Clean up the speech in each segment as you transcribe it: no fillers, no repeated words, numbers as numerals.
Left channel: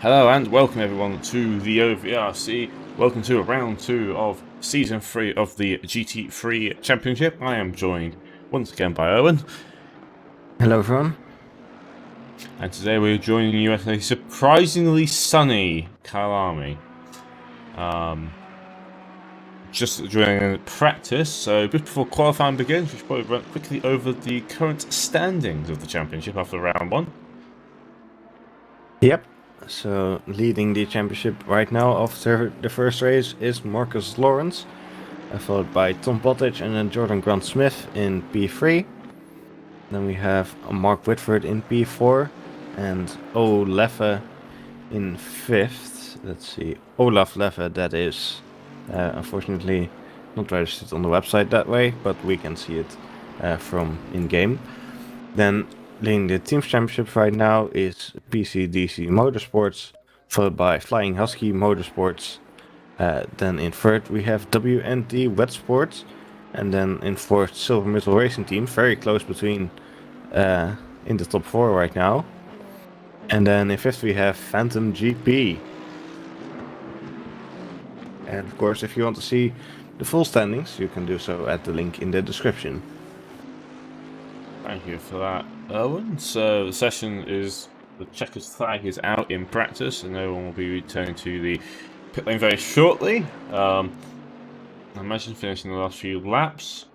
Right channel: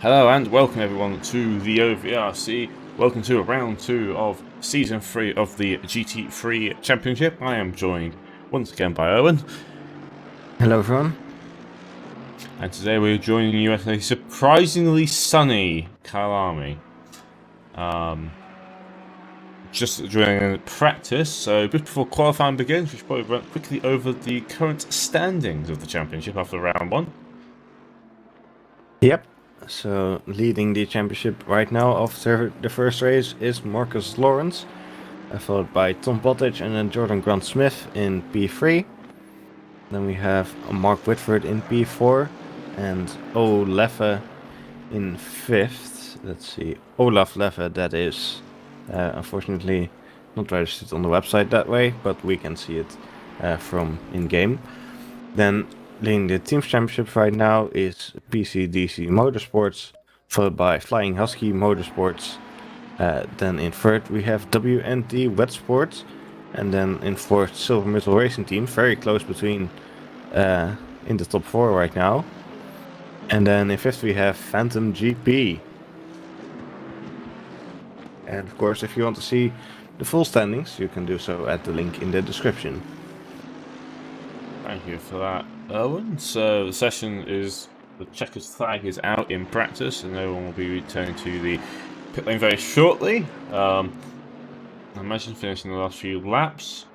Hello and welcome everyone to the OVRC. Welcome to round 2 of Season 3 of the GT3 Championship. I am joined once again by Owen. Hello everyone. And today we're joining you at a surprisingly sunny Kyalami. Just during practice, so just before qualifying begins, we should probably run quickly over the current standings of the championship after round 1. Yep. So leading the championship right now after the first race is Marcus Lawrence, followed by Tom Bottage and then Jordan Grant Smith in P3. Then we have Mark Whitford in P4 and O Leffe in 5th. Let's see, Olaf Leffe, that is unfortunately not registered on the website that way, but we can see it from in-game. Then leading the Teams Championship right now is PCDC Motorsports, followed by Flying Husky Motorsports. Then in third we have WNT Wet Sports, and then in fourth Silver Metal Racing Team, very close between in the top 4 right now. And then in fifth we have Phantom GP. And of course, if you want to see the full standings, you can do so at the link in the description. Thank you for that, Owen. So the session is, the checkers flag is out in practice, and no one will be returning to the pit lane very shortly. I imagine finishing the last few laps.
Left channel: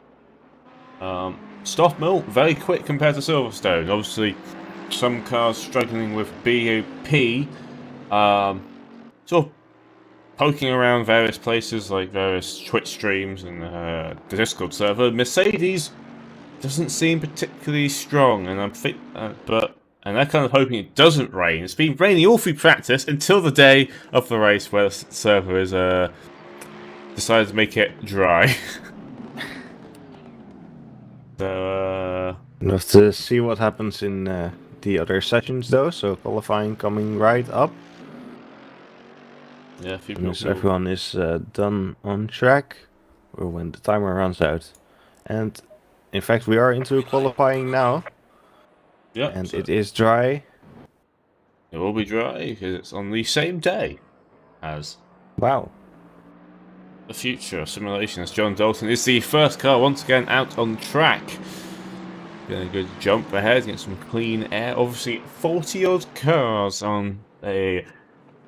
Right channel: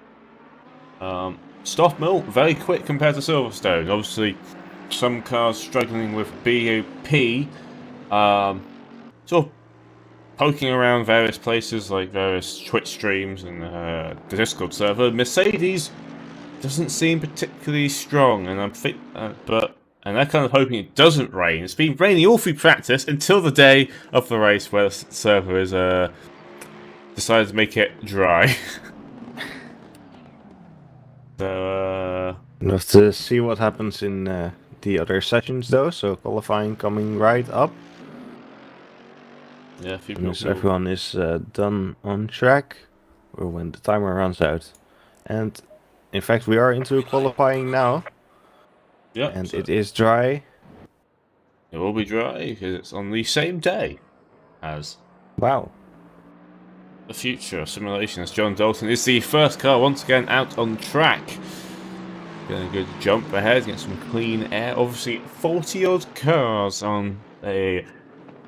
Stoff Mill, very quick compared to Silverstone. Obviously, some cars struggling with BOP, sort of poking around various places like various Twitch streams and the Discord server. Mercedes doesn't seem particularly strong, and they're kind of hoping it doesn't rain. It's been raining all through practice until the day of the race, where the server is decided to make it dry. So We'll have to see what happens in the other sessions though. So qualifying coming right up. yeah, Once everyone is done on track, or when the timer runs out. And in fact, we are into qualifying now. Yeah, and so it is dry. it will be dry because it's on the same day as Wow. the future simulation. As John Dalton is the first car once again out on track. Getting a good jump ahead, get some clean air. Obviously, 40-odd cars on a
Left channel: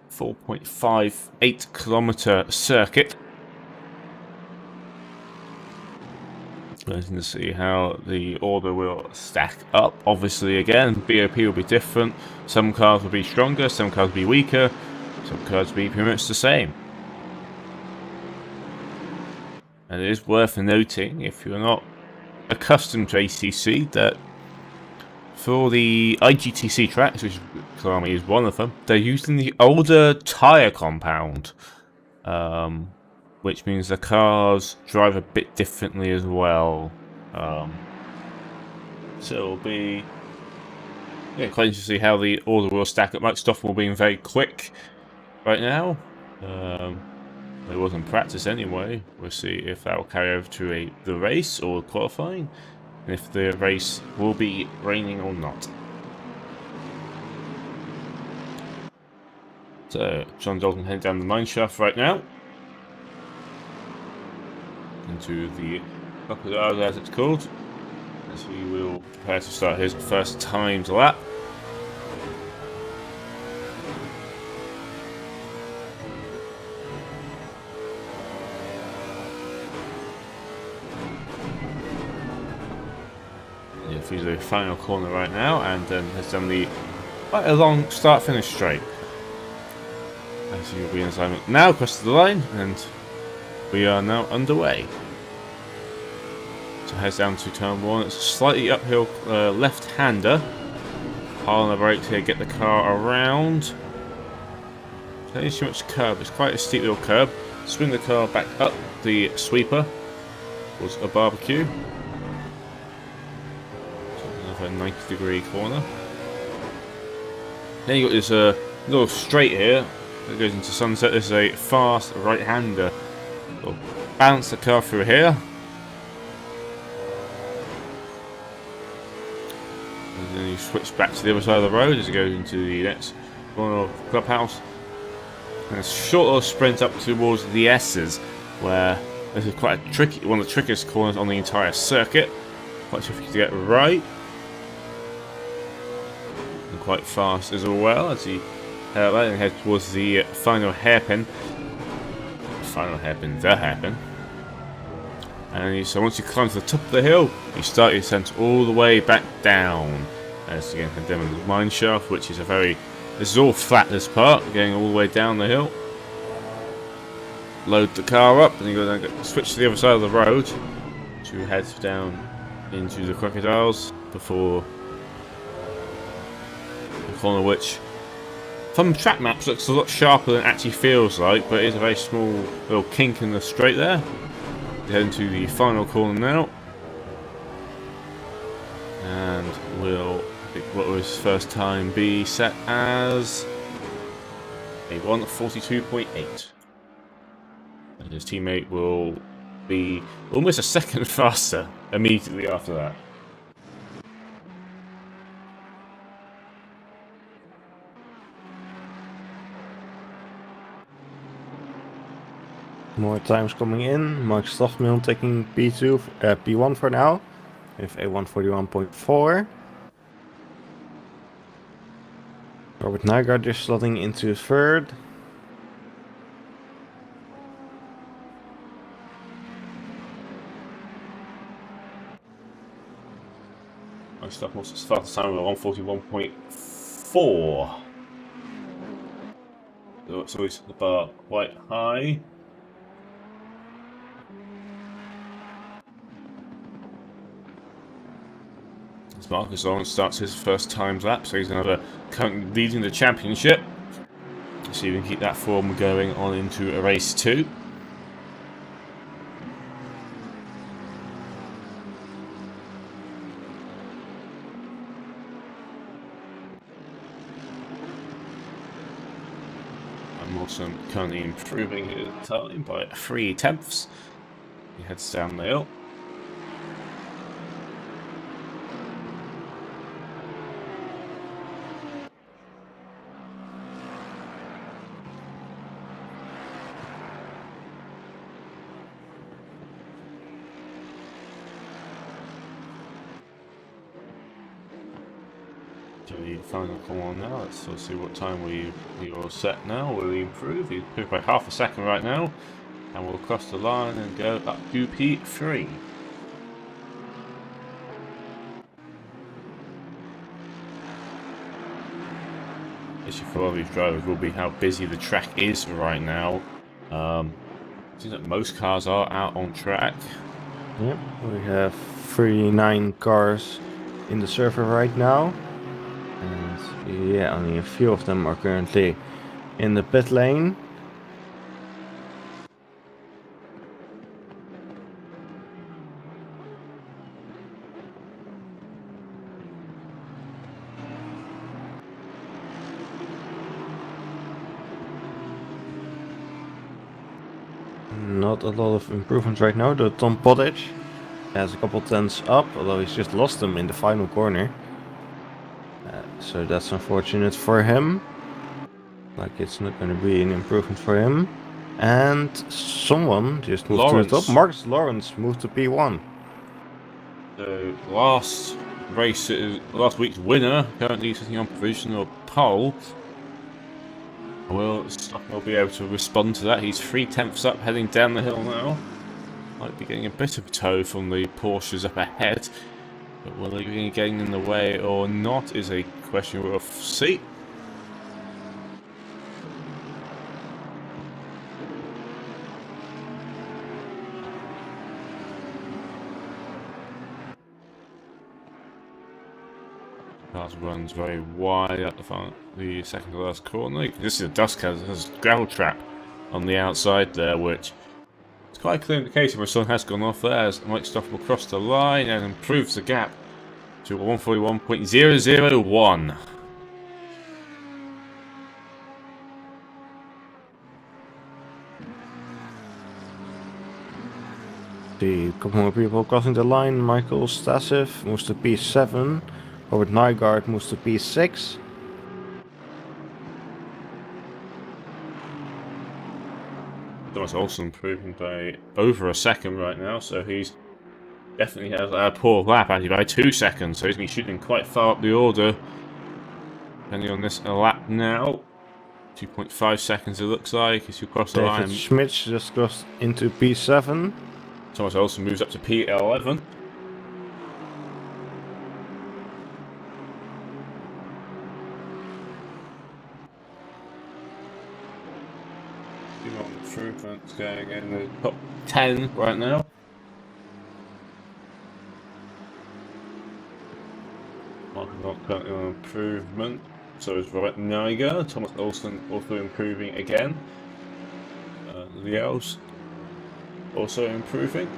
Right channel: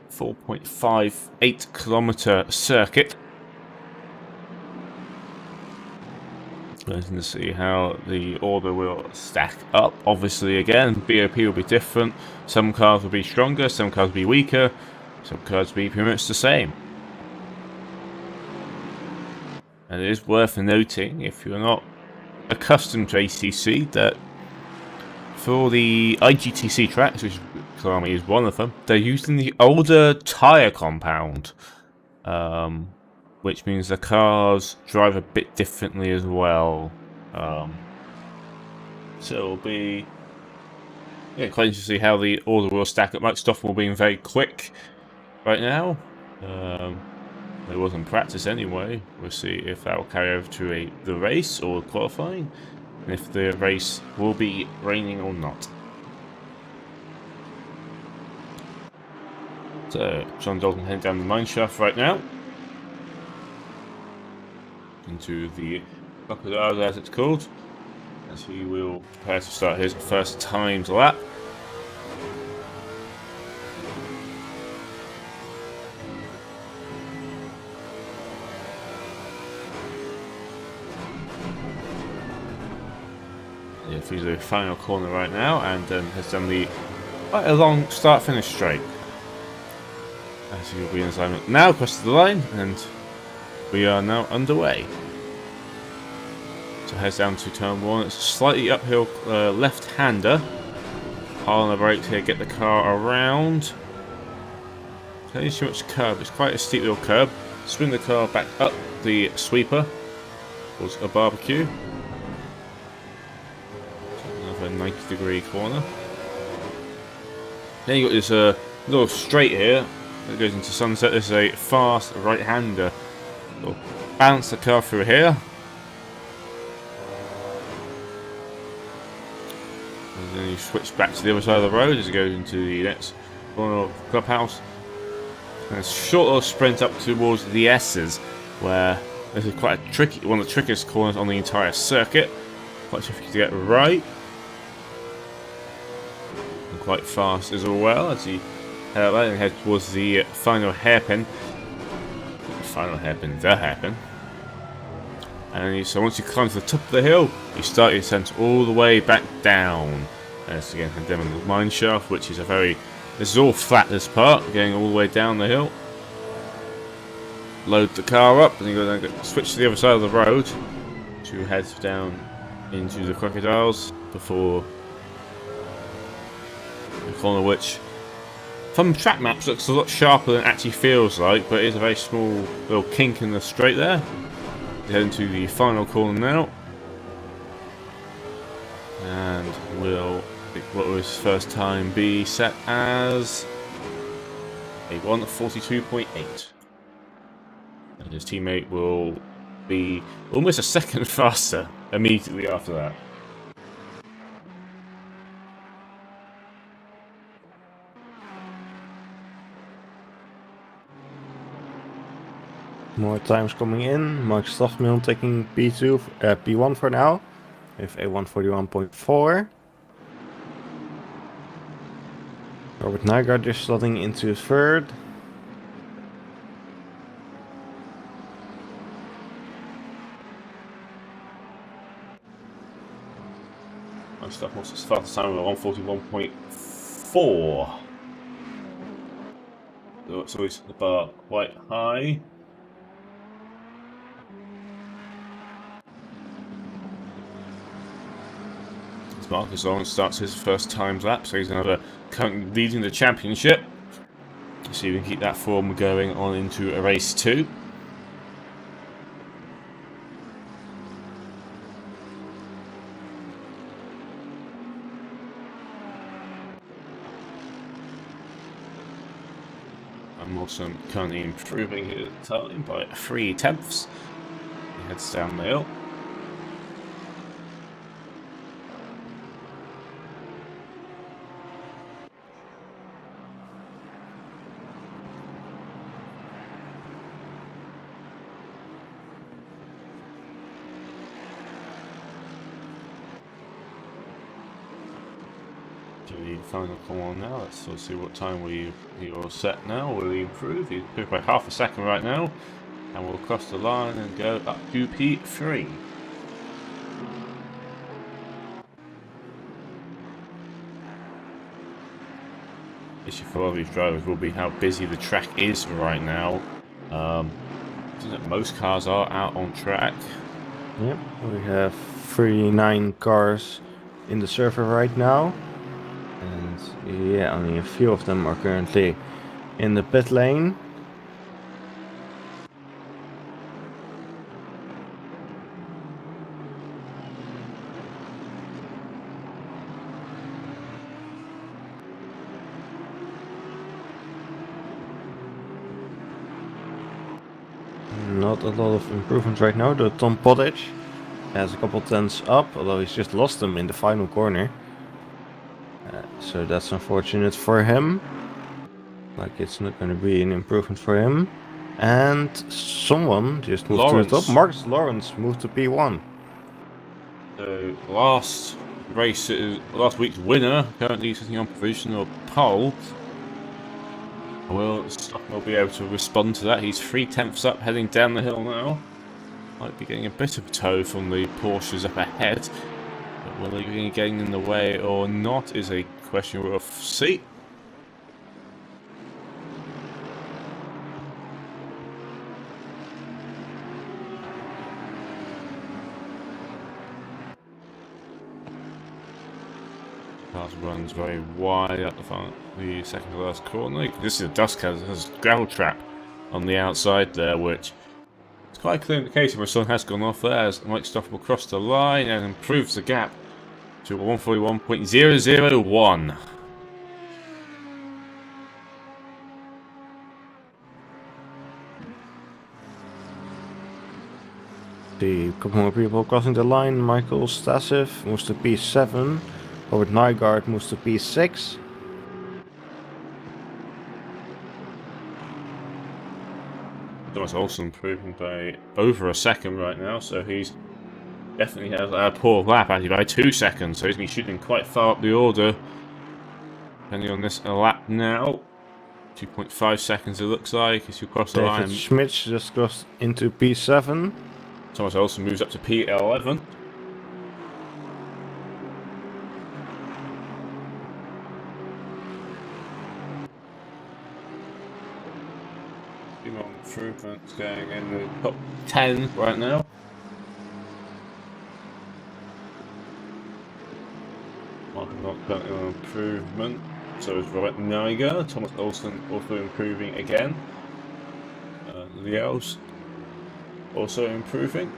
4.58 kilometer circuit. Waiting to see how the order will stack up. Obviously, again, BOP will be different. Some cars will be stronger, some cars will be weaker, some cars will be pretty much the same. And it is worth noting, if you're not accustomed to ACC, that for the IGTC tracks, which Kyalami is one of them, they're using the older tyre compound, which means the cars drive a bit differently as well. So it'll be quite interesting to see how the order will stack up. Mike Stoffel being very quick right now. It was in practice anyway. We'll see if that will carry over to the race or qualifying, and if the race will be raining or not. So John Dalton heading down the mine shaft right now into the crocodile, as it's called, as he will prepare to start his first timed lap. Yeah, through the final corner right now, and then has done quite a long start-finish straight. As he will be in assignment now, across the line, and we are now underway. So heads down to turn 1. It's a slightly uphill left-hander. Pile on the brakes here, get the car around. Don't need too much curb. It's quite a steep little curb. Swing the car back up the sweeper towards a barbecue. So another 90-degree corner. Then you got this little straight here that goes into sunset. This is a fast right-hander. So bounce the car through here. And then you switch back to the other side of the road as it goes into the next corner of the clubhouse. And a short little sprint up towards the S's, where this is quite a tricky, one of the trickiest corners on the entire circuit. Quite tricky to get right. And quite fast as well as you head towards the final hairpin. The hairpin. And so once you climb to the top of the hill, you start your descent all the way back down. And it's again head down the mine shaft, which is this is all flat, this part, going all the way down the hill. Load the car up, and you go switch to the other side of the road to head down into the crocodiles before a corner which, from track maps, looks a lot sharper than it actually feels like, but it is a very small little kink in the straight there. Head into the final corner now, and will, what was his first time, be set as a 1:42.8, and his teammate will be almost a second faster immediately after that. More times coming in. Mark Stoffmill taking P1 for now, with a 1:41.4. Robert Nygaard just slotting into third. My stuff was fastest time with a 1:41.4. So he's the bar quite high. Marcus Lawrence starts his first times lap, so he's currently leading the championship. So you can keep that form going on into a race 2. I'm also currently improving his time by 3/10. He heads down the hill. The final corner now. Let's see what time we are set now. Will he improve? He's improved by half a second right now, and we'll cross the line and go up to P3. Issue for all these drivers will be how busy the track is right now. Seems like most cars are out on track. Yep, we have 39 cars in the server right now. And yeah, only a few of them are currently in the pit lane. Not a lot of improvements right now. The Tom Pottage has a couple tenths up, although he's just lost them in the final corner. So that's unfortunate for him. Like, it's not going to be an improvement for him. And someone just moved to the top. Marcus Lawrence moved to P1. So last week's winner, currently sitting on provisional pole. Will Stockmill be able to respond to that? He's 3/10 up, heading down the hill now. Might be getting a bit of a tow from the Porsches up ahead. But will they be getting in the way or not is a question we'll see. Cars runs very wide at the front, the second to last corner. This is a dust cloud, there's a gravel trap on the outside there, which it's quite a clear indication where someone has gone off there as Mike Stoffel will cross the line and improves the gap to 1:41.001. See a couple more people crossing the line. Michael Stasif moves to P7. Robert Nygaard moves to P6. Thomas also improving by over a second right now, so he's definitely has a poor lap actually by 2 seconds, so he's been shooting quite far up the order. Depending on this lap now, 2.5 seconds it looks like as you cross the David line. Schmidt just crossed into P7. Thomas also moves up to P11. On improvements going in the top 10 right now. Martin not currently on improvement, so is Robert Niger. Thomas Olsen also improving again. Leo's also improving.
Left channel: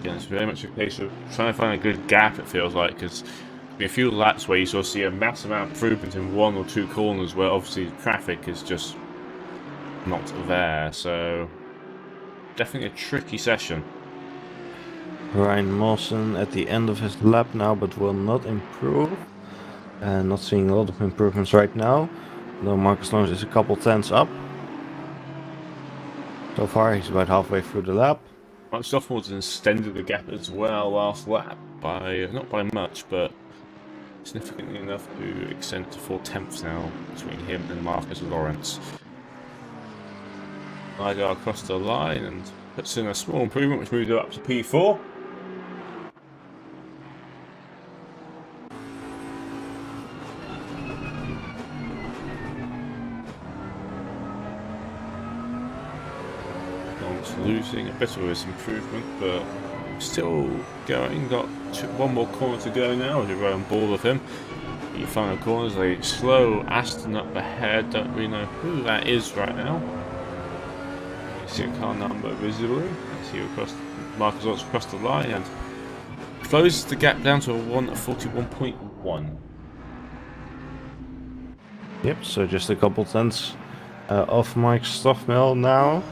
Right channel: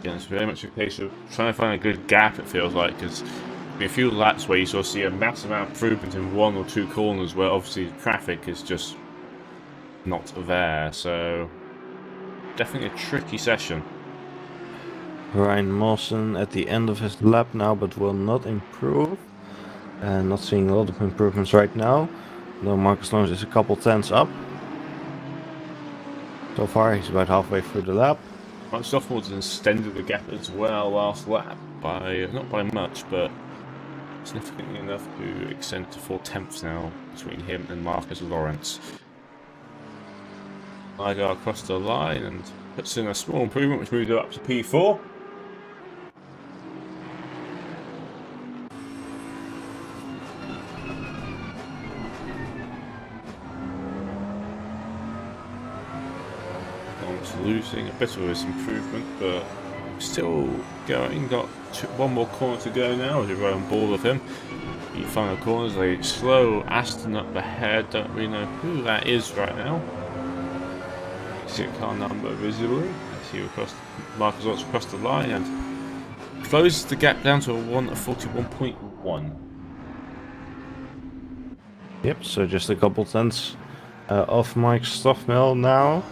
Again, it's very much a case of trying to find a good gap, it feels like, because there'll be a few laps where you sort of see a massive amount of improvement in 1 or 2 corners where obviously traffic is just not there, so definitely a tricky session. Ryan Mawson at the end of his lap now, but will not improve. Not seeing a lot of improvements right now. Though Marcus Lawrence is a couple tenths up. So far, he's about halfway through the lap. Mike Sophomores extended the gap as well last lap by, not by much, but significantly enough to extend to 4 tenths now between him and Marcus Lawrence. Niger across the line and puts in a small improvement, which moves up to P4. Lawrence losing a bit of his improvement, but still going. Got 1 more corner to go now as you're on board with him. The final corner is a slow Aston up ahead. Don't really know who that is right now. You see a car number visibly. Let's see across Marcus Lawrence across the line and closes the gap down to a 1:41.1. Yep, so just a couple tenths off Mike Stoffmel now.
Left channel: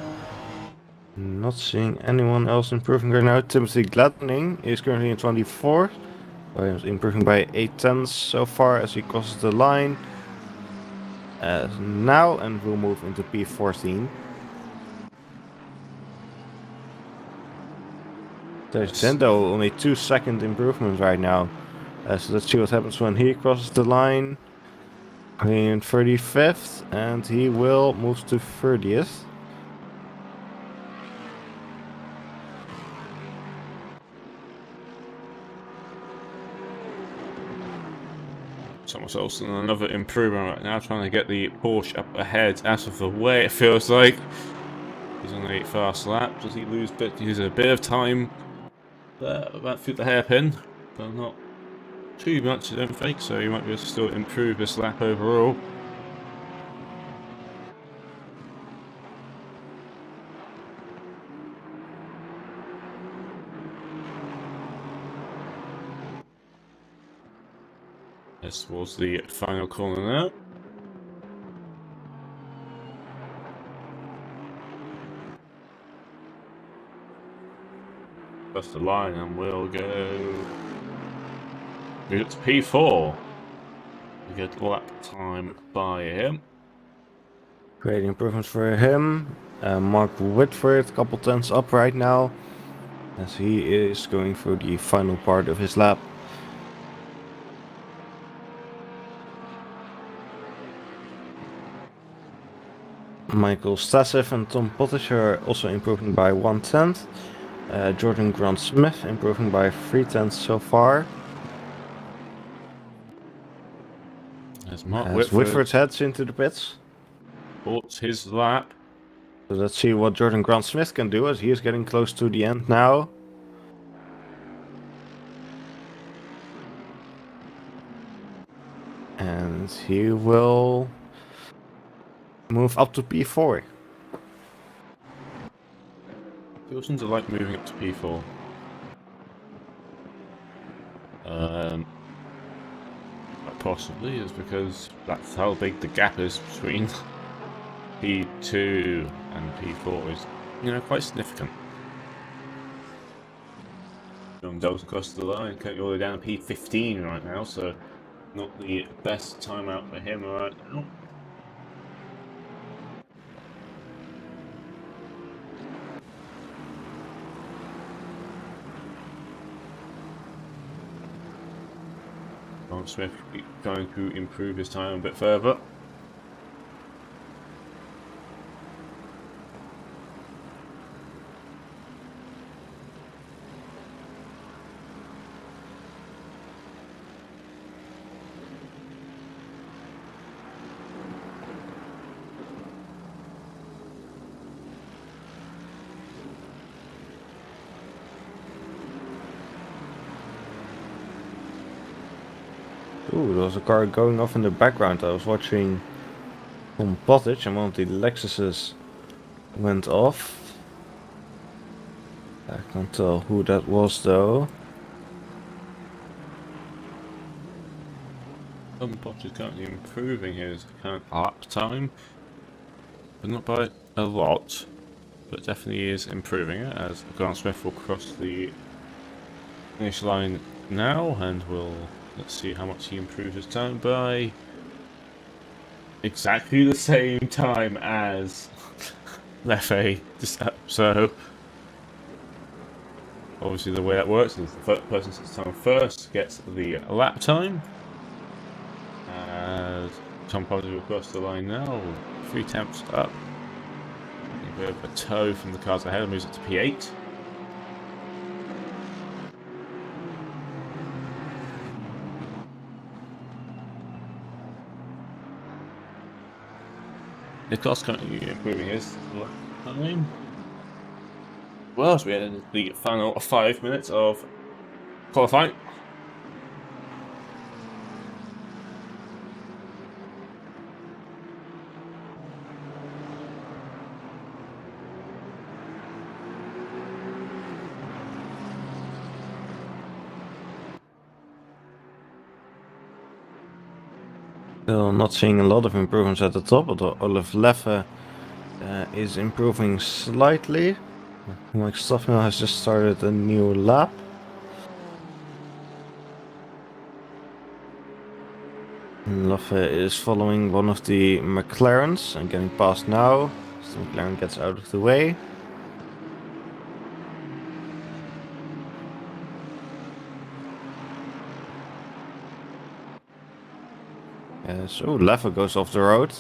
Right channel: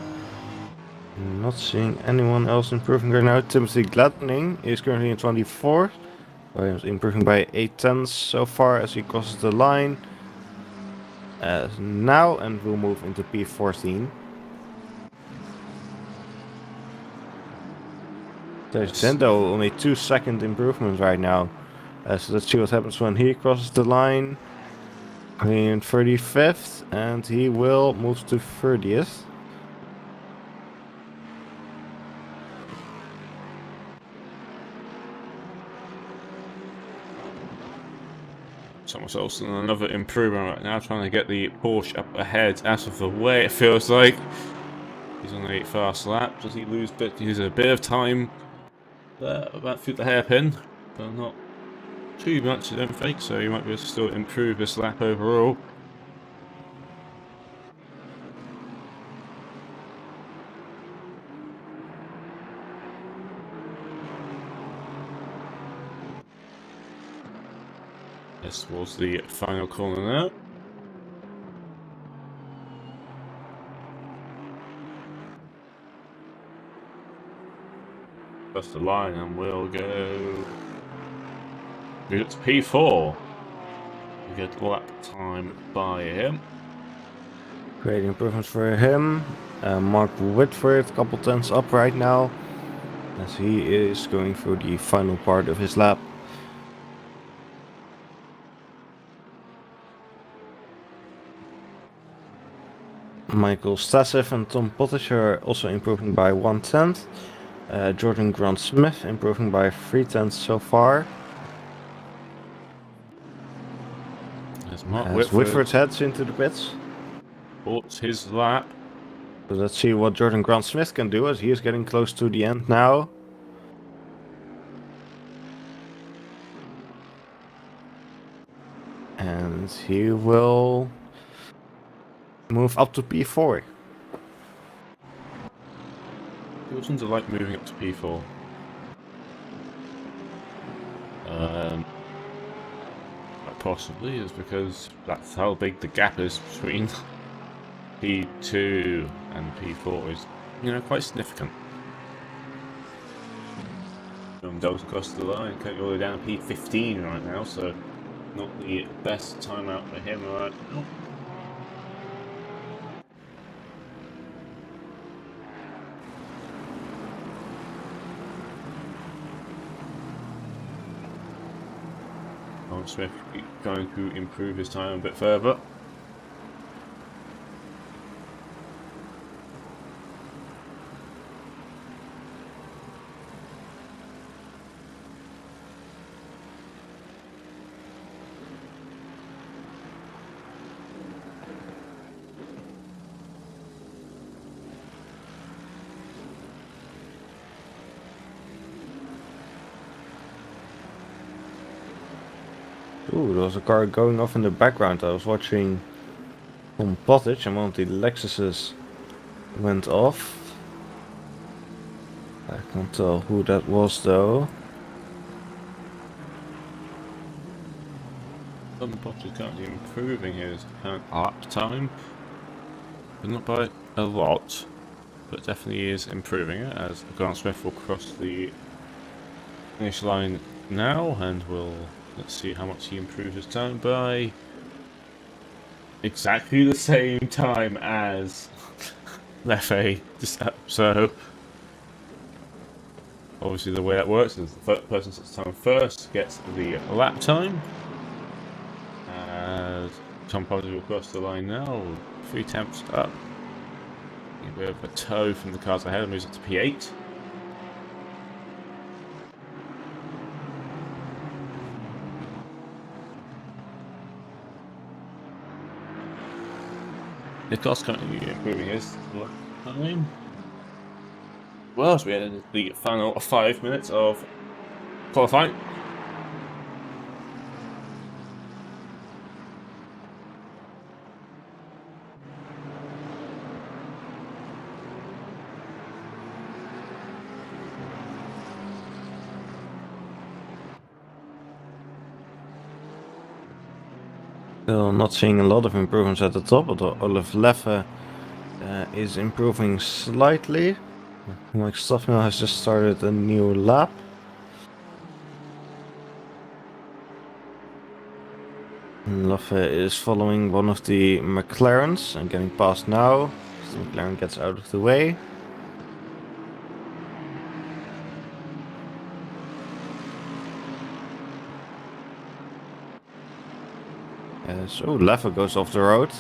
Not seeing anyone else improving right now. Timothy Gladning is currently in 24th. Williams improving by 8 tenths so far as he crosses the line. Now, and we'll move into P14. There's Zendo, only 2-second improvement right now. So let's see what happens when he crosses the line. In 35th, and he will move to 30th. Thomas Olsen, another improvement right now, trying to get the Porsche up ahead out of the way, it feels like. He's on a fast lap. Does he lose a bit of time there, about through the hairpin, but not too much, I don't think, so he might be able to still improve this lap overall. This was the final corner now. That's the line, and we'll go. Move it to P4. We get lap time by him. Great improvements for him. Mark Whitford, a couple tenths up right now, as he is going through the final part of his lap. Michael Stassev and Tom Pottish are also improving by 1 tenth. Jordan Grant Smith improving by 3 tenths so far. As Mark Whitford heads into the pits. Bought his lap. So let's see what Jordan Grant Smith can do as he is getting close to the end now. And he will move up to P4. He doesn't like moving up to P4. Possibly is because that's how big the gap is between P2 and P4 is, quite significant. Does across the line, can't go all the way down to P15 right now, so not the best timeout for him right now. Grant Smith trying to improve his time a bit further. Ooh, there was a car going off in the background. I was watching Tom Pottage and one of the Lexuses went off. I can't tell who that was though. Tom Potts is currently improving his current lap time, but not by a lot, but definitely is improving it as Grant Smith will cross the finish line now, and let's see how much he improves his time by. Exactly the same time as Leffe. So obviously the way that works is the first person sets time first gets the lap time. As Tom Potts will cross the line now, 3/10 up. A bit of a tow from the cars ahead, moves up to P8. Nicholas currently improving his lap time. Well, as we head into the final 5 minutes of qualifying. Still not seeing a lot of improvements at the top, although Olaf Leffe is improving slightly. Mike Stoffmill has just started a new lap. And Leffe is following one of the McLarens and getting past now. So the McLaren gets out of the way. So Leffe goes off the road.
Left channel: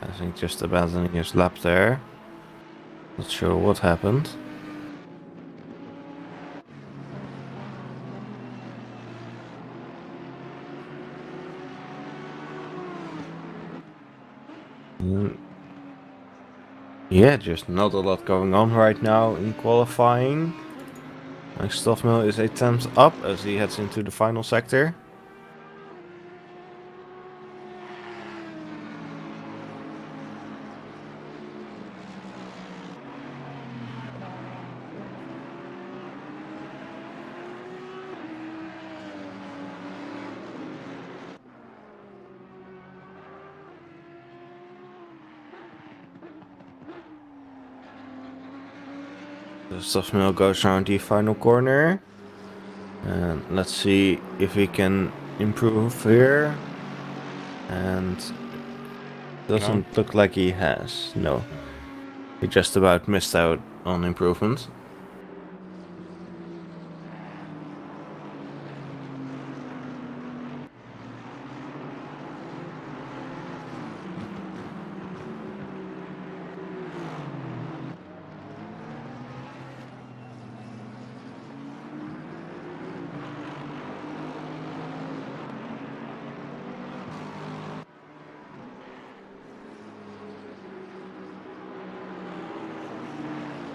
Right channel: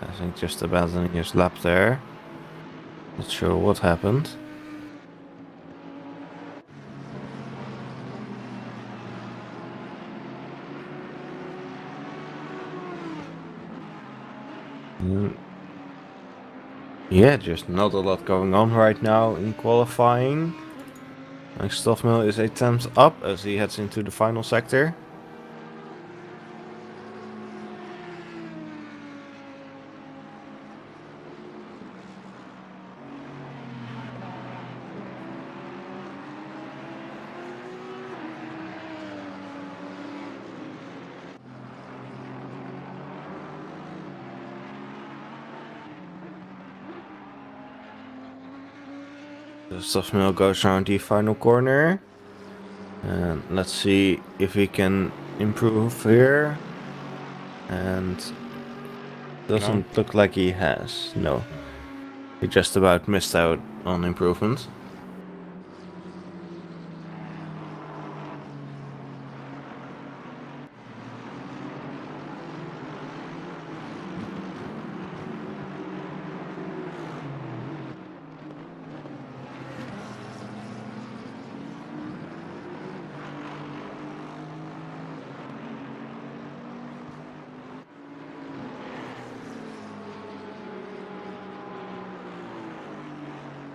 I think just abandoning his lap there. Not sure what happened. Yeah, just not a lot going on right now in qualifying. Mike Stoffmill is 8 tenths up as he heads into the final sector. The Stoffmill goes around the final corner. And let's see if he can improve here. And doesn't look like he has. No. He just about missed out on improvement.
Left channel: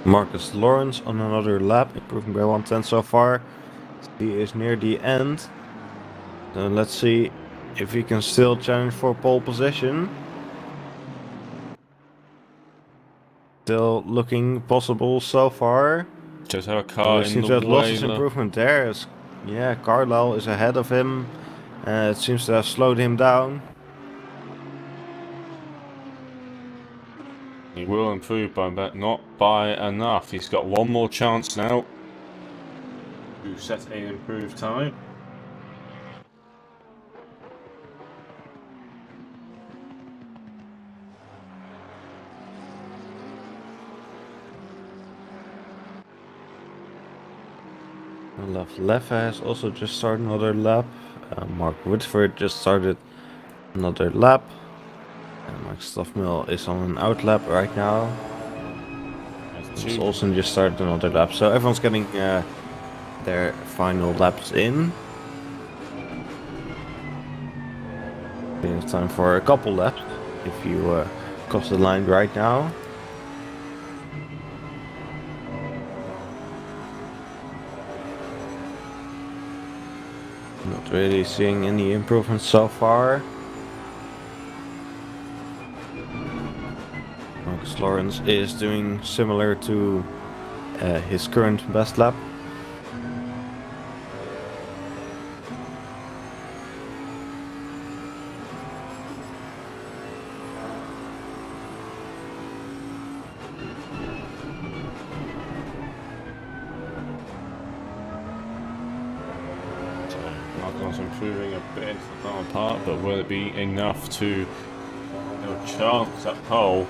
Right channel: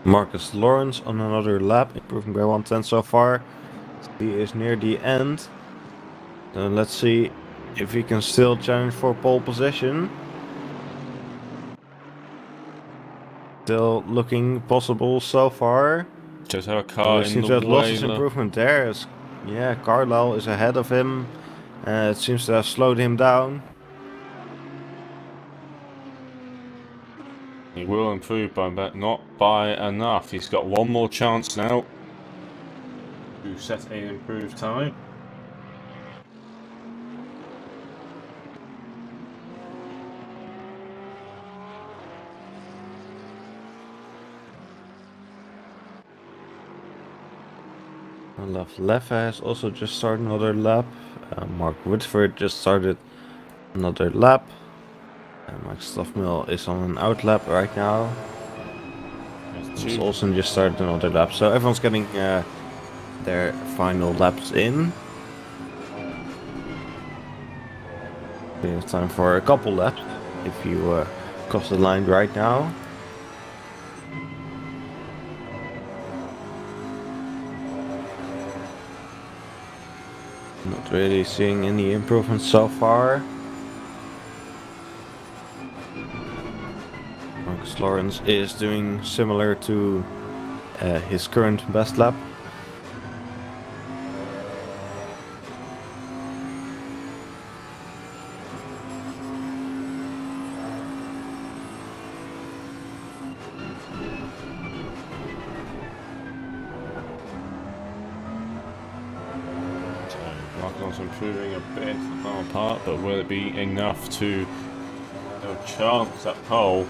Marcus Lawrence on another lap, improving by 1/10 so far. He is near the end. So let's see if he can still challenge for pole position. Still looking possible so far. Just have a car in seems the to have lost way. his improvement there. Yeah, Carlisle is ahead of him. It seems to have slowed him down. He will improve but not by enough. He's got one more chance now to set an improved time. Olaf Leffe has also just started another lap. Mark Whitford just started another lap. Mike Stoffmill is on an out lap right now. Thomas Olsen just started another lap. So everyone's getting their final laps in. We have time for a couple laps if you cross the line right now. Not really seeing any improvements so far. Marcus Lawrence is doing similar to his current best lap. Marcos improving a bit into the final part, but will it be enough to chance that pole?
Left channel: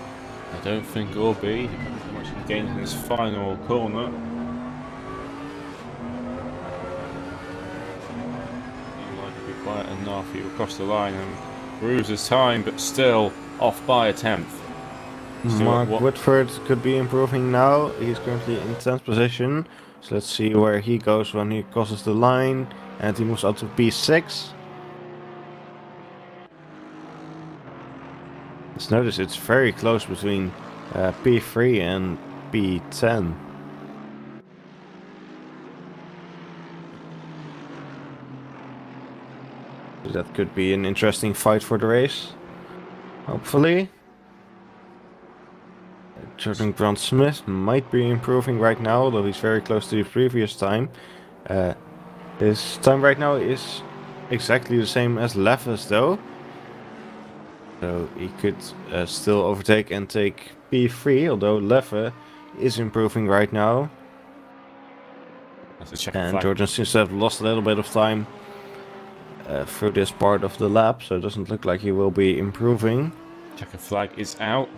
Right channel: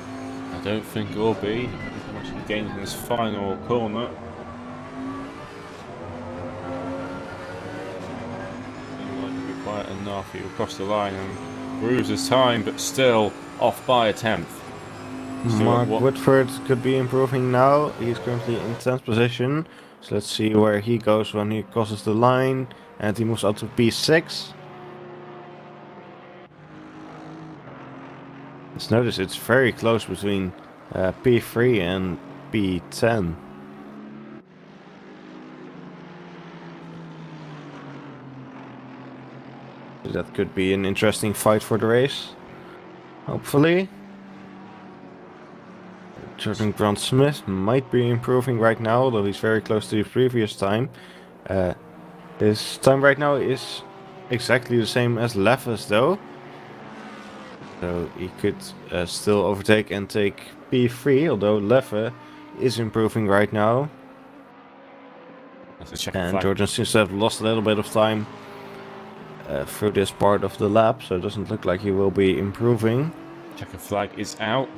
I don't think it will be, depending on how much he gains in his final corner. Seems like it'll be quite enough. He'll cross the line and proves his time, but still off by a tenth. Mark Whitford could be improving now. He's currently in 10th position. So let's see where he goes when he crosses the line. And he moves out to P6. Let's notice it's very close between P3 and P10. So that could be an interesting fight for the race. Hopefully. Jordan Grant Smith might be improving right now, although he's very close to the previous time. His time right now is exactly the same as Leffe's though. So he could still overtake and take P3, although Leffe is improving right now. And Jordan seems to have lost a little bit of time through this part of the lap, so it doesn't look like he will be improving. Checker flag is out.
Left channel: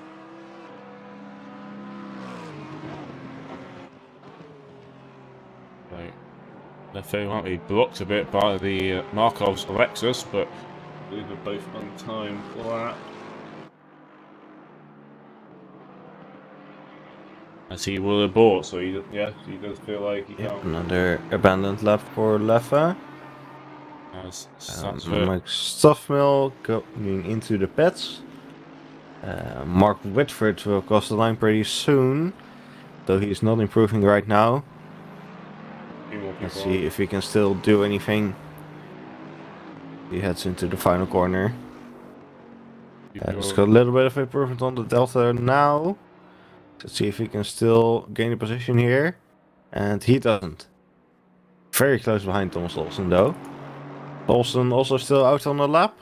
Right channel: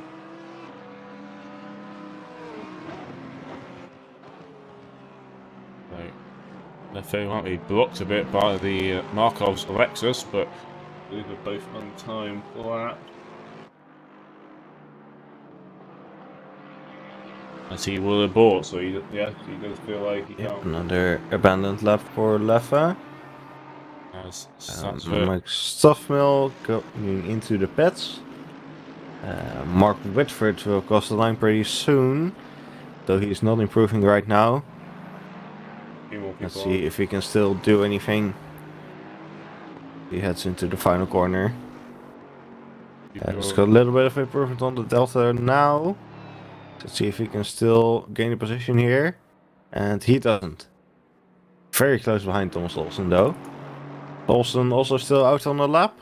Leffe might be blocked a bit by the Markov's Lexus, but I believe they're both on time for that. As he will have bought, so he does feel like he can't. Another abandoned lap for Leffe. Mike Stoffmill going into the pits. Mark Whitford will cross the line pretty soon, though he's not improving right now. Let's see if he can still do anything. He heads into the final corner. Let's got a little bit of improvement on the Delta now. Let's see if he can still gain a position here. And he doesn't. Very close behind Thomas Olsen though. Olsen also still out on the lap.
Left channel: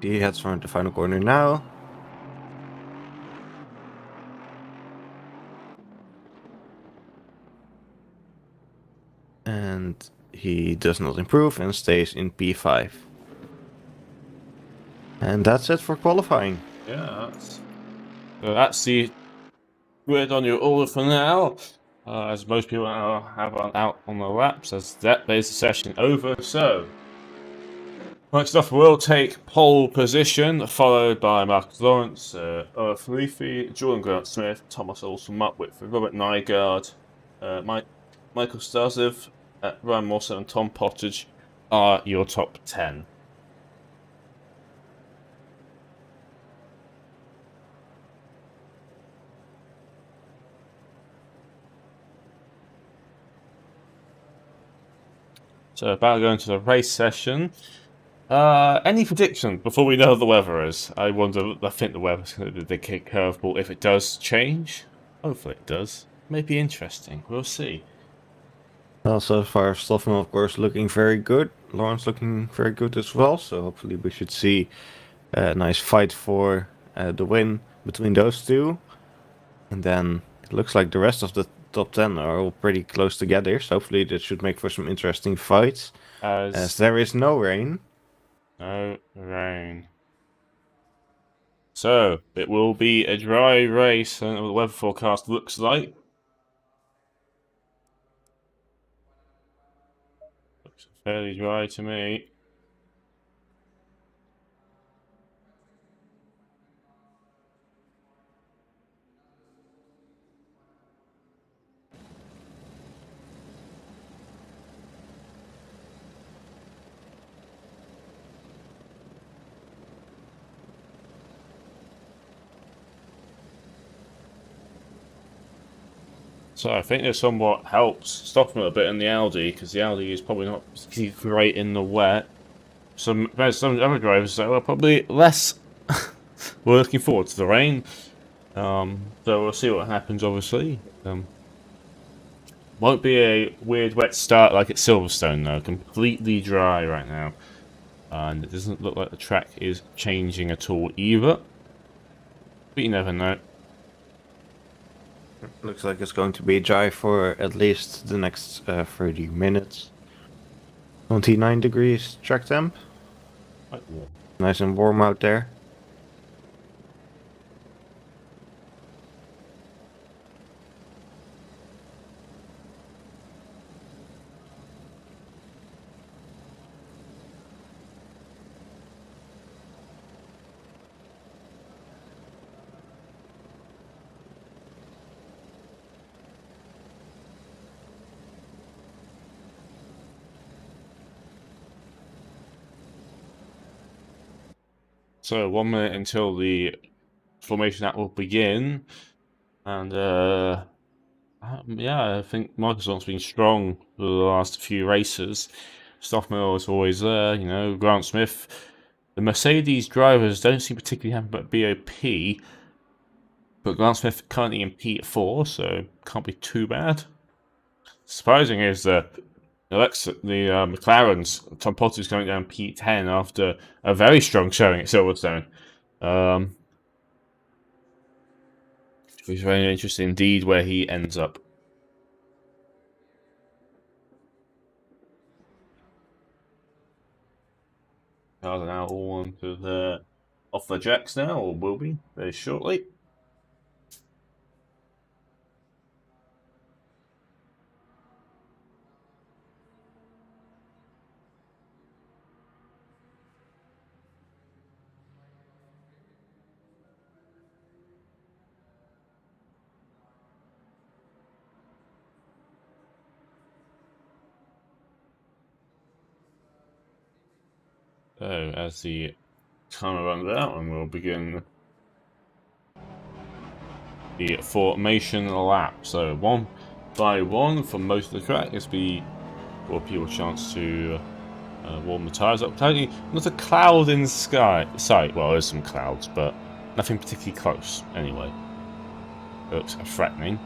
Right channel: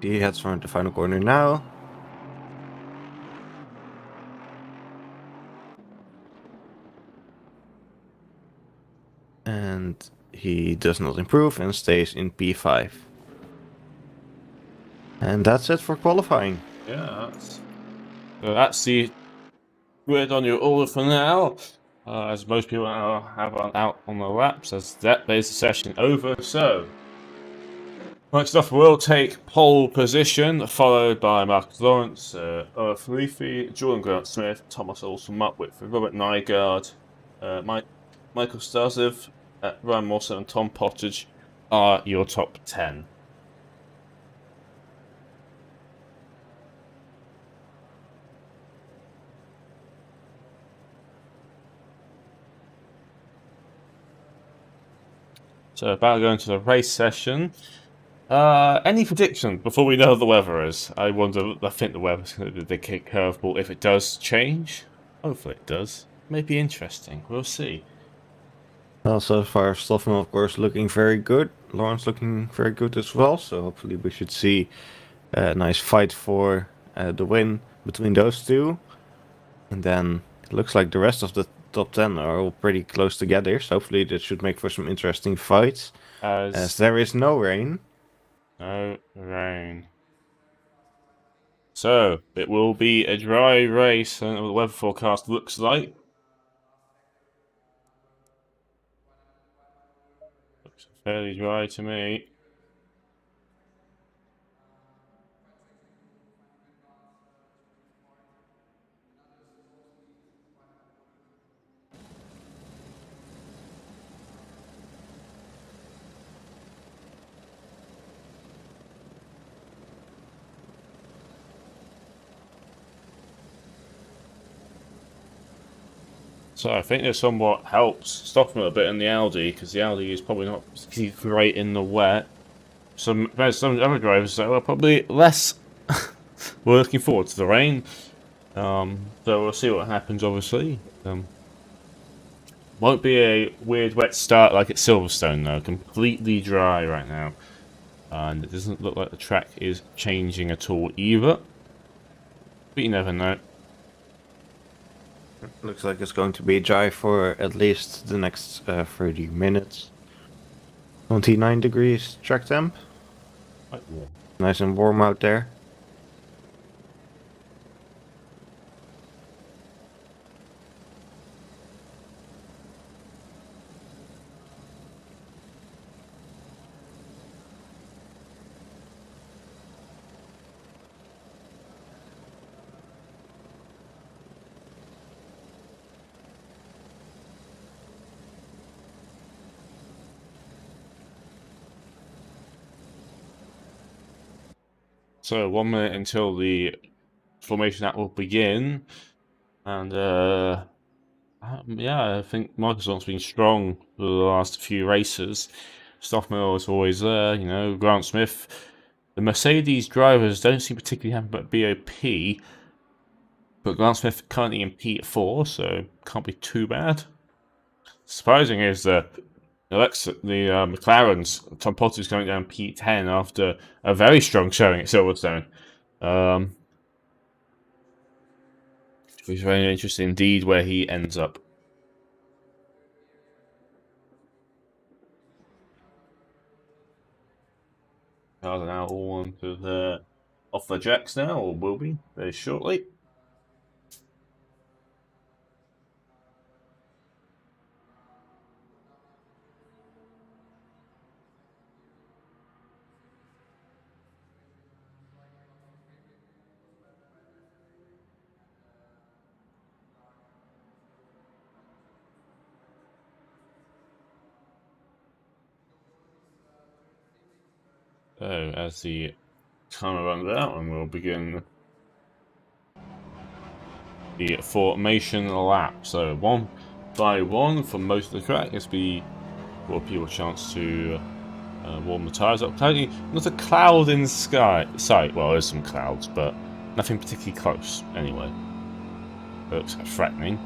He heads for the final corner now. And he does not improve and stays in P5. And that's it for qualifying. Yeah, that's the word on your order for now. As most people have out on the laps, as that is the session over. So, next off, will take pole position, followed by Marcus Lawrence, Felipe, Jordan Grant Smith, Thomas Olsen, Mark Whitford, Robert Nygaard, Michael Starzev, Ryan Mawson, and Tom Pottage are your top 10. So about going to the race session. Any predictions before we know what the weather is? I think the weather's going to be the big curveball if it does change. Hopefully it does. May be interesting. We'll see. Well, so far Stoffman of course looking very good. Lawrence looking very good as well. So hopefully we should see a nice fight for the win between those two. And then it looks like the rest of the top 10 are all pretty close together. So hopefully that should make for some interesting fights. As there is no rain. No rain. So, it will be a dry race, and the weather forecast looks like. Looks fairly dry to me. So I think this somewhat helps stop him a bit in the Audi, because the Audi is probably not particularly great in the wet. There's some other drivers that are probably less we're looking forward to the rain. So we'll see what happens, obviously. Won't be a weird wet start like at Silverstone, though. Completely dry right now. And it doesn't look like the track is changing at all either. But you never know. Looks like it's going to be dry for at least the next 30 minutes. 29 degrees track temp. Quite warm. Nice and warm out there. So 1 minute until the formation act will begin. And yeah, I think Microsoft's been strong for the last few races. Stoffmiller is always there, you know, Grant Smith. The Mercedes drivers don't seem particularly happy about BOP, but Grant Smith currently in P4, so can't be too bad. Surprising is the McLaren's Tom Potter's going down P10 after a very strong showing at Silverstone. It's very interesting indeed where he ends up. Cars are now all onto the off the jacks now, or will be very shortly. So as the timer runs out, and we'll begin the formation lap. So 1 by 1 for most of the track. This be for people a chance to warm the tyres up. Totally not a cloud in the sight. Well, there's some clouds, but nothing particularly close anyway. It looks threatening.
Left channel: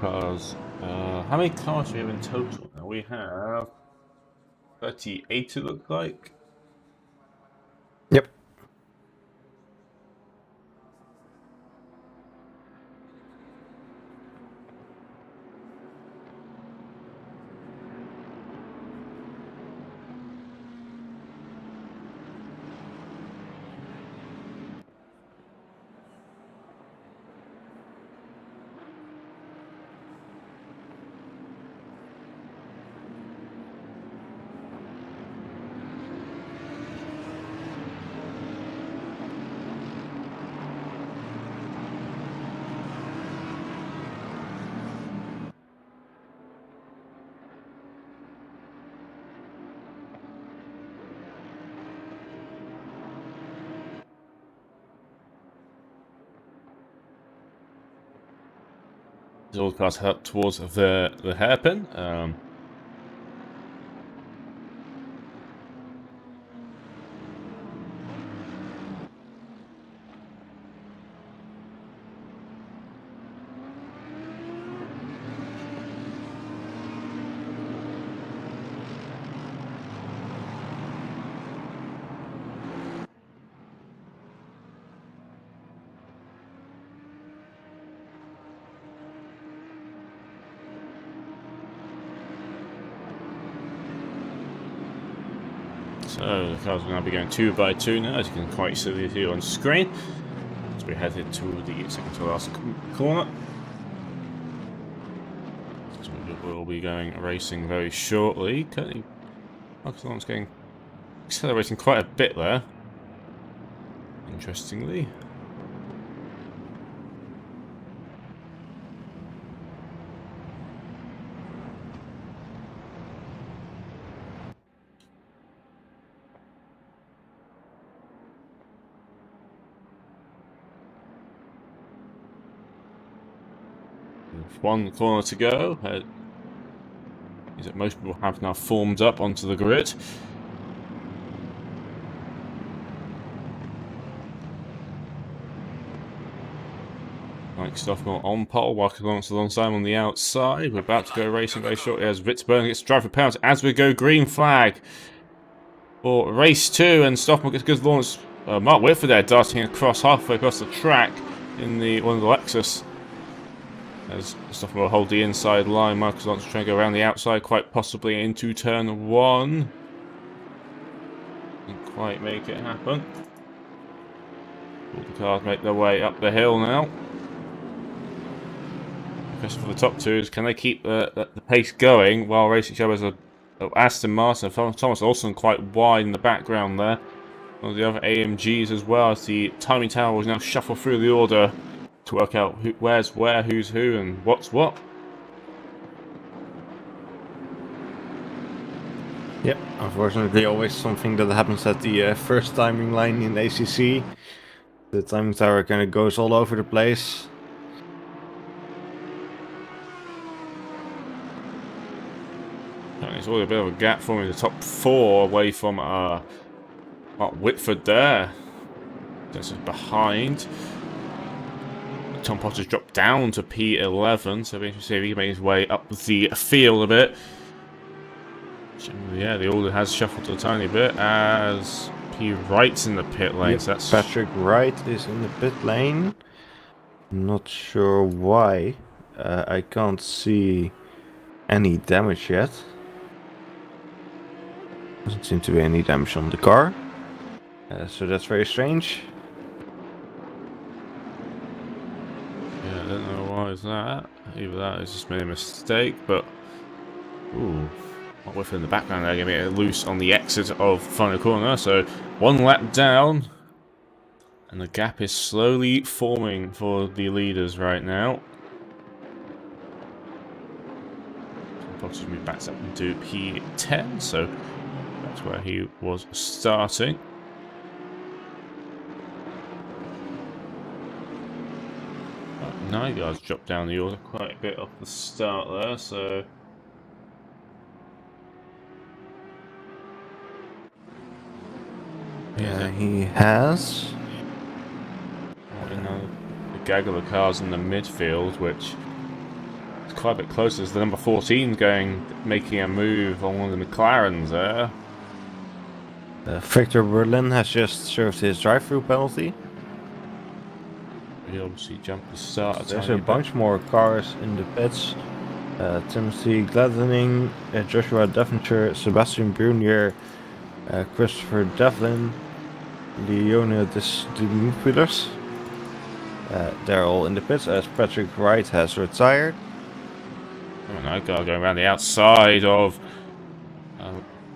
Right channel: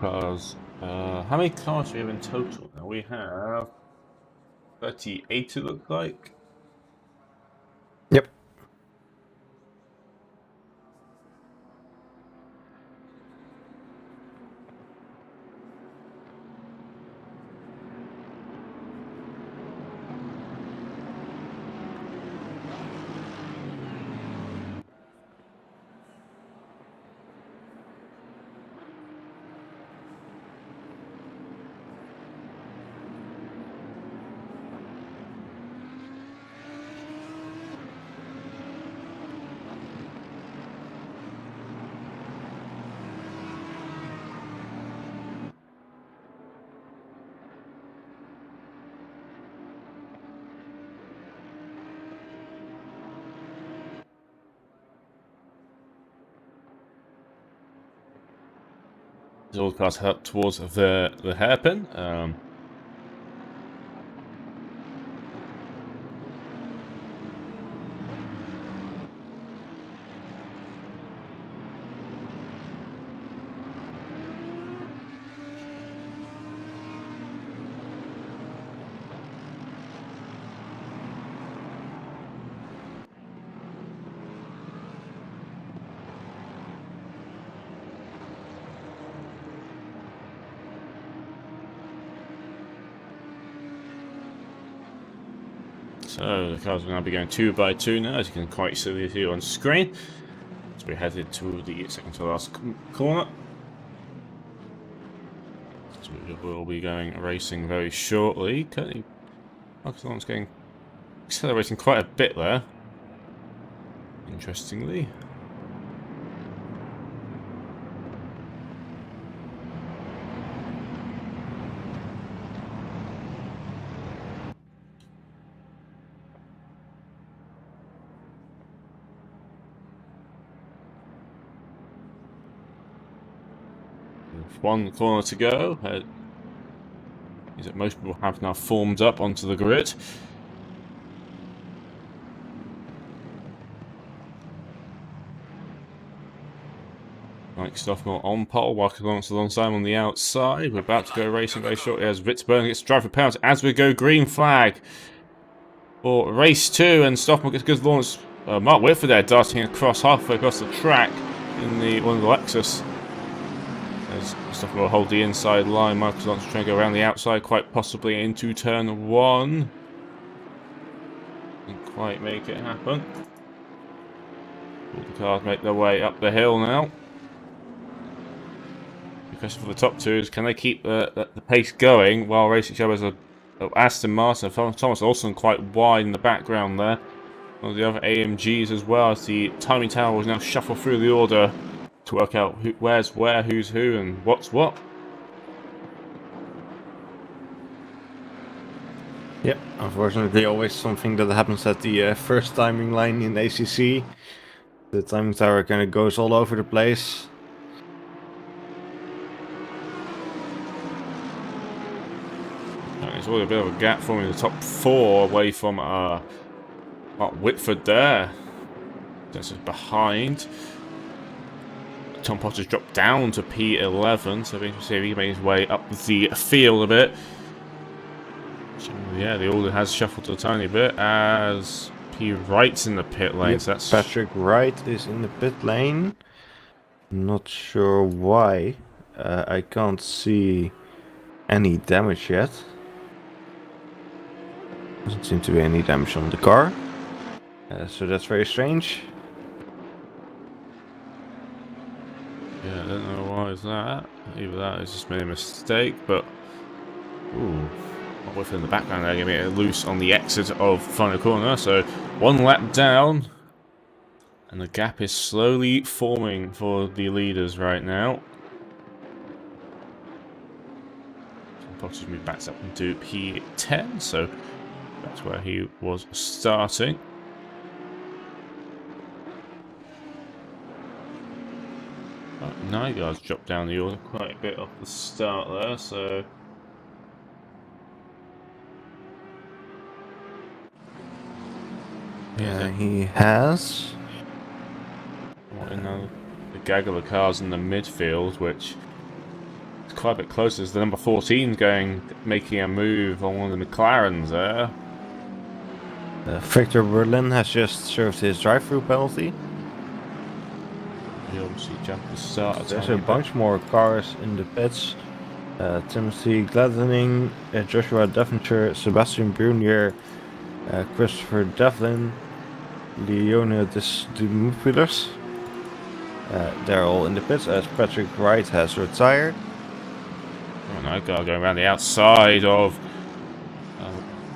Cars. How many cars do we have in total? Now we have 38, it looks like. Yep. All the cars head towards the hairpin. So the cars are going to be going 2 by 2 now, as you can quite see here on screen. As we headed to the second to last corner. So we will be going racing very shortly. Currently, Marcus Lawrence getting accelerating quite a bit there. Interestingly. One corner to go. Is that most people have now formed up onto the grid. Mike Stoffmore on pole, walking alongside on the outside. We're about to go racing very shortly as Ritzburn gets driver penalty as we go green flag for race 2, and Stoffmore gets good launch. Mark Whitford there darting across halfway across the track in one of the Lexus. As Stoffmore will hold the inside line, Marcus Lawrence trying to go around the outside, quite possibly into turn 1. Didn't quite make it happen. All the cars make their way up the hill now. The question for the top 2 is, can they keep the pace going while racing each other as Aston Martin and Thomas Olsen quite wide in the background there. One of the other AMGs as well, as the timing tower will now shuffle through the order to work out where's where, who's who, and what's what. Yep, unfortunately always something that happens at the first timing line in ACC. The timing tower kind of goes all over the place. And there's already a bit of a gap forming the top 4 away from Mark Whitford there. That's behind. Tom Potter's dropped down to P11, so we can see if he can make his way up the field a bit. Yeah, the order has shuffled a tiny bit as P. Wright's in the pit lane. Yep, So that's Patrick Wright is in the pit lane. Not sure why. I can't see any damage yet. Doesn't seem to be any damage on the car. So that's very strange. Yeah, I don't know why is that. Either that is just made a mistake, but ooh, not with in the background there, getting it loose on the exit of final corner. So 1 lap down, and the gap is slowly forming for the leaders right now. Bottas moved back up into P10, so that's where he was starting. Nygaard's dropped down the order quite a bit off the start there, so Yeah, he has. The gaggle of cars in the midfield, which is quite a bit closer. As the number 14 making a move on one of the McLarens there. Victor Berlin has just served his drive-through penalty. He obviously jumped the start. There's a bunch more cars in the pits. Timothy Gladdening, Joshua Devonshire, Sebastian Brunier, Christopher Devlin, Leona Dimupilas. They're all in the pits as Patrick Wright has retired. Oh, Nygaard going around the outside of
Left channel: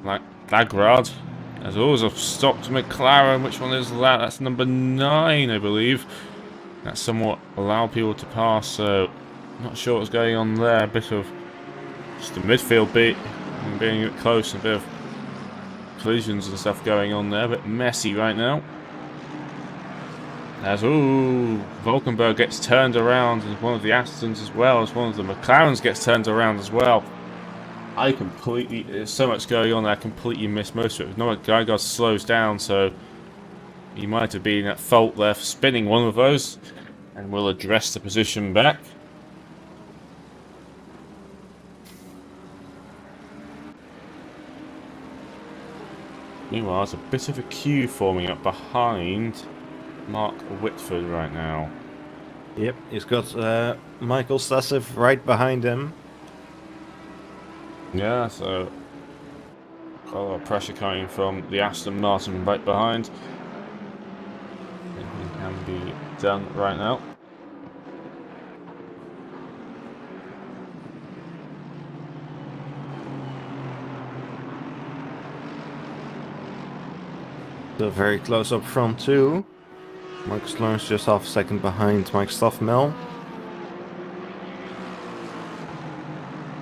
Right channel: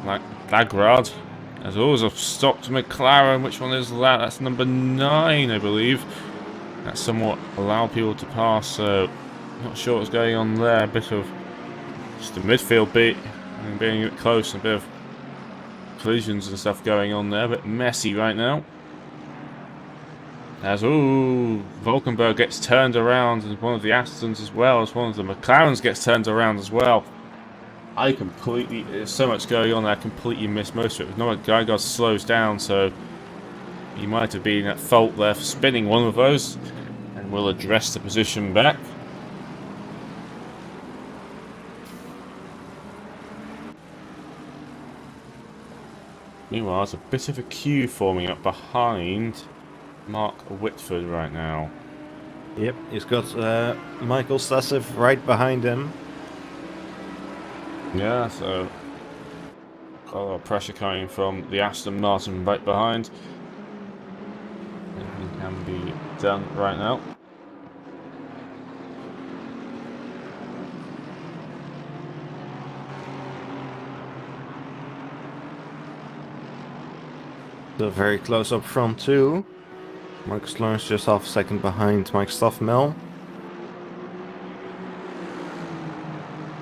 Lagrad. There's always a stopped McLaren. Which one is that? That's number 9, I believe. That somewhat allowed people to pass, so not sure what's going on there. A bit of just the midfield being a bit close, a bit of collisions and stuff going on there, a bit messy right now. As Valkenburg gets turned around, and one of the Astons as well as one of the McLarens gets turned around as well. There's so much going on that I completely missed most of it. No, Nygaard slows down, so he might have been at fault there for spinning one of those, and we'll address the position back. Meanwhile, there's a bit of a queue forming up behind Mark Whitford right now. Yep, he's got Michael Stassev right behind him. Yeah, so Got a lot of pressure coming from the Aston Martin right behind. Anything can be done right now. Still very close up front too. Marcus Lawrence just half a second behind Mike Stoffmel.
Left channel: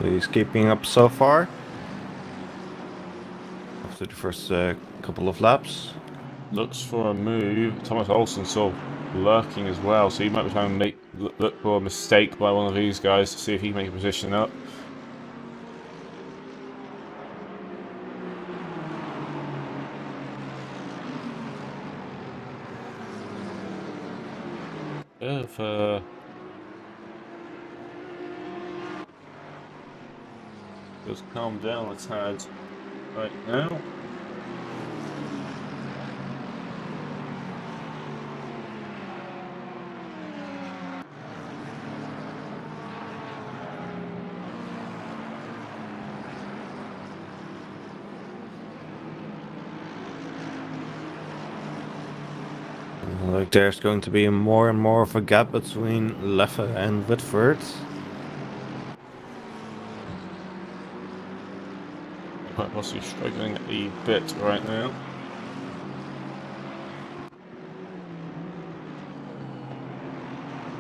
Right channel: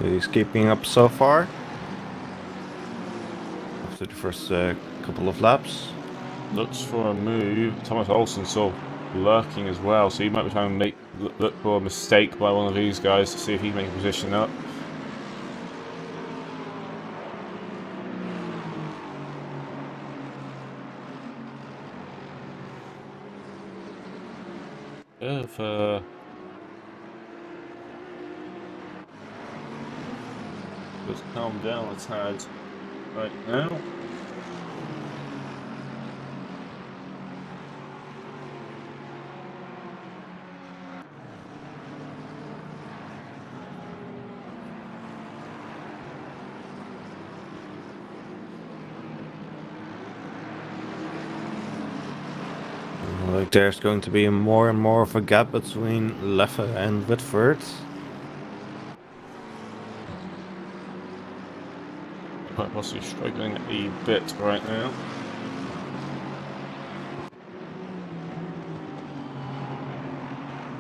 He's keeping up so far. After the first couple of laps. Looks for a move. Thomas Olsen sort of lurking as well, so he might be trying to look for a mistake by one of these guys to see if he can make a position up. If just calm down a tad right now. Like there's going to be more and more of a gap between Leffe and Whitford. Quite possibly struggling a bit right now.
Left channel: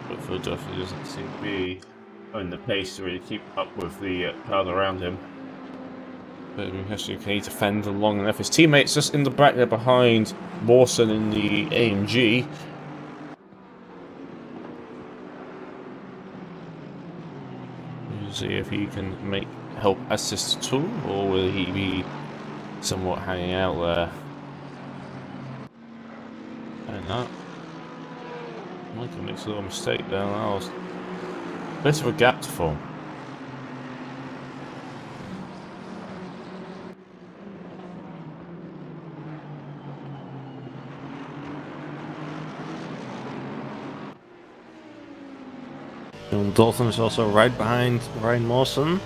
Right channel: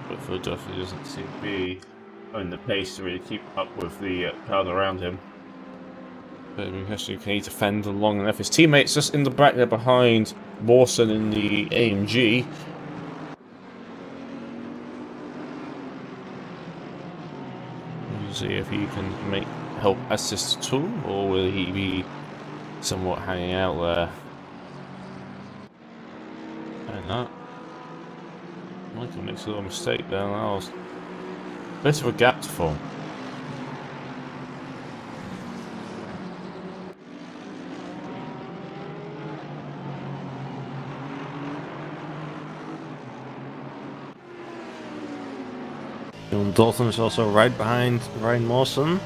Whitford definitely doesn't seem to be on the pace to really keep up with the crowd around him. But can he defend long enough? His teammates just in the back there behind Mawson in the AMG. We'll see if he can help assist at all, or will he be somewhat hanging out there? I don't know. Michael makes a little mistake there. That was a bit of a gap to form. John Dalton is also right behind Ryan Mawson.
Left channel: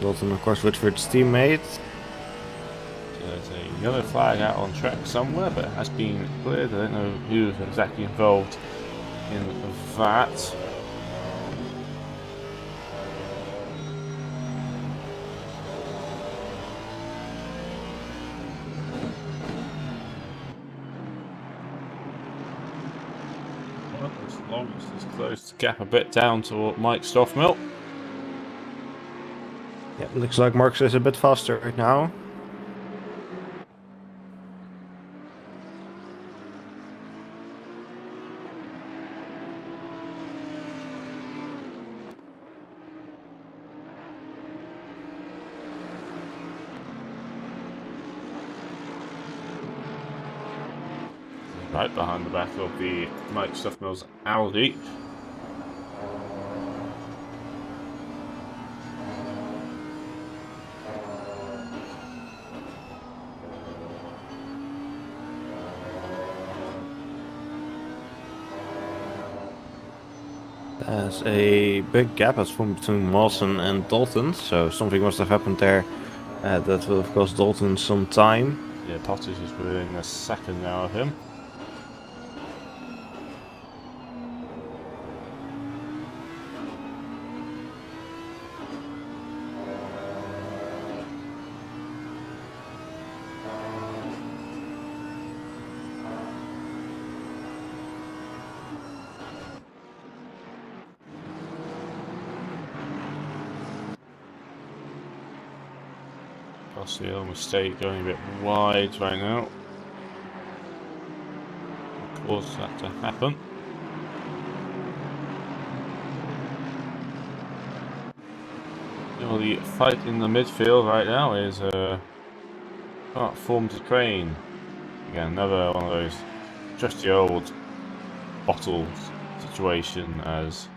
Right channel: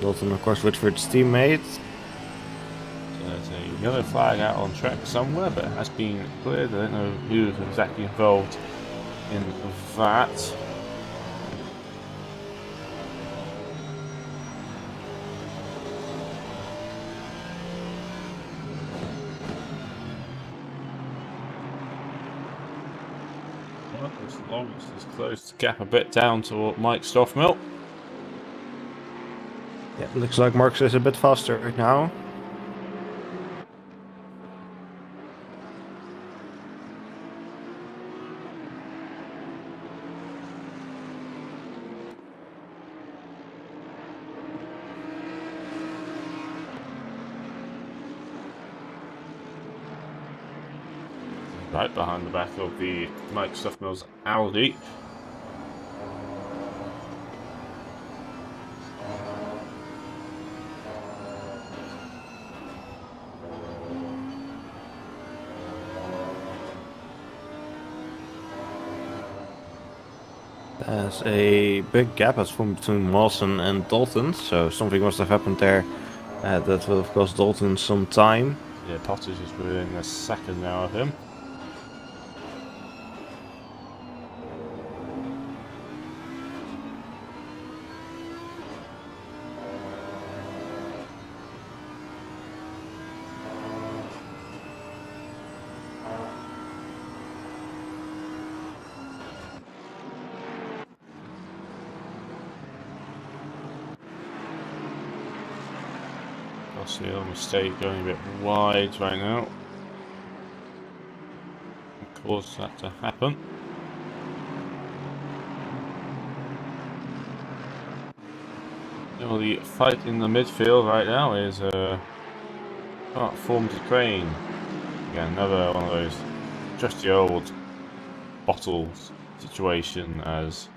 Dalton, of course, Whitford's teammate. So there's a yellow flag out on track somewhere, but it has been cleared. I don't know who's exactly involved in that. As long as it's closed the gap a bit down to Mike Stoffmel. Yeah, looks like Marcus is a bit faster right now. Right behind the back of the Mike Stoffmel's Audi. There's a big gap has formed between Mawson and Dalton, so something must have happened there. That will, of course, Dalton some time. Yeah, Potters is within a second now of him. Possibly a mistake going a bit wide right now. Caused that to happen. Well, the fight in the midfield right now is formed Ukraine. Again, another one of those trusty old bottles situation as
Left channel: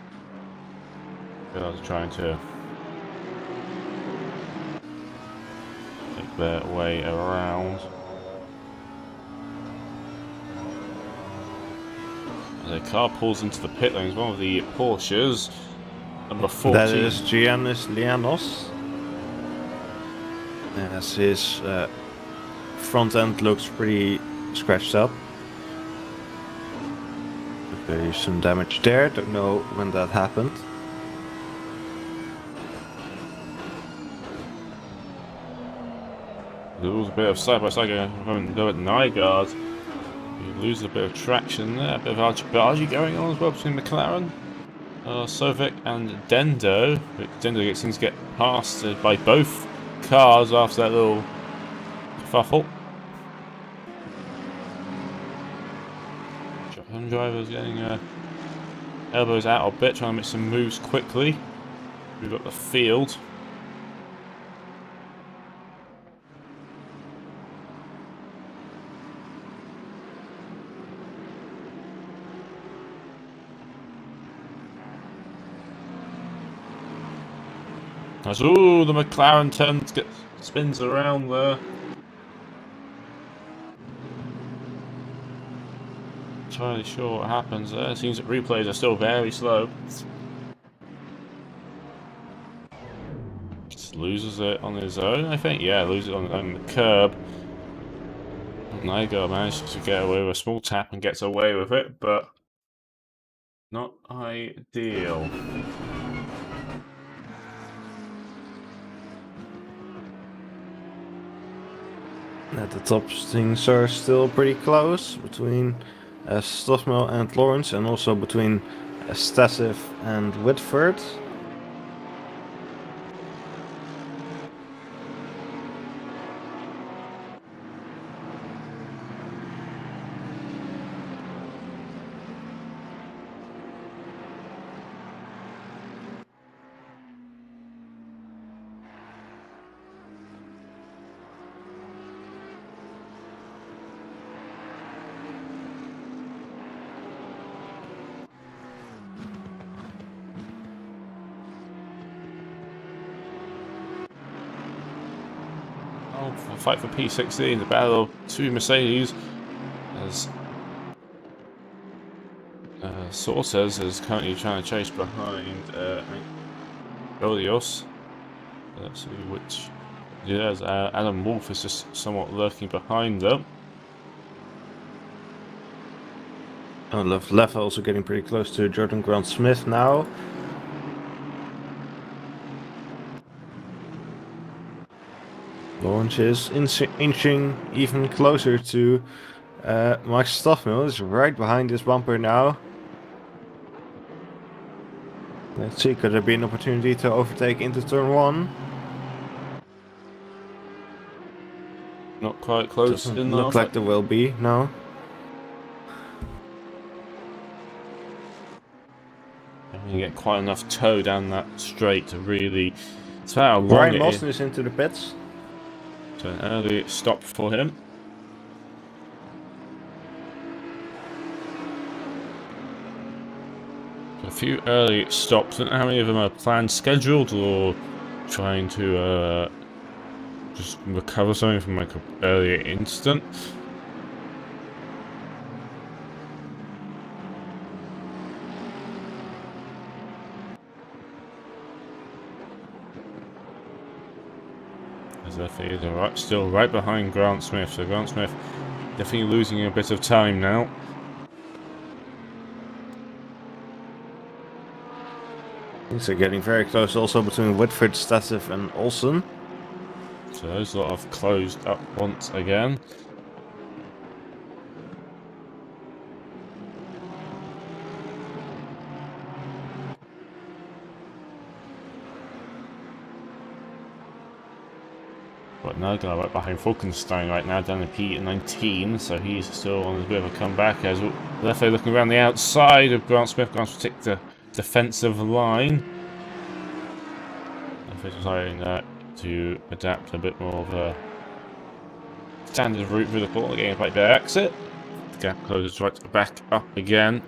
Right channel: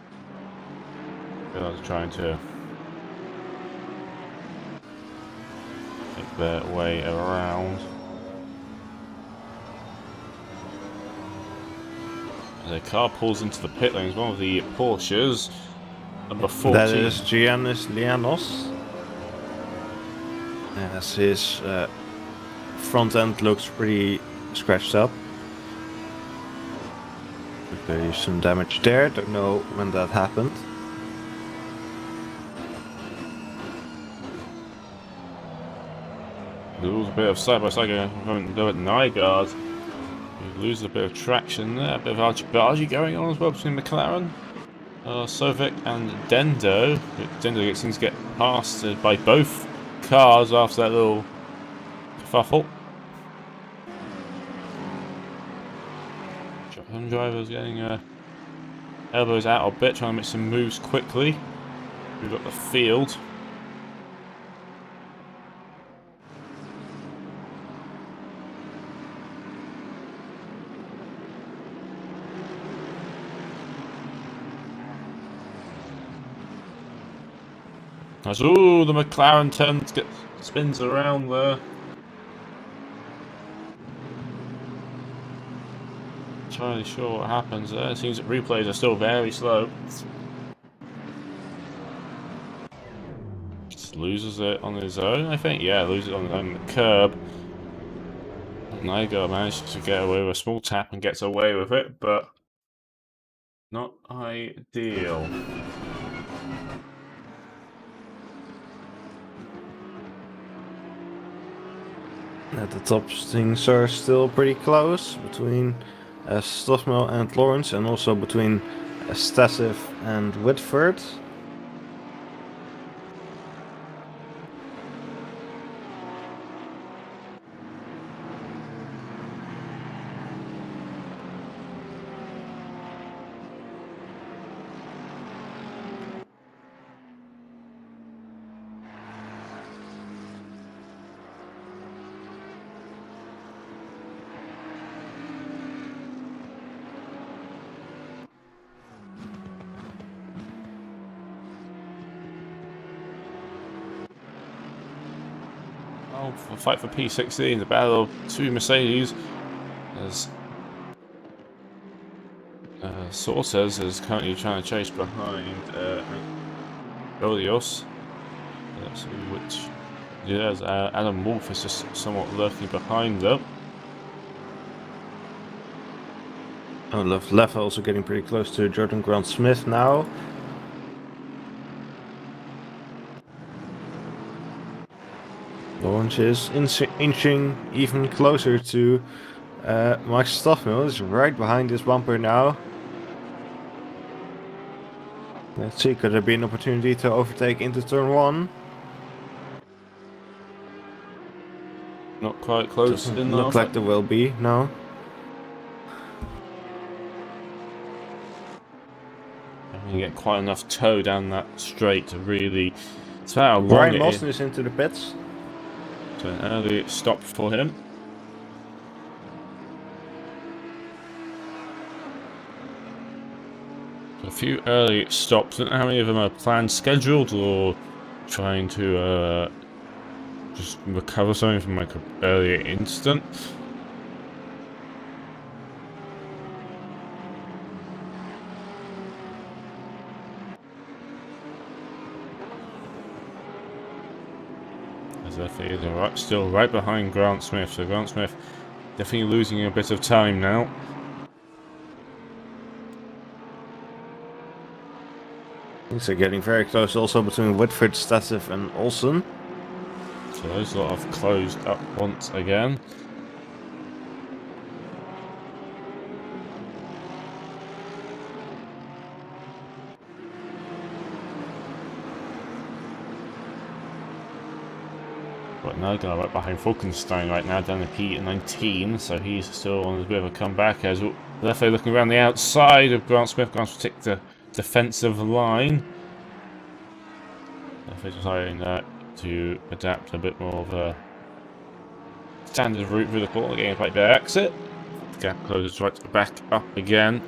they're trying to make their way around. As a car pulls into the pit lanes, one of the Porsches, number 14. That is Giannis Lianos. as his front end looks pretty scratched up. There's some damage there, don't know when that happened. Lose a bit of side-by-side going go at Nygaard. You lose a bit of traction there, a bit of argy going on as well between McLaren, Sovic and Dendo. Dendo seems to get passed by both cars after that little kerfuffle. Home drivers getting elbows out a bit, trying to make some moves quickly. We've got the field. Ooh, the McLaren spins around there. Entirely sure what happens there. It seems that replays are still very slow. Just loses it on his own, I think. Yeah, loses it on the curb. Nygaard manages to get away with a small tap and gets away with it, but not ideal. At the top, things are still pretty close between Stoffel and Lawrence, and also between Stasif and Whitford. Oh, fight for P16, the battle of two Mercedes, as Sortes is currently trying to chase behind Golios. Let's see which. Yes, Adam Wolf is just somewhat lurking behind them. Oh, left also getting pretty close to Jordan Grant Smith now. Lawrence is inching even closer to Max Stoffel. Is right behind this bumper now. Let's see, could there be an opportunity to overtake into turn 1? Not quite close Doesn't enough. look like there will be, no. You get quite enough toe down that straight to really. It's how long Brian it Mawson is. is into the pits. So an early stop for him. A few early stops. I don't know how many of them are planned, scheduled, or trying to just recover something from like an earlier incident. As Effie is still right behind Grant Smith, so Grant Smith definitely losing a bit of time now. Things are getting very close also between Whitford, Stasif and Olsen. So those lot have closed up once again. But Nygaard right behind Falkenstein right now, down to P19, so he's still on a bit of a comeback. As Leffe looking around the outside of Grant Smith. Grant Smith take the defensive line. Leffe deciding to adapt a bit more of a standard route through the corner, getting a right there exit. The gap closes right back up again.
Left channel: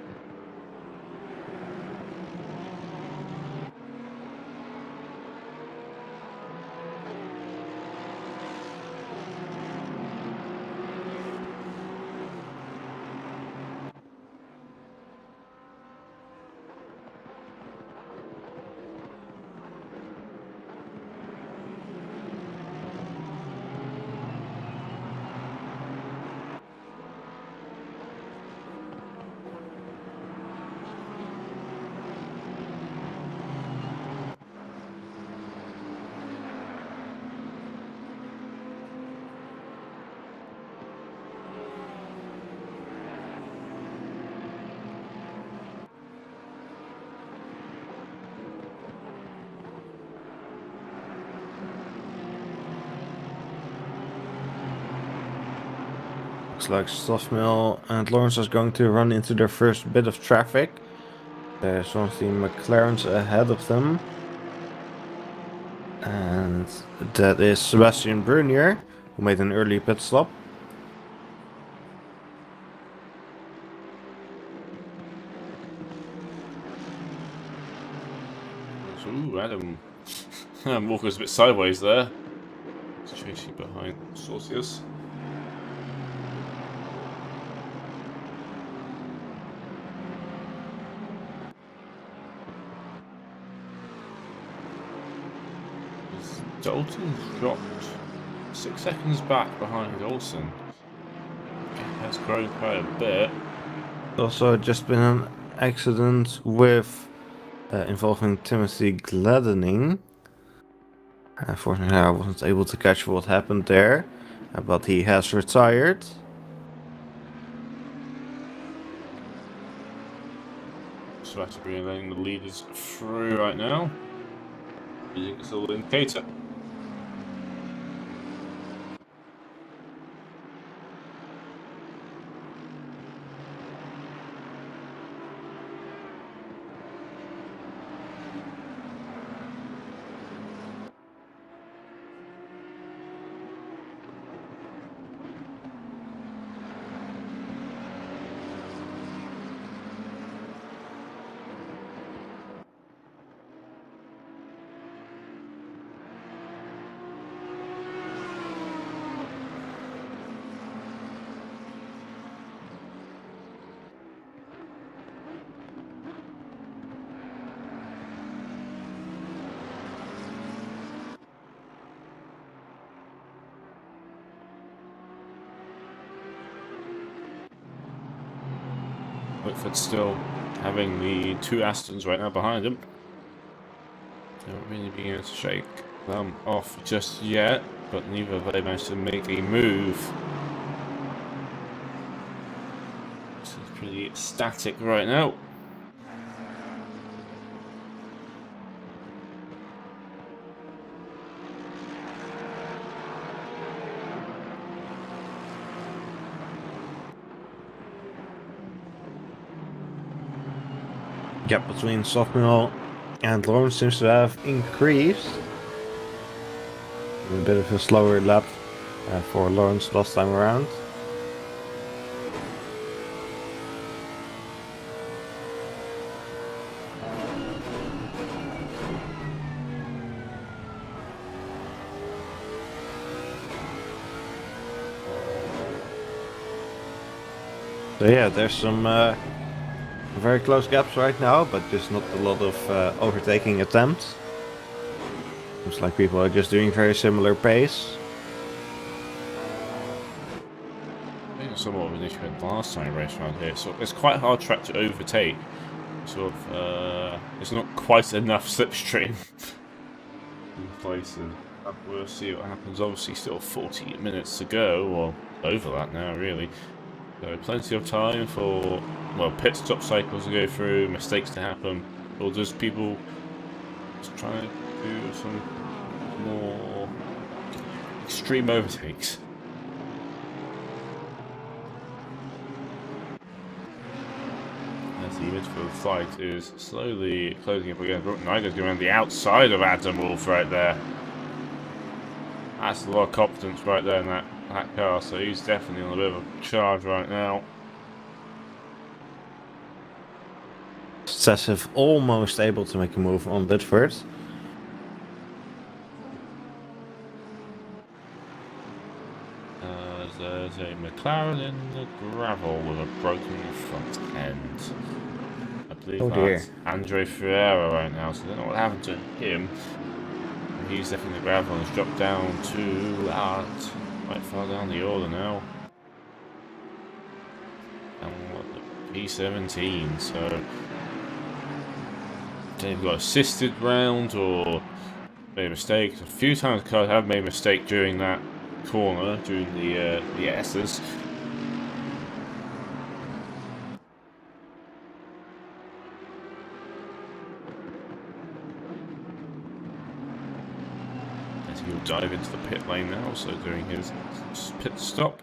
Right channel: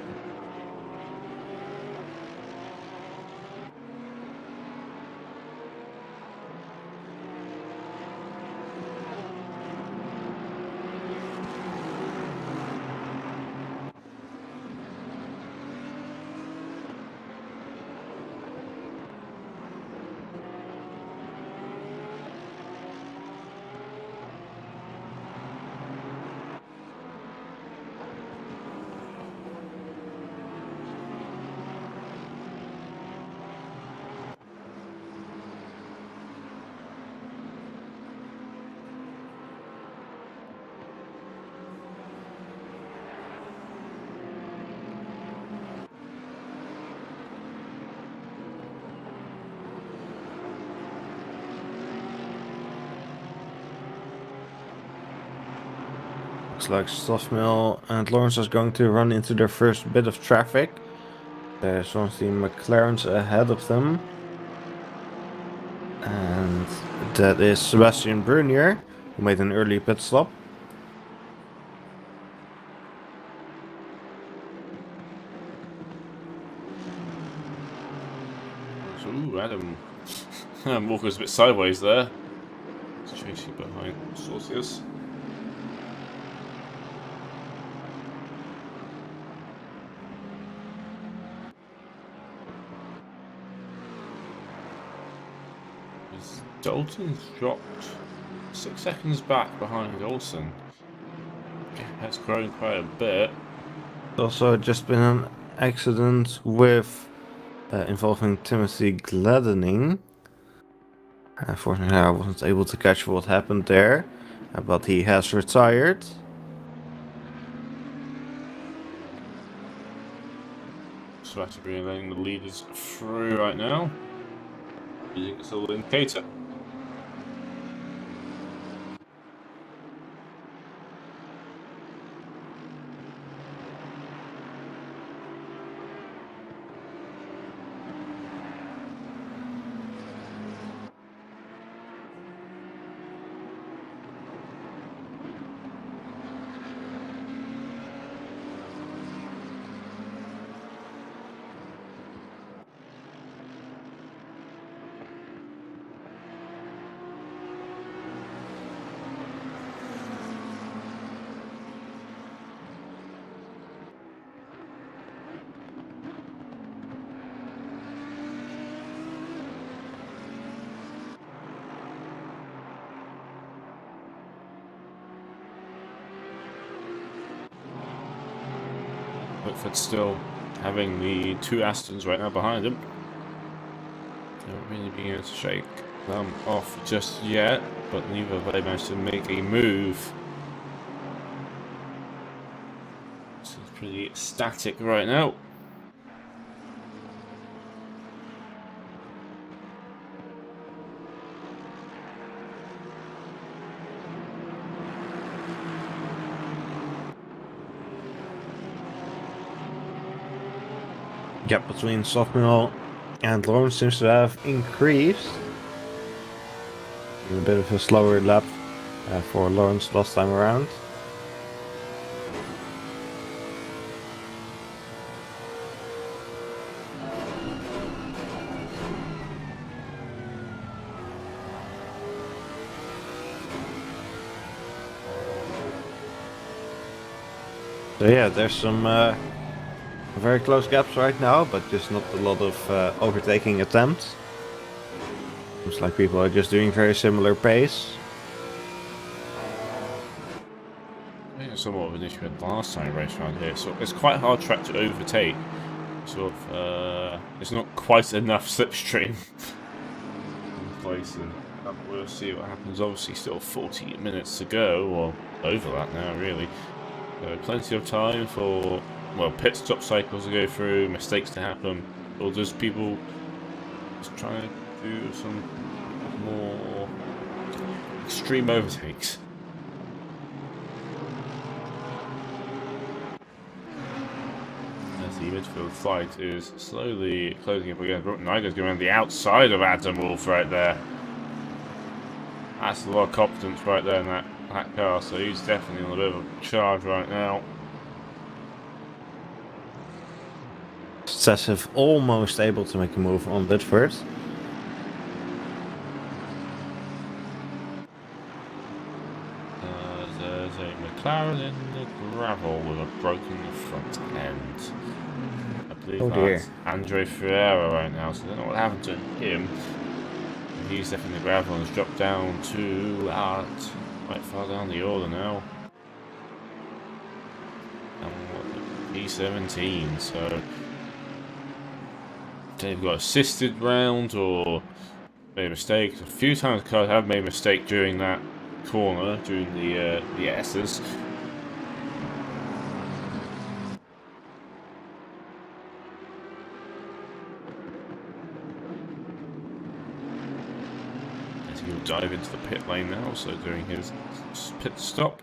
looks like Stoffmill and Lawrence is going to run into their first bit of traffic. There's one of the McLarens ahead of them. And that is Sebastian Brunier, who made an early pit stop. Ooh, Adam. Walker's a bit sideways there. He's chasing behind Saucius. Dalton's dropped 6 seconds back behind Olsen. Has grown quite a bit. Also just been an accident with involving Timothy Gladdening. Unfortunately, I wasn't able to catch what happened there, but he has retired. So that's really letting the leaders through right now. Using a little indicator. Whitford's still having the 2 Astons right now behind him. Don't really being able to shake them off just yet, but neither of them managed to make a move. This is pretty static right now. Gap between Stoffmill and Lawrence seems to have increased. A bit of a slower lap for Lawrence last time around. So yeah, there's some very close gaps right now, but just not a lot of overtaking attempts. Looks like people are just doing very similar pace. I think it's somewhat of an issue with the last time I raced around here. So it's quite a hard track to overtake. Sort of, it's not quite enough slipstream in places. We'll see what happens. Obviously, still 40 minutes to go, or over that now, really. So plenty of time for, well, pit stop cycles to go through, mistakes to happen, or just people just trying to do some more extreme overtakes. As the midfield fight is slowly closing up again. Niger's going around the outside of Adam Wolf right there. That's a lot of confidence right there in that car, so he's definitely on a bit of a charge right now. Excessive, almost able to make a move on Bitford. There's a McLaren in the gravel with a broken front end. I believe that's Andre Ferreira right now, so I don't know what happened to him. He's definitely in the gravel and has dropped down to quite far down the order now. And what, the P17, so they've got assisted round or made a mistake. A few times cars have made a mistake during that corner, during the S's. He'll dive into the pit lane now, so doing his pit stop.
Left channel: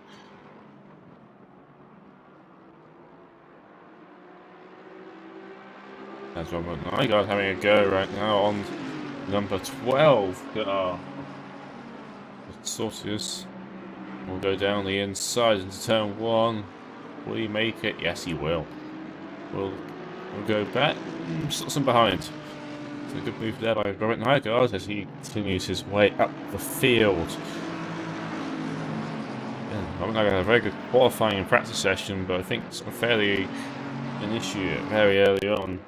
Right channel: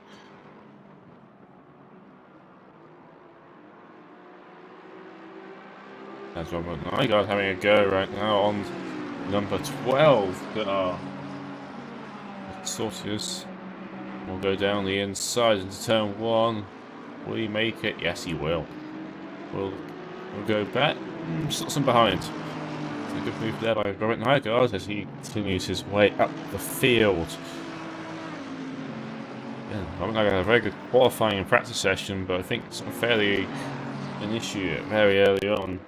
As well, my guy's having a go right now on number 12. Sortius will go down the inside into turn 1. Will he make it? Yes, he will. We'll go back. Slots him behind. It's a good move there by Robert Nygaard as he continues his way up the field. Robert Nygaard had a very good qualifying and practice session, but I think some fairly an issue very early on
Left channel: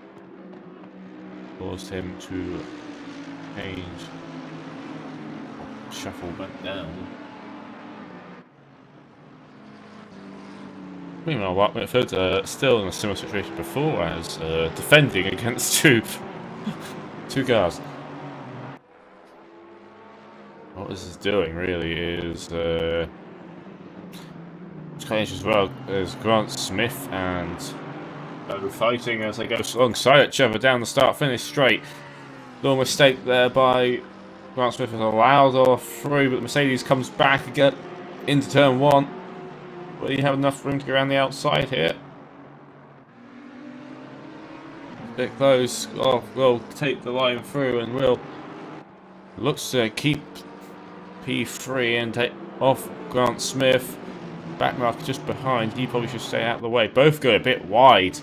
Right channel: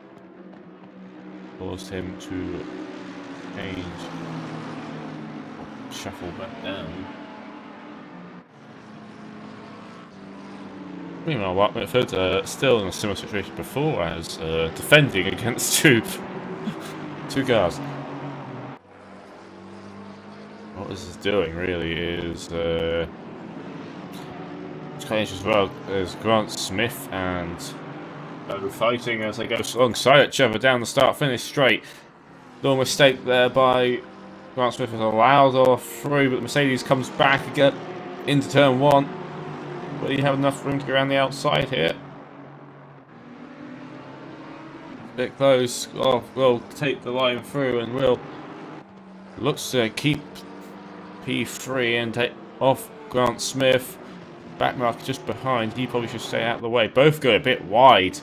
caused him to change, shuffle back down. Meanwhile, Mark Mitford still in a similar situation before as defending against two cars. What this is doing really is change as well as Grant Smith and fighting as they go alongside each other down the start-finish straight. No mistake there by Grant Smith has allowed off through, but the Mercedes comes back again into turn 1. Will you have enough room to go around the outside here? Bit close. Oh, we'll take the line through and will looks to keep P3 and take off Grant Smith. Backmark just behind. He probably should stay out of the way. Both go a bit wide.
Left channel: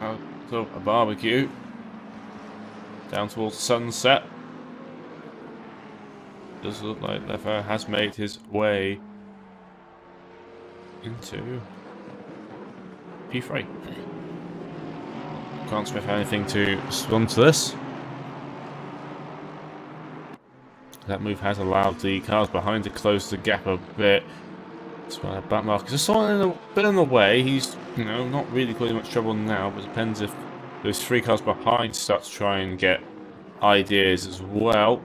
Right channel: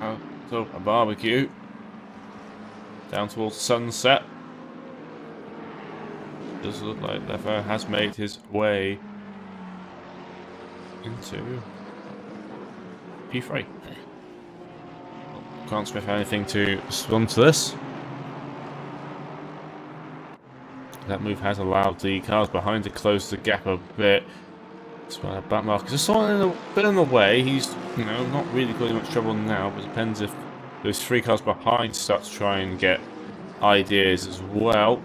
Out of a barbecue. Down towards sunset. Does look like Lever has made his way into P3. Can't Smith have anything to respond to this. That move has allowed the cars behind to close the gap a bit. That's why back markers just a bit in the way. He's, you know, not really causing much trouble now, but it depends if those 3 cars behind start to try and get ideas as well.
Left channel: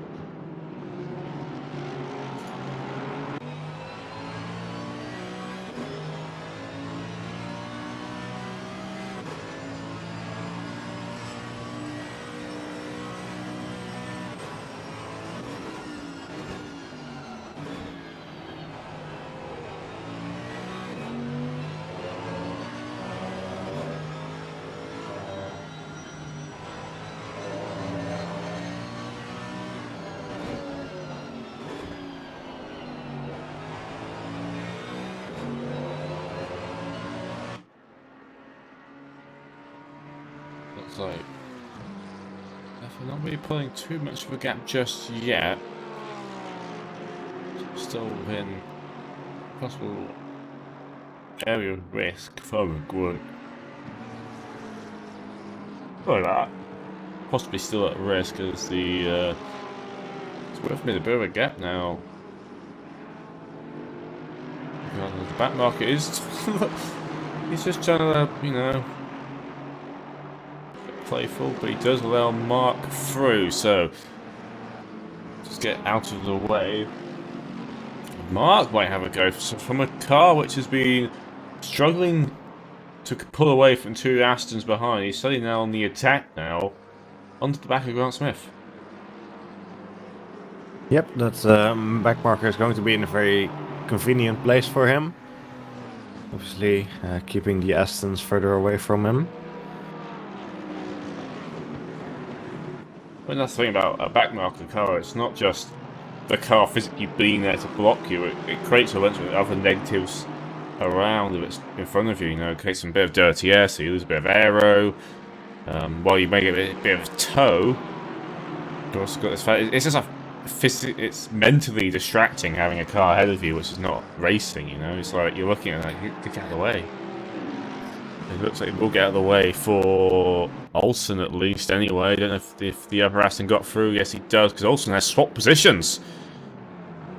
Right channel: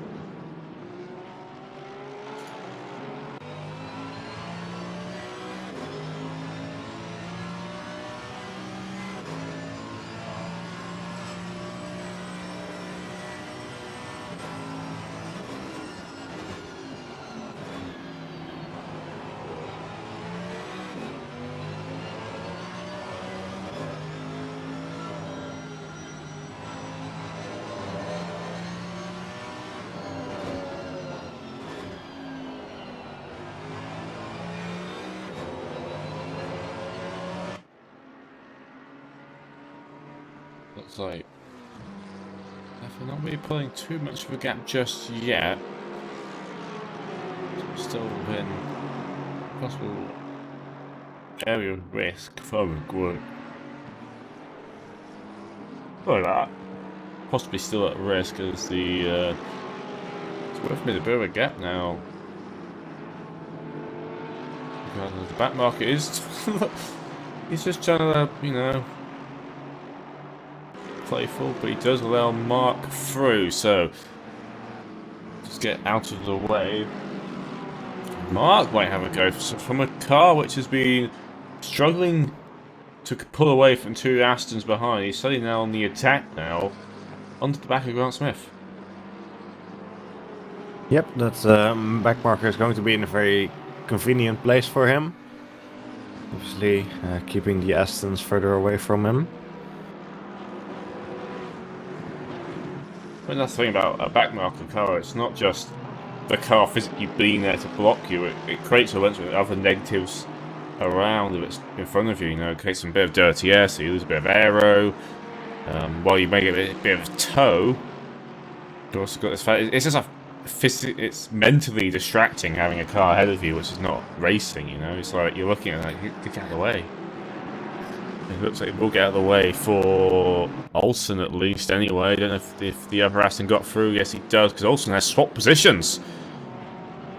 Looks like they're not really pulling too much of a gap just yet. Still within possible area of risk for a group. Like that. Possibly still at risk as the it's worth me a bit of a gap now. Because the back market is he's just trying to, you know, playful, but he does allow Mark through, so just get out of the way. Mark might have a go from a car which has been struggling to pull away from 2 Astons behind. He's suddenly now on the attack now, onto the back of Grant Smith. Yep, that back marker is going to be in a very convenient place for him. Obviously, keeping the Astons further away from him. Well, that's the thing about a backmarker car, it's not just the car physically being there to block you, it creates a bunch of other negatives around if it's in front of you, you know, it creates some bit of dirty air, so you lose a bit of aero, while you may get a bit of tow. You also got this fact, it's just it's mentally distracting having a car ahead of you which is not racing, you know, it's like you're looking at it like, get out of the way. It looks like it will get out of the way for Olsen at least anyway. I don't know if the other Aston got through. Yes, he does, because Olsen has swapped positions.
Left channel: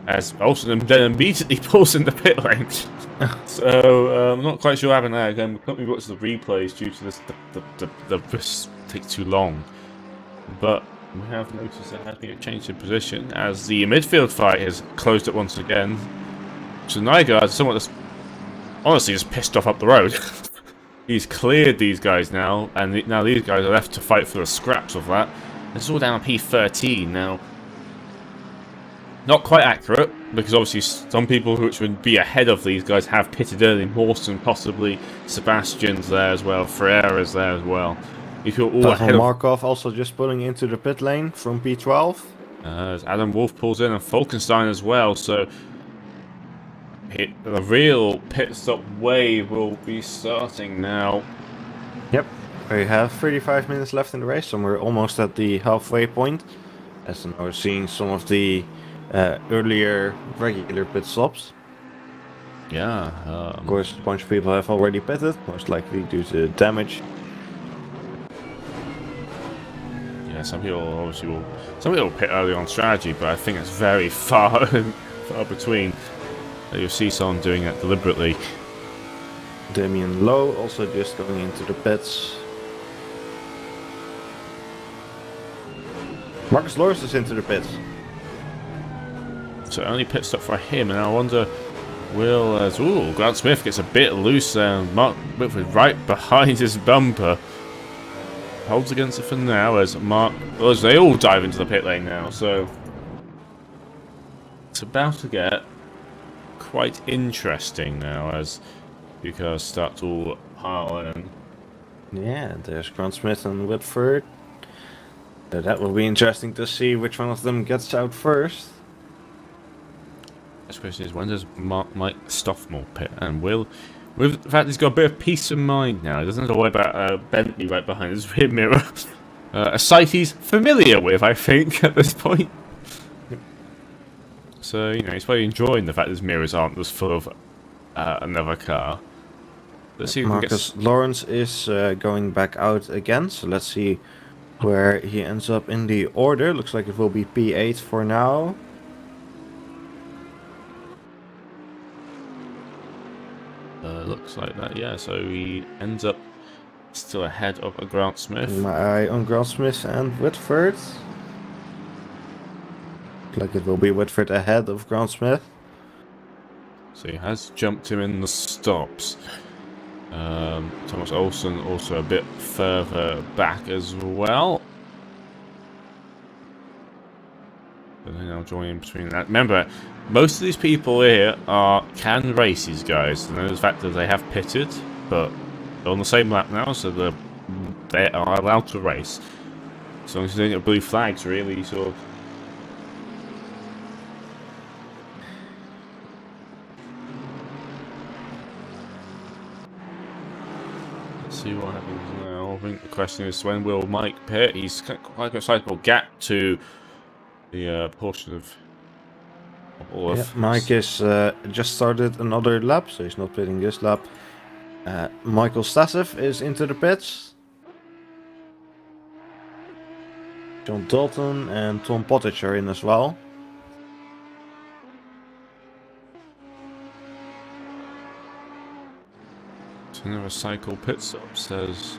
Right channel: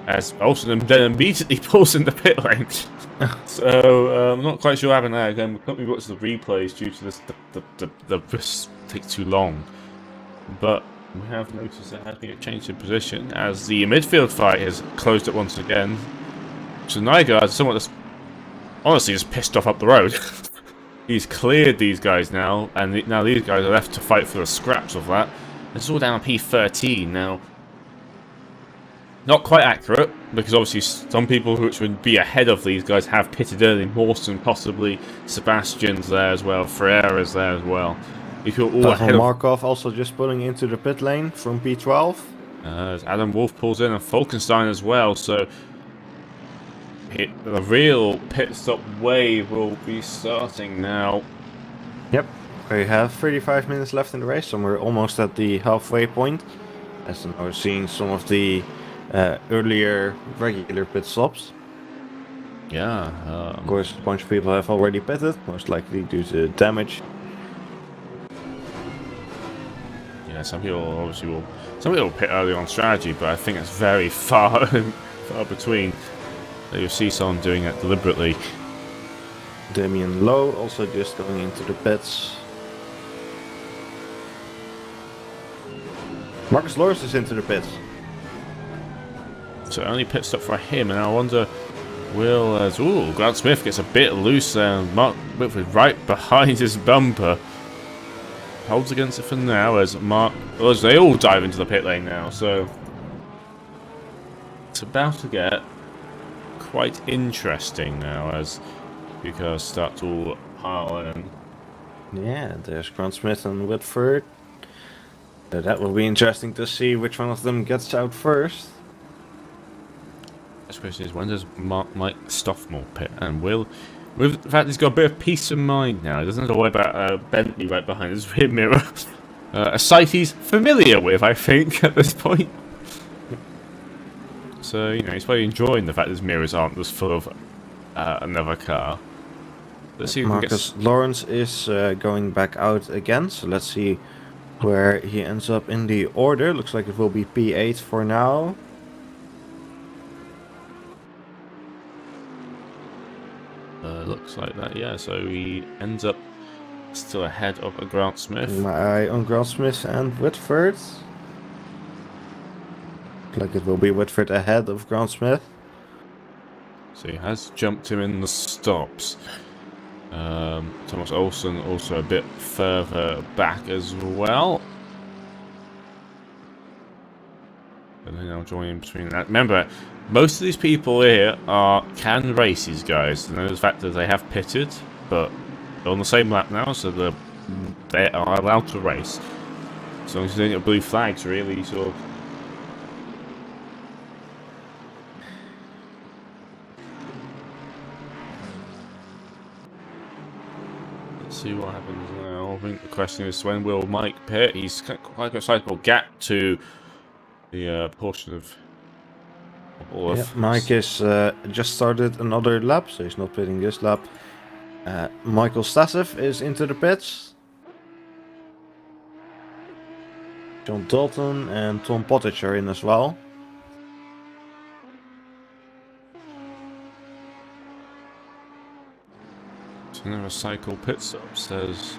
As Olsen then immediately pulls in the pit lane. So, I'm not quite sure what happened there. Again, we can't watch the replays due to this, this takes too long. But we have noticed there has been a change in position as the midfield fight has closed it once again. So Nygaard is somewhat just, honestly just pissed off up the road. He's cleared these guys now, and now these guys are left to fight for the scraps of that. It's all down to P13 now. Not quite accurate, because obviously some people which would be ahead of these guys have pitted early. Mawson, possibly Sebastian's there as well, Ferreira's there as well. if you're all Pavel ahead of... Markov also just pulling into the pit lane from P12. As Adam Wolf pulls in and Falkenstein as well, so the real pit stop wave will be starting now. Yep, we have 35 minutes left in the race, so we're almost at the halfway point. As now we're seeing some of the earlier regular pit stops. Yeah. Of course, a bunch of people have already pitted, most likely due to damage. Yeah, some people obviously will. Some people pit early on strategy, but I think it's very far between. You'll see someone doing it deliberately. Damien Lowe also just going into the pits. Marcus Lawrence is into the pits. So only pit stop for him, and I wonder, Grant Smith gets a bit loose there, and Mark Whitford right behind his bumper. Holds against it for now as they all dive into the pit lane now, so it's about to get quite interesting now as you cars start to all pile in. Yeah, there's Grant Smith and Whitford. That will be interesting to see which one of them gets out first. The question is, when does Mike Stoffmore pit? And with the fact he's got a bit of peace of mind now, he doesn't have to worry about Bentley right behind his rear mirror. A sight he's familiar with, I think, at this point. So, he's probably enjoying the fact his mirrors aren't just full of another car. Let's see if Marcus Lawrence is going back out again, so let's see where he ends up in the order. Looks like it will be P8 for now. Looks like that, yeah. So he ends up still ahead of a Grant Smith. My eye on Grant Smith and Whitford. Looks like it will be Whitford ahead of Grant Smith. So he has jumped him in the stops. Thomas Olsen also a bit further back as well. But then I'll join in between that. Remember, most of these people here can race, these guys. And the fact that they have pitted, but they're on the same lap now, so they are allowed to race. As long as they don't get blue flags, really, sort of. Let's see what happens now. I think the question is, when will Mike pit? He's quite a sizable gap to the portion of all of... Mike is just started another lap, so he's not pitting this lap. Michael Stasev is into the pits. John Dalton and Tom Pottage are in as well. Another cycle pit stop says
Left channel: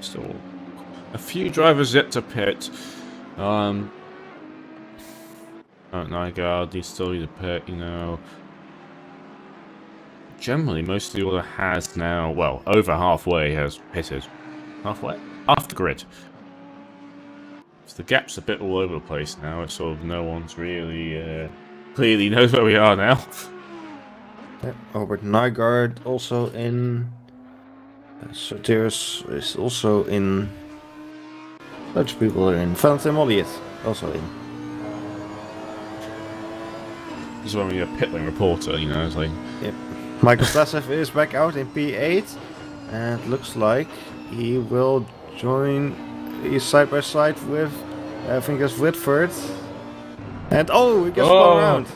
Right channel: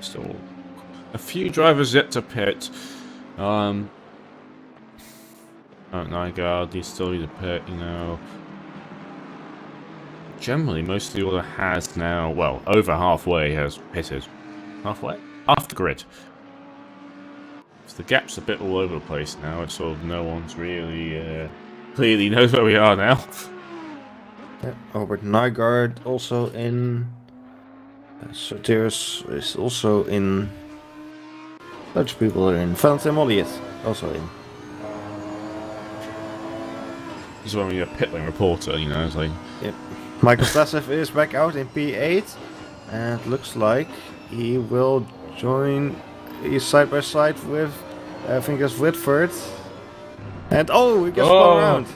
still a few drivers yet to pit. Nygaard, he's still need to pit, Generally, most of the order has now, well, over halfway has pitted. Halfway? After grid. So the gap's a bit all over the place now. It's sort of no one's really clearly knows where we are now. Yeah, Albert Nygaard also in. Soteris is also in. Lots of people are in. Valentin Molliet also in. This is when we're a pit lane reporter, it's like... Yep. Michael Stasev is back out in P8. And looks like he will join. He's side by side with, I think it's Whitford. And he gets spun around.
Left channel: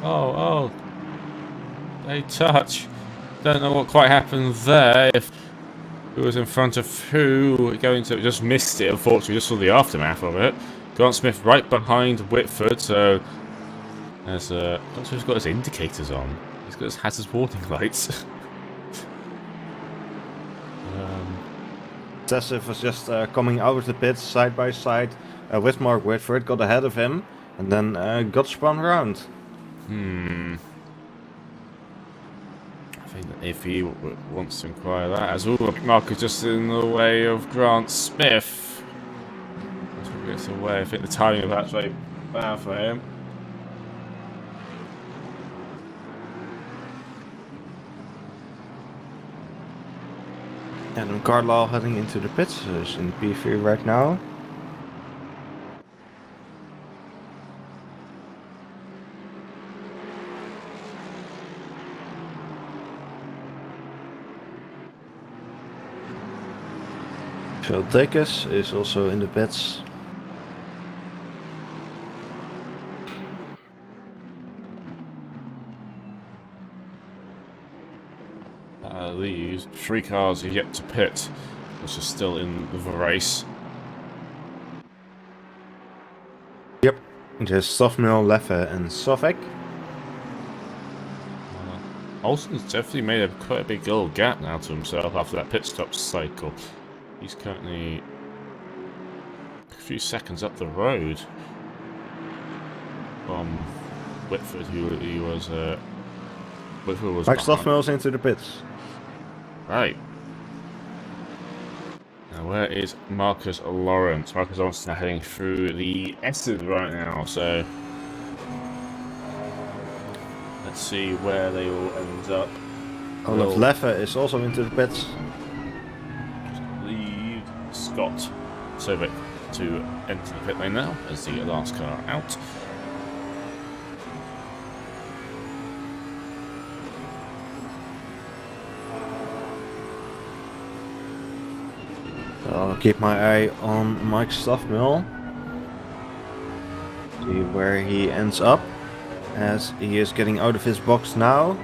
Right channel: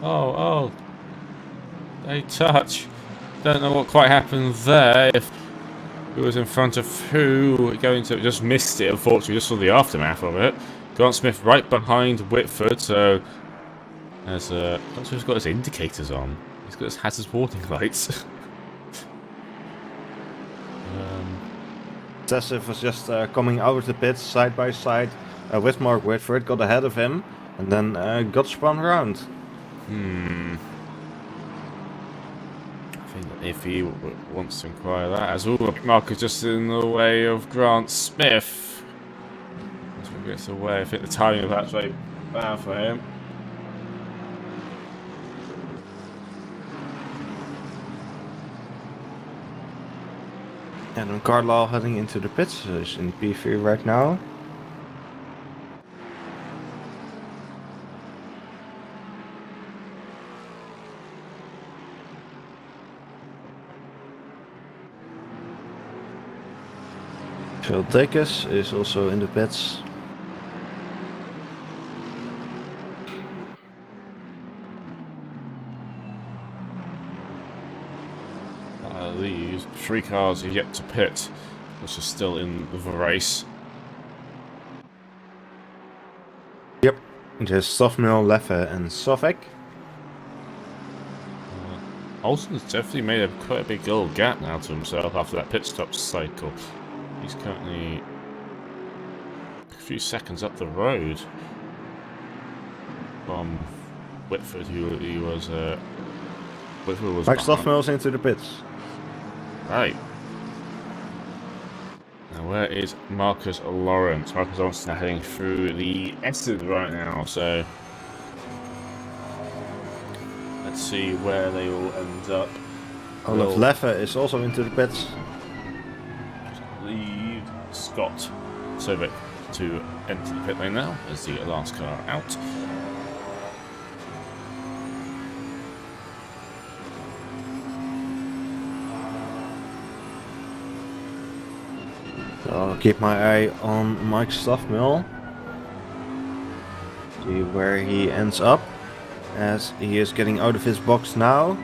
Oh. They touch. Don't know what quite happened there. If who was in front of who, just missed it, unfortunately, just saw the aftermath of it. Grant Smith right behind Whitford, so as he's got his indicators on. He's got his hazard warning lights. Stasev was just coming out of the pits side by side with Mark Whitford, got ahead of him, and then got spun around. I think that if he wants to inquire that as well, Mark is just in the way of Grant Smith. As he gets away, I think the timing of that's very bad for him. Adam Carlisle heading into the pits, so he's in P3 right now. Phil Dacus is also in the pits. These 3 cars are yet to pit, which is still in the race. Yep, just Sofmil, Leffe and Sofek. Olsen's definitely made quite a big little gap now to himself after that pit stop cycle. He's currently a few seconds up the road from Whitford, who was Whitford was Mike behind. Sofmil's into the pits. Right. Now, where is Marcus Lawrence? Marcus Lawrence is now heading through the S's right now, so let's see where they will end up. Olaf Leffe is also into the pits. Lead Scott Sovic to enter the pit lane now as the last car out. So I'll keep my eye on Mike Sofmil. See where he ends up, as he is getting out of his box now.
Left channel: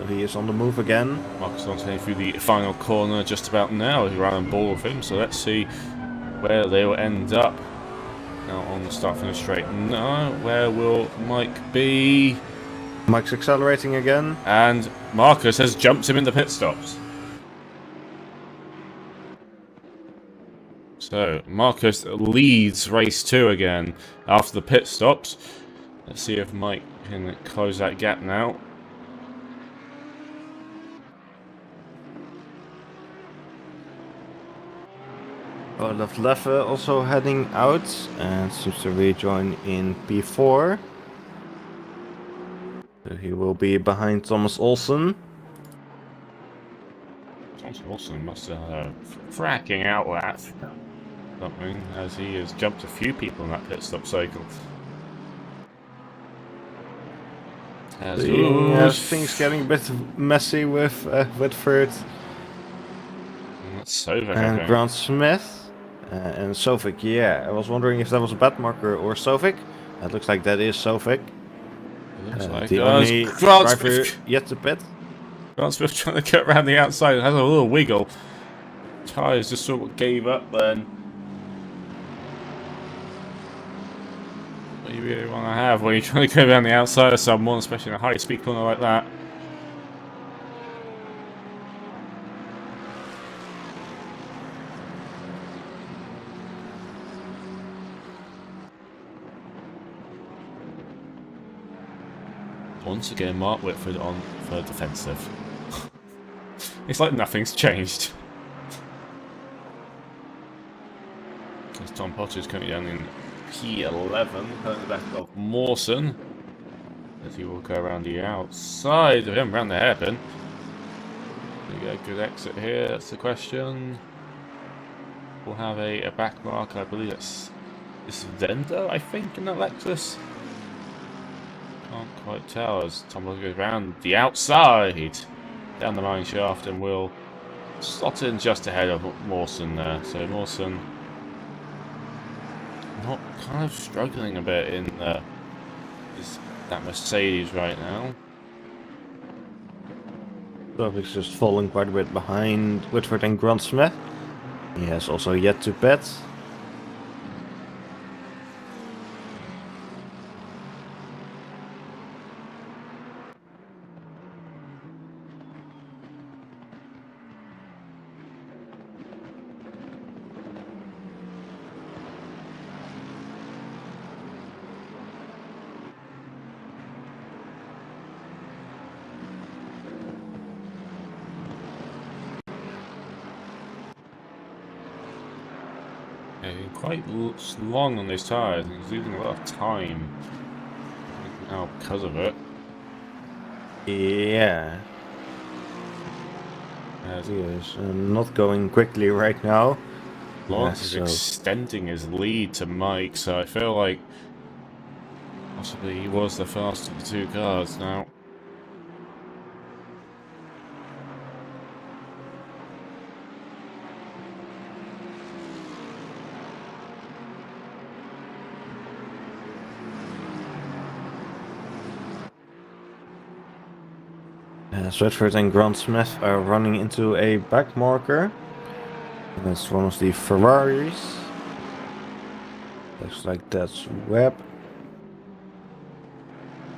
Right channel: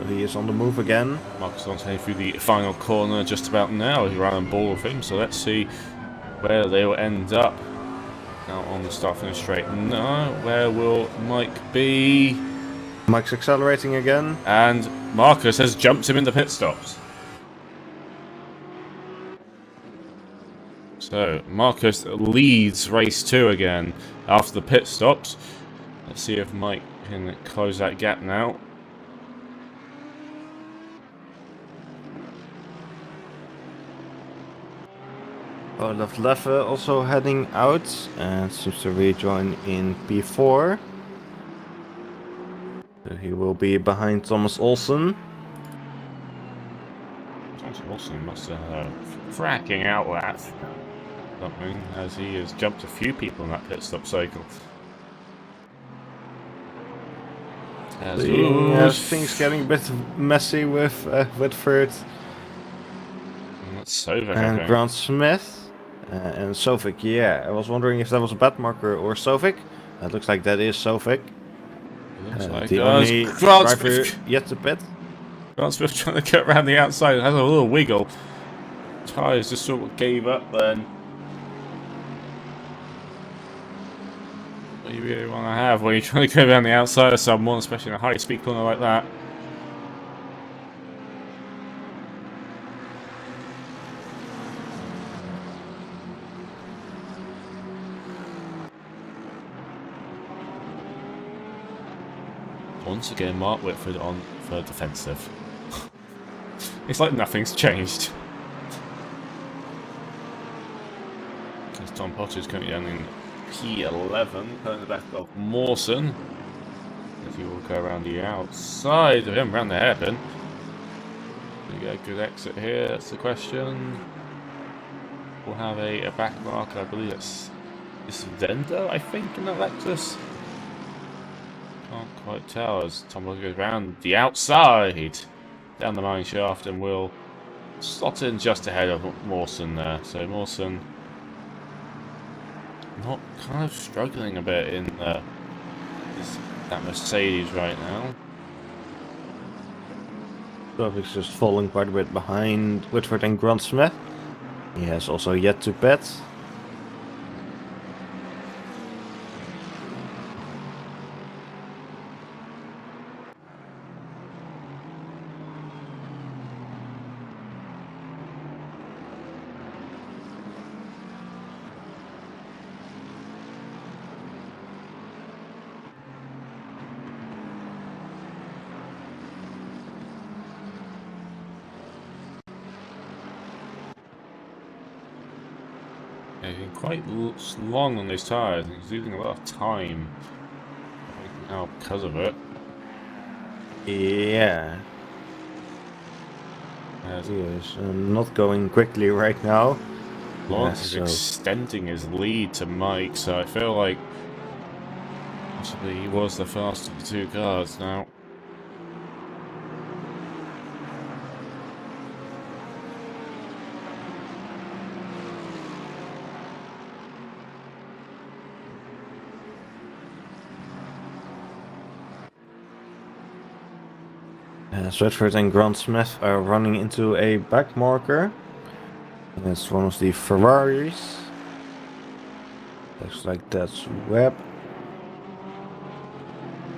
So he is on the move again. Marcus Lawrence heading through the final corner just about now. He ran on ball with him, so let's see where they will end up. Now on the start finish straight. No, where will Mike be? Mike's accelerating again. And Marcus has jumped him in the pit stops. So Marcus leads race 2 again after the pit stops. Let's see if Mike can close that gap now. Olaf Leffe also heading out and seems to rejoin in P4. So he will be behind Thomas Olsen. Thomas Olsen must have fracking out that something, as he has jumped a few people in that pit stop cycle. Things getting a bit messy with Whitford That's Sovic, and Grant Smith. And Sofik, yeah. I was wondering if that was a bad marker or Sofik. It looks like that is Sofik. It looks like the only driver yet to pit. Grant Smith trying to cut around the outside. It has a little wiggle. Tyres just sort of gave up then. What do you really want to have when you're trying to go around the outside of someone, especially in a high speed corner like that? Once again, Mark Whitford on for defensive. It's like nothing's changed. As Tom Potter's currently down in P11, pulling the back of Mawson. As he will go around the outside of him, around the hairpin. We get a good exit here, that's the question. We'll have a back mark, I believe it's Vendo, I think, in that Lexus. Can't quite tell as Tom Potter goes around the outside, down the mine shaft, and will slot in just ahead of Mawson there. So Mawson not kind of struggling a bit in that Mercedes right now. Sofik's just falling quite a bit behind Whitford and Grant Smith. He has also yet to pit. Yeah, he's been quite long on those tyres, and he's losing a lot of time. I think now because of it. Yeah. He is not going quickly right now. Lawrence is So extending his lead to Mike, so I feel like possibly he was the fastest of the two cars now. Switchford and Grant Smith are running into a back marker. And it's one of the Ferraris. Looks like that's Webb.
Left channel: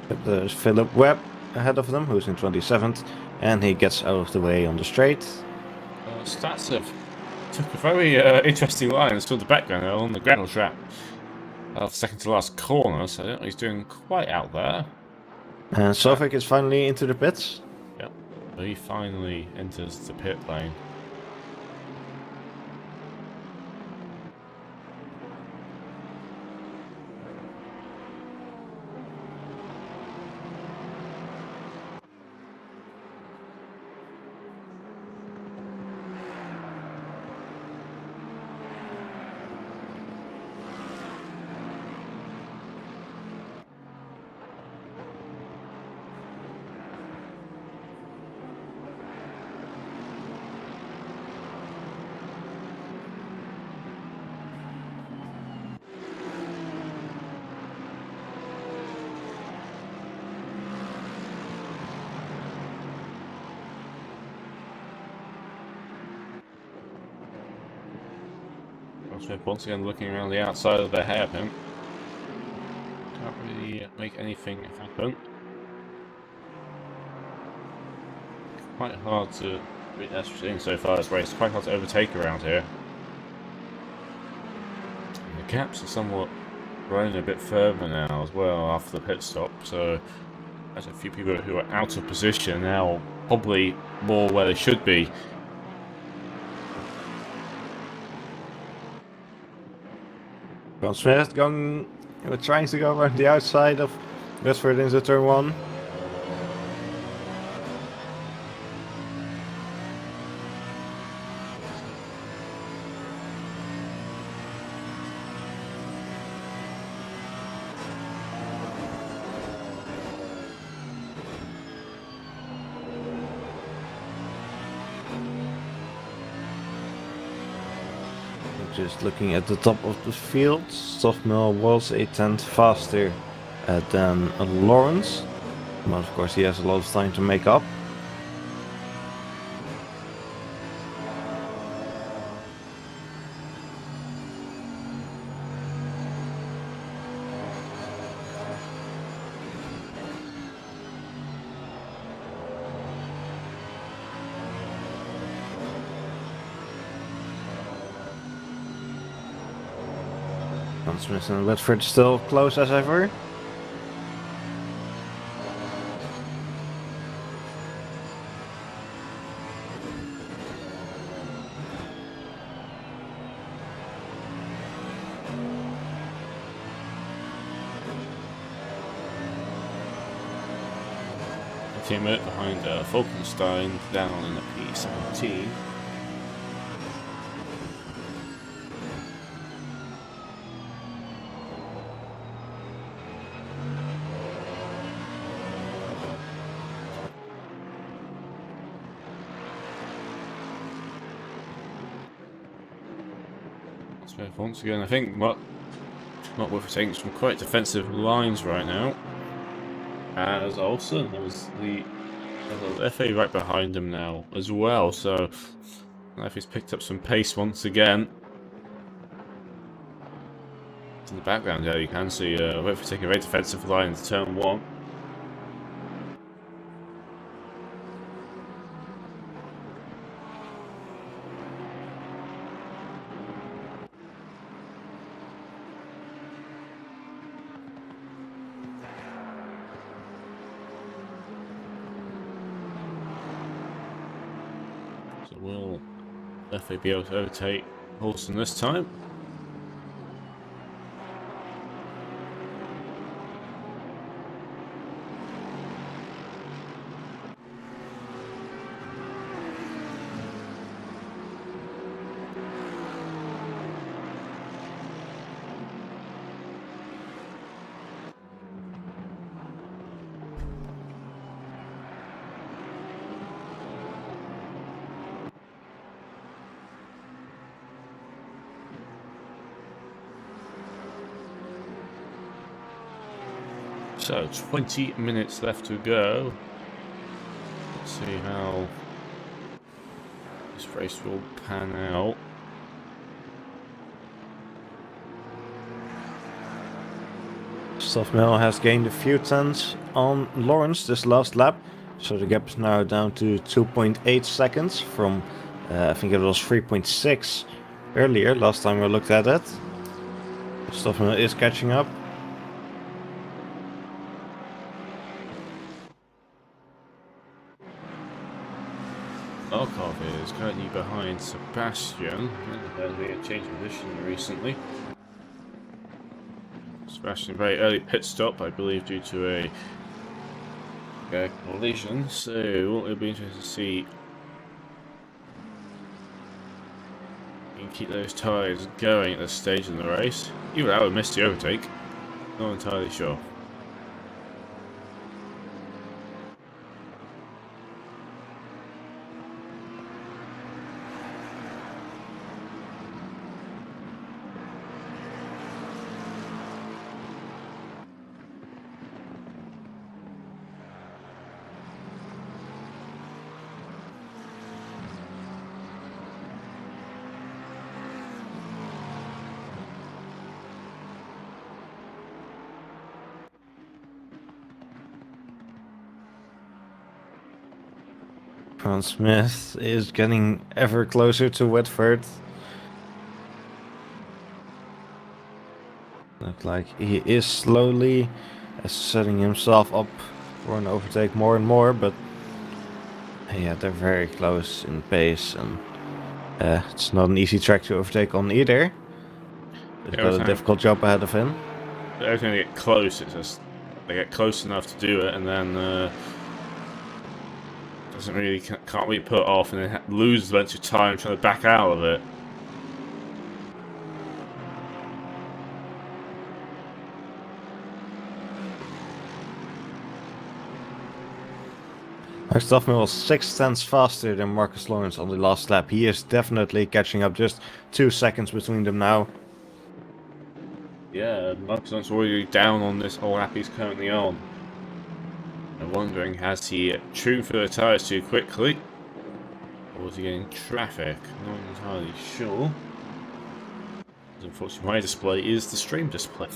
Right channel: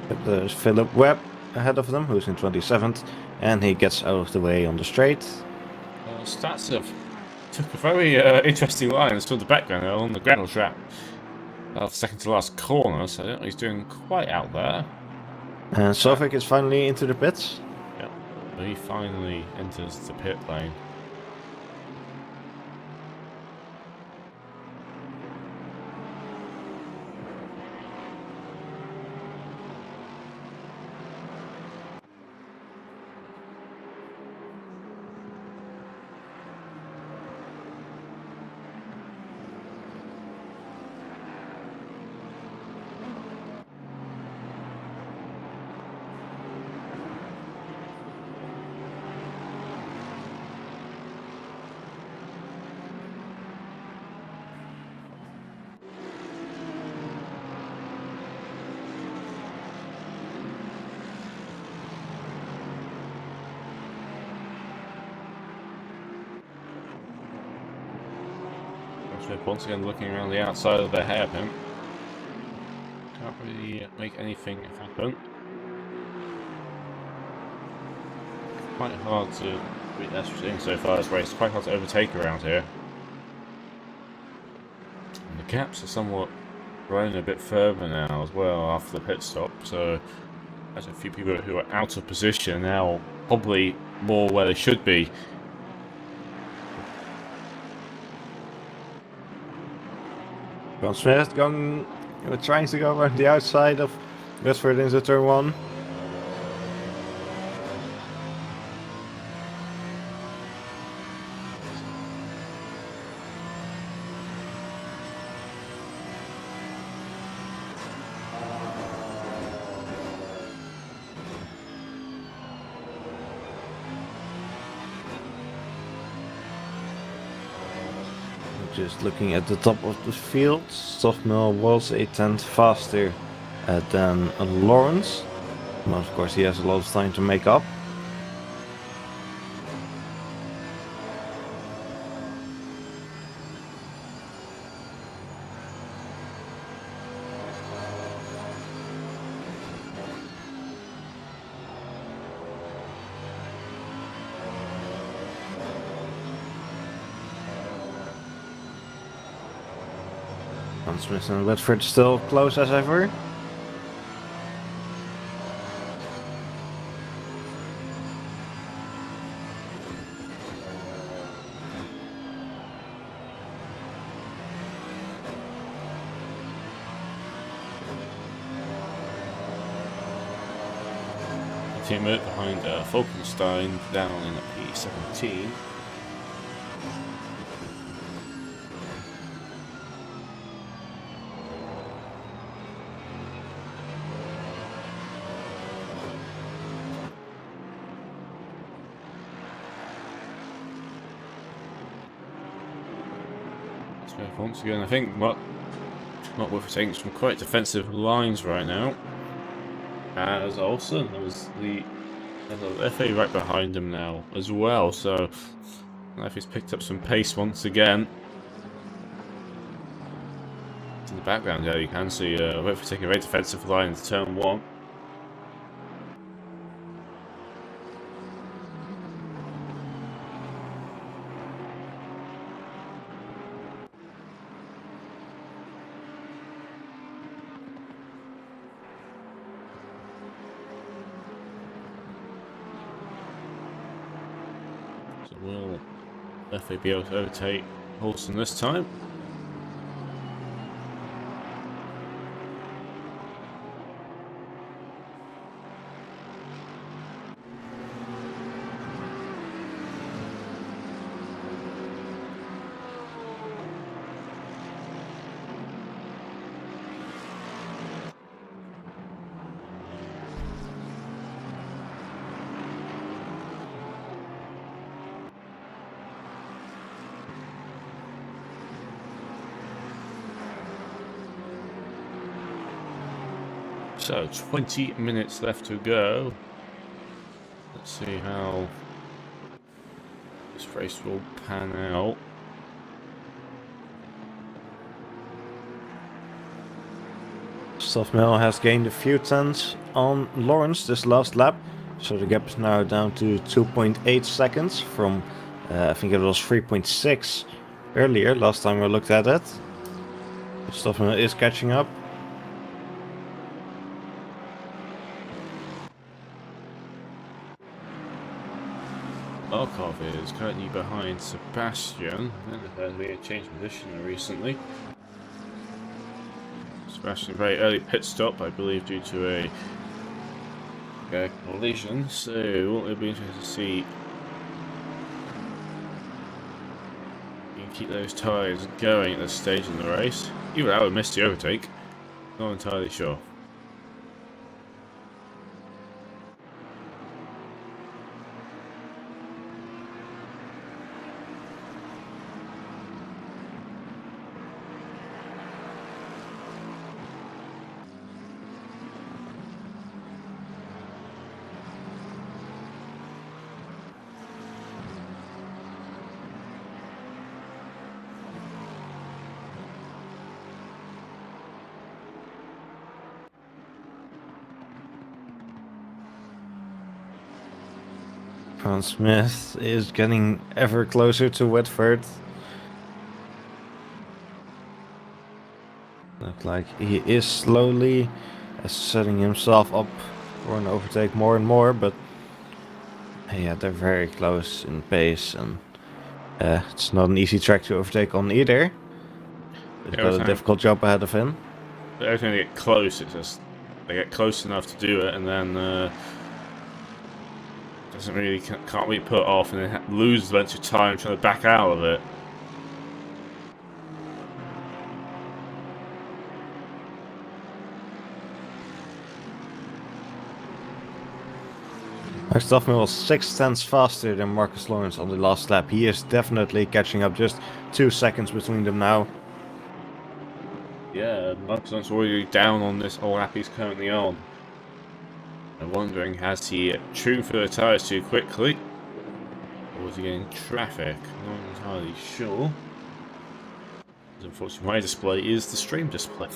But there's Philip Webb ahead of them, who's in 27th, and he gets out of the way on the straight. Statsev took a very interesting line from the background on the gravel trap. Second to last corner, so I don't know he's doing quite out there. And Sovik is finally into the pits. Yep, he finally enters the pit lane. Smith once again looking around the outside of the hairpin. Can't really make anything happen. Quite hard to, that's what we're seeing so far this race, quite hard to overtake around here. And the gaps are somewhat running a bit further now as well after the pit stop, so there's a few people who are out of position now, probably more where they should be. Grant Smith trying to go around the outside of Westford into turn 1. Just looking at the top of the field, Stoffmill was a tenth faster than Lawrence. But of course he has a lot of time to make up. Smith and Whitford still close as ever. A teammate behind Falkenstein down in the P17. Once again, I think what we're taking some quite defensive lines right now. As Olsen, there's the FA right behind him now as well. So, FA's picked up some pace once again. In the background, yeah, you can see we're taking a very defensive line into turn 1. So will FA be able to overtake Olsen this time? So 20 minutes left to go. Let's see how this race will pan out. Stoffmill has gained a few tenths on Lawrence this last lap, so the gap is now down to 2.8 seconds from I think it was 3.6 earlier last time I looked at it. Stoffmill is catching up. Markov is currently behind Sebastian. There's been a change of position recently. Sebastian, very early pit stop, I believe, due to a collision. So it'll be interesting to see. You can keep those tyres going at this stage in the race. Even I would miss the overtake. Not entirely sure. Grant Smith is getting ever closer to Whitford. Looks like he is slowly setting himself up for an overtake more and more, but yeah, they're very close in pace, and it's not an easy track to overtake on either. He's got a difficult job ahead of him. Every time they get close, it's just they get close enough to do it, and then doesn't really can't be put off, and then loses a bunch of time trying to back out of it. Stoffmill was 6 tenths faster than Marcus Lawrence on the last lap. He is definitely catching up, just 2 seconds between them now. Yeah, Marcus Lawrence already down on this whole lap he's currently on. I'm wondering, has he tuned for the tyres too quickly? Or was he getting traffic? Not entirely sure. Unfortunately, my display is the stream display.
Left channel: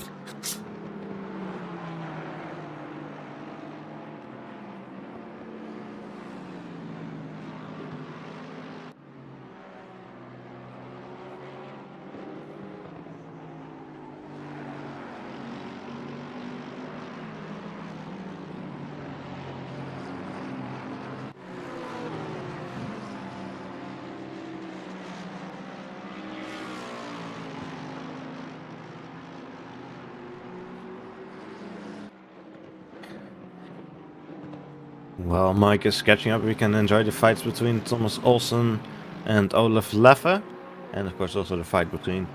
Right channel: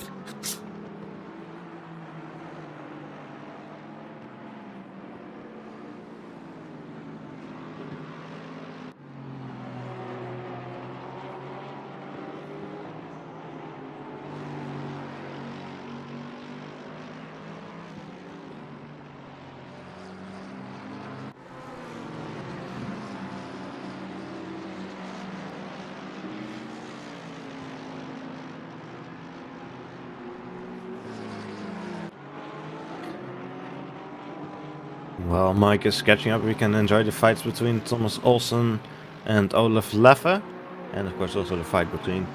While Mike is catching up, we can enjoy the fights between Thomas Olsen and Olaf Leffe. And of course also the fight between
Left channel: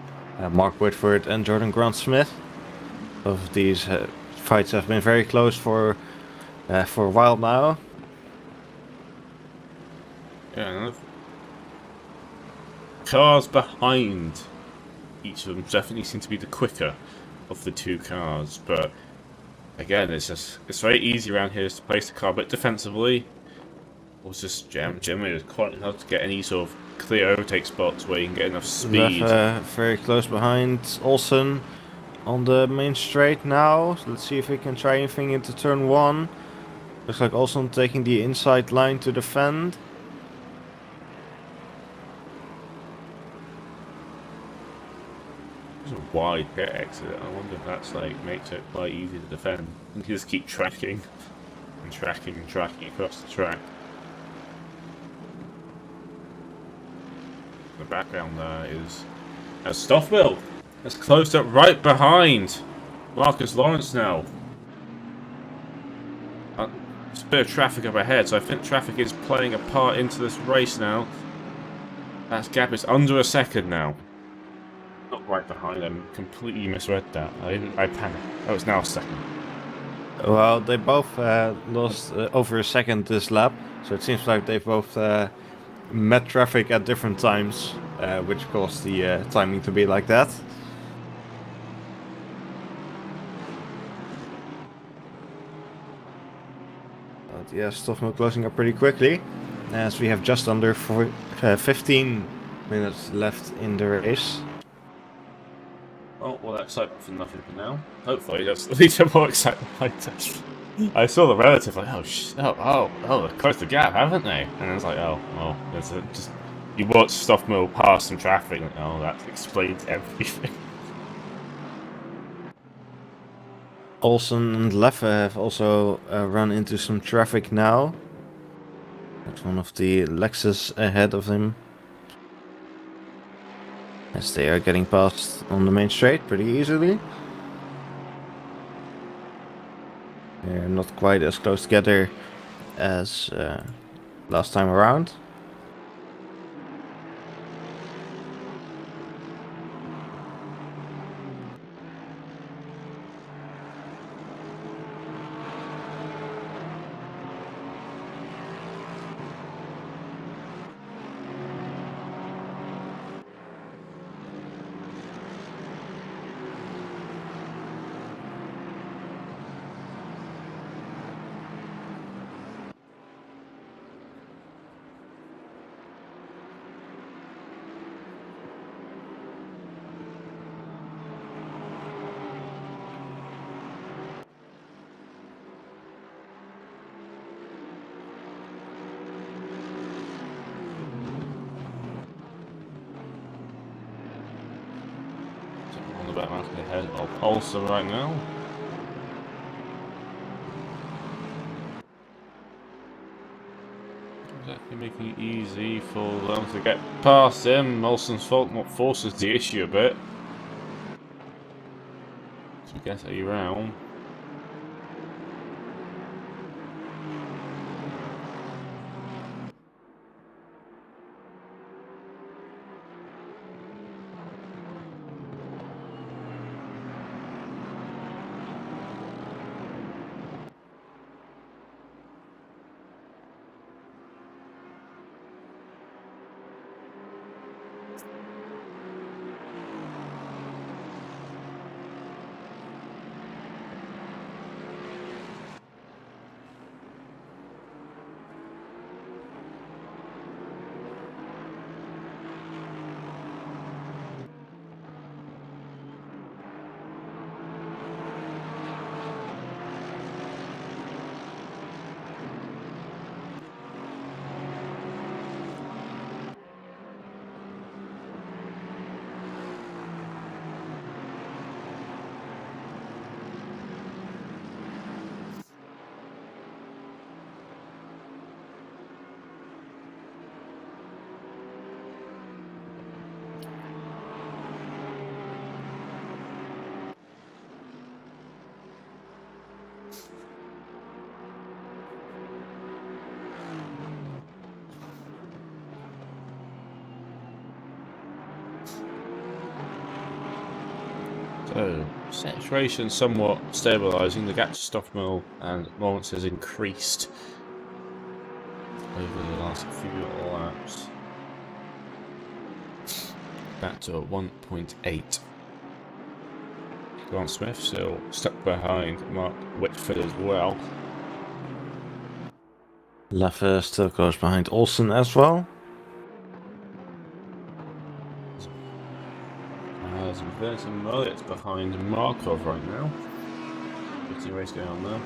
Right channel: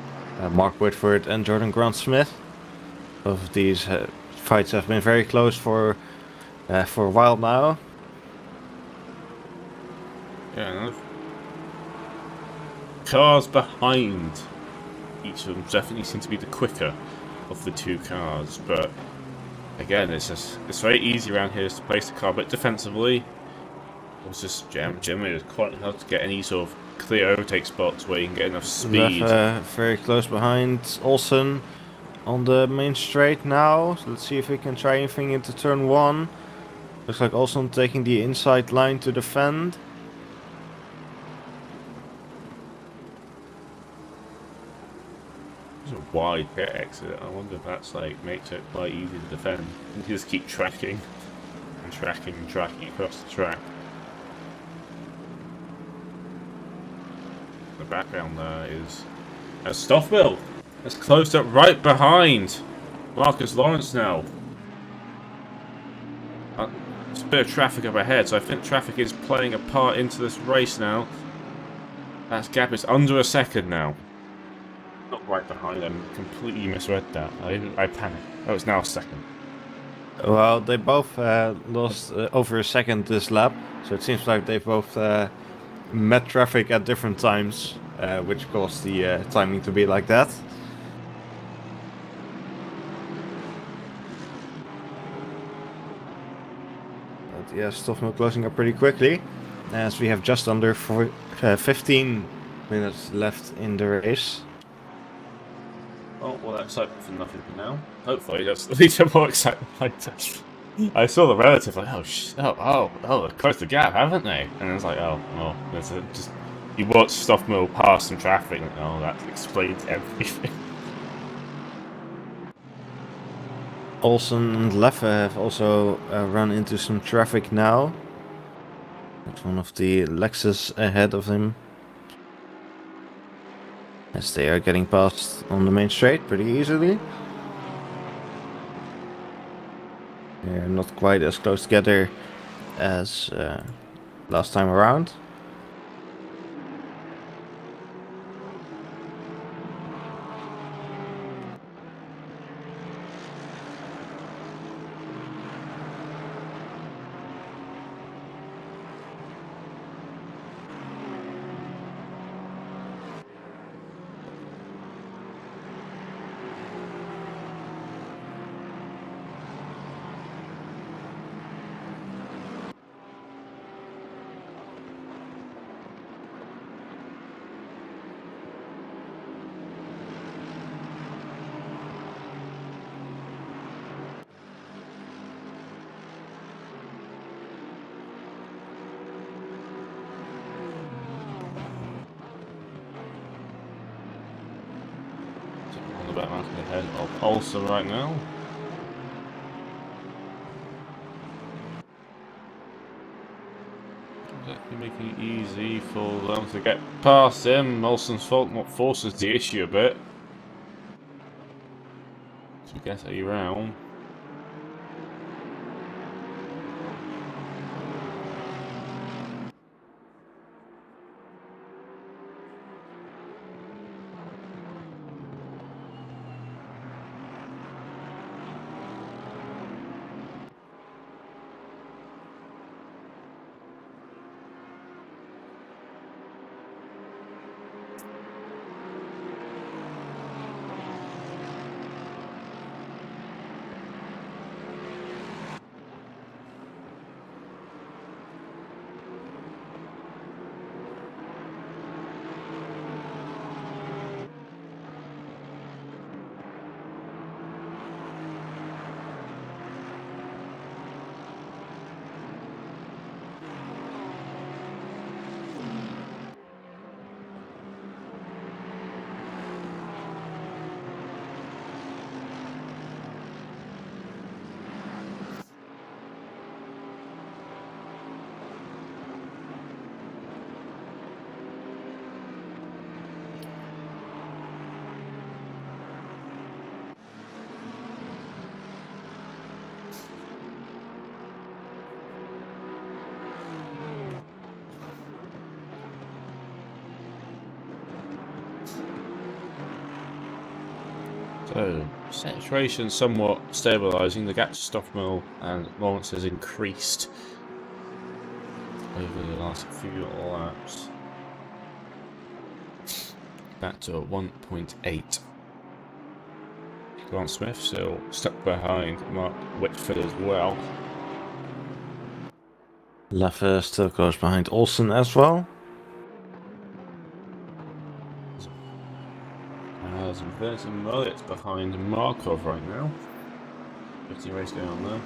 Mark Whitford and Jordan Grant Smith. Both of these fights have been very close for a while now. Yeah, cars behind each of them definitely seem to be the quicker of the two cars, but again, it's very easy around here to place the car a bit defensively. Or just generally it's quite hard to get any sort of clear overtake spots where you can get enough speed. Very close behind Olsen on the main straight now. So let's see if we can try anything into turn 1. Looks like Olsen taking the inside line to defend. There's a wide pit exit. I wonder if that's makes it quite easy to defend. You just keep tracking and tracking and tracking across the track. The background there is Stoffmill has closed up right behind Marcus Lawrence now. There's a bit of traffic up ahead, so I think traffic is playing a part into this race now. That gap is under a second now. Not right behind them. Completely misread that. I panicked. Oh, it's now a second. Well, they both lost over a second this lap, so it seems like they both met traffic at different times, which caused the timing to be like that. yeah, Stoffel closing up pretty quickly, as we have just under 15 minutes left in the race. Oh, well, that's excitement for nothing for now. Hopefully, that's at least more excitement later. I saw the relative, like, they've closed the gap, haven't they? And it's like, oh, well, there's just, you watch Stuff Mill pass some traffic, like, oh, that explains everything. Olsen and Leffe have also run into some traffic now. That's one of the Lexus ahead of him, as they are getting past on the main straight pretty easily. They're not quite as close together as last time around. On the back market ahead of Olsen right now. Exactly making it easy for them to get past him. Olsen's fault not forces the issue a bit. So we get around. So, saturation somewhat stabilising. The gap to Stoffmill and Lawrence has increased over the last few laps. Back to 1.8. Grant Smith still stuck behind Mark Whitford as well. Leffe still goes behind Olsen as well. Some 30 minutes behind Markov right now. 50 race going on there.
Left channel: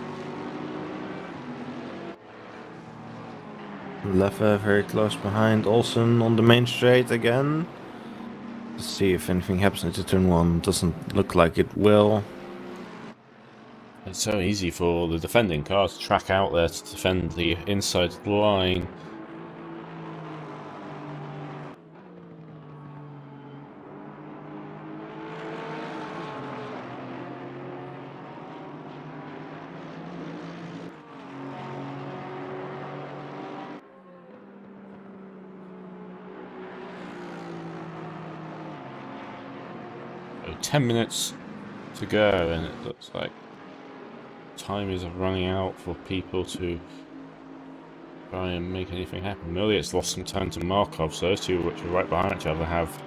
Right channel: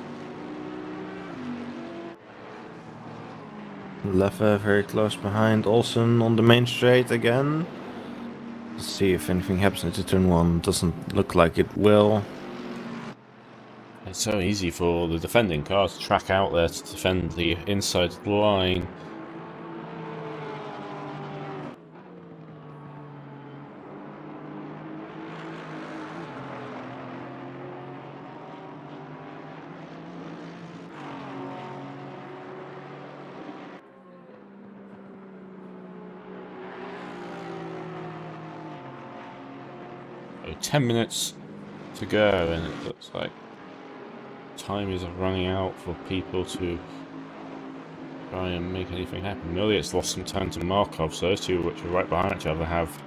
Leffe very close behind Olsen on the main straight again. Let's see if anything happens into turn 1. Doesn't look like it will. It's so easy for the defending car to track out there to defend the inside line. So 10 minutes to go, and it looks like time is running out for people to try and make anything happen. Milliott's lost some time to Markov, so those two, which are right behind each other, have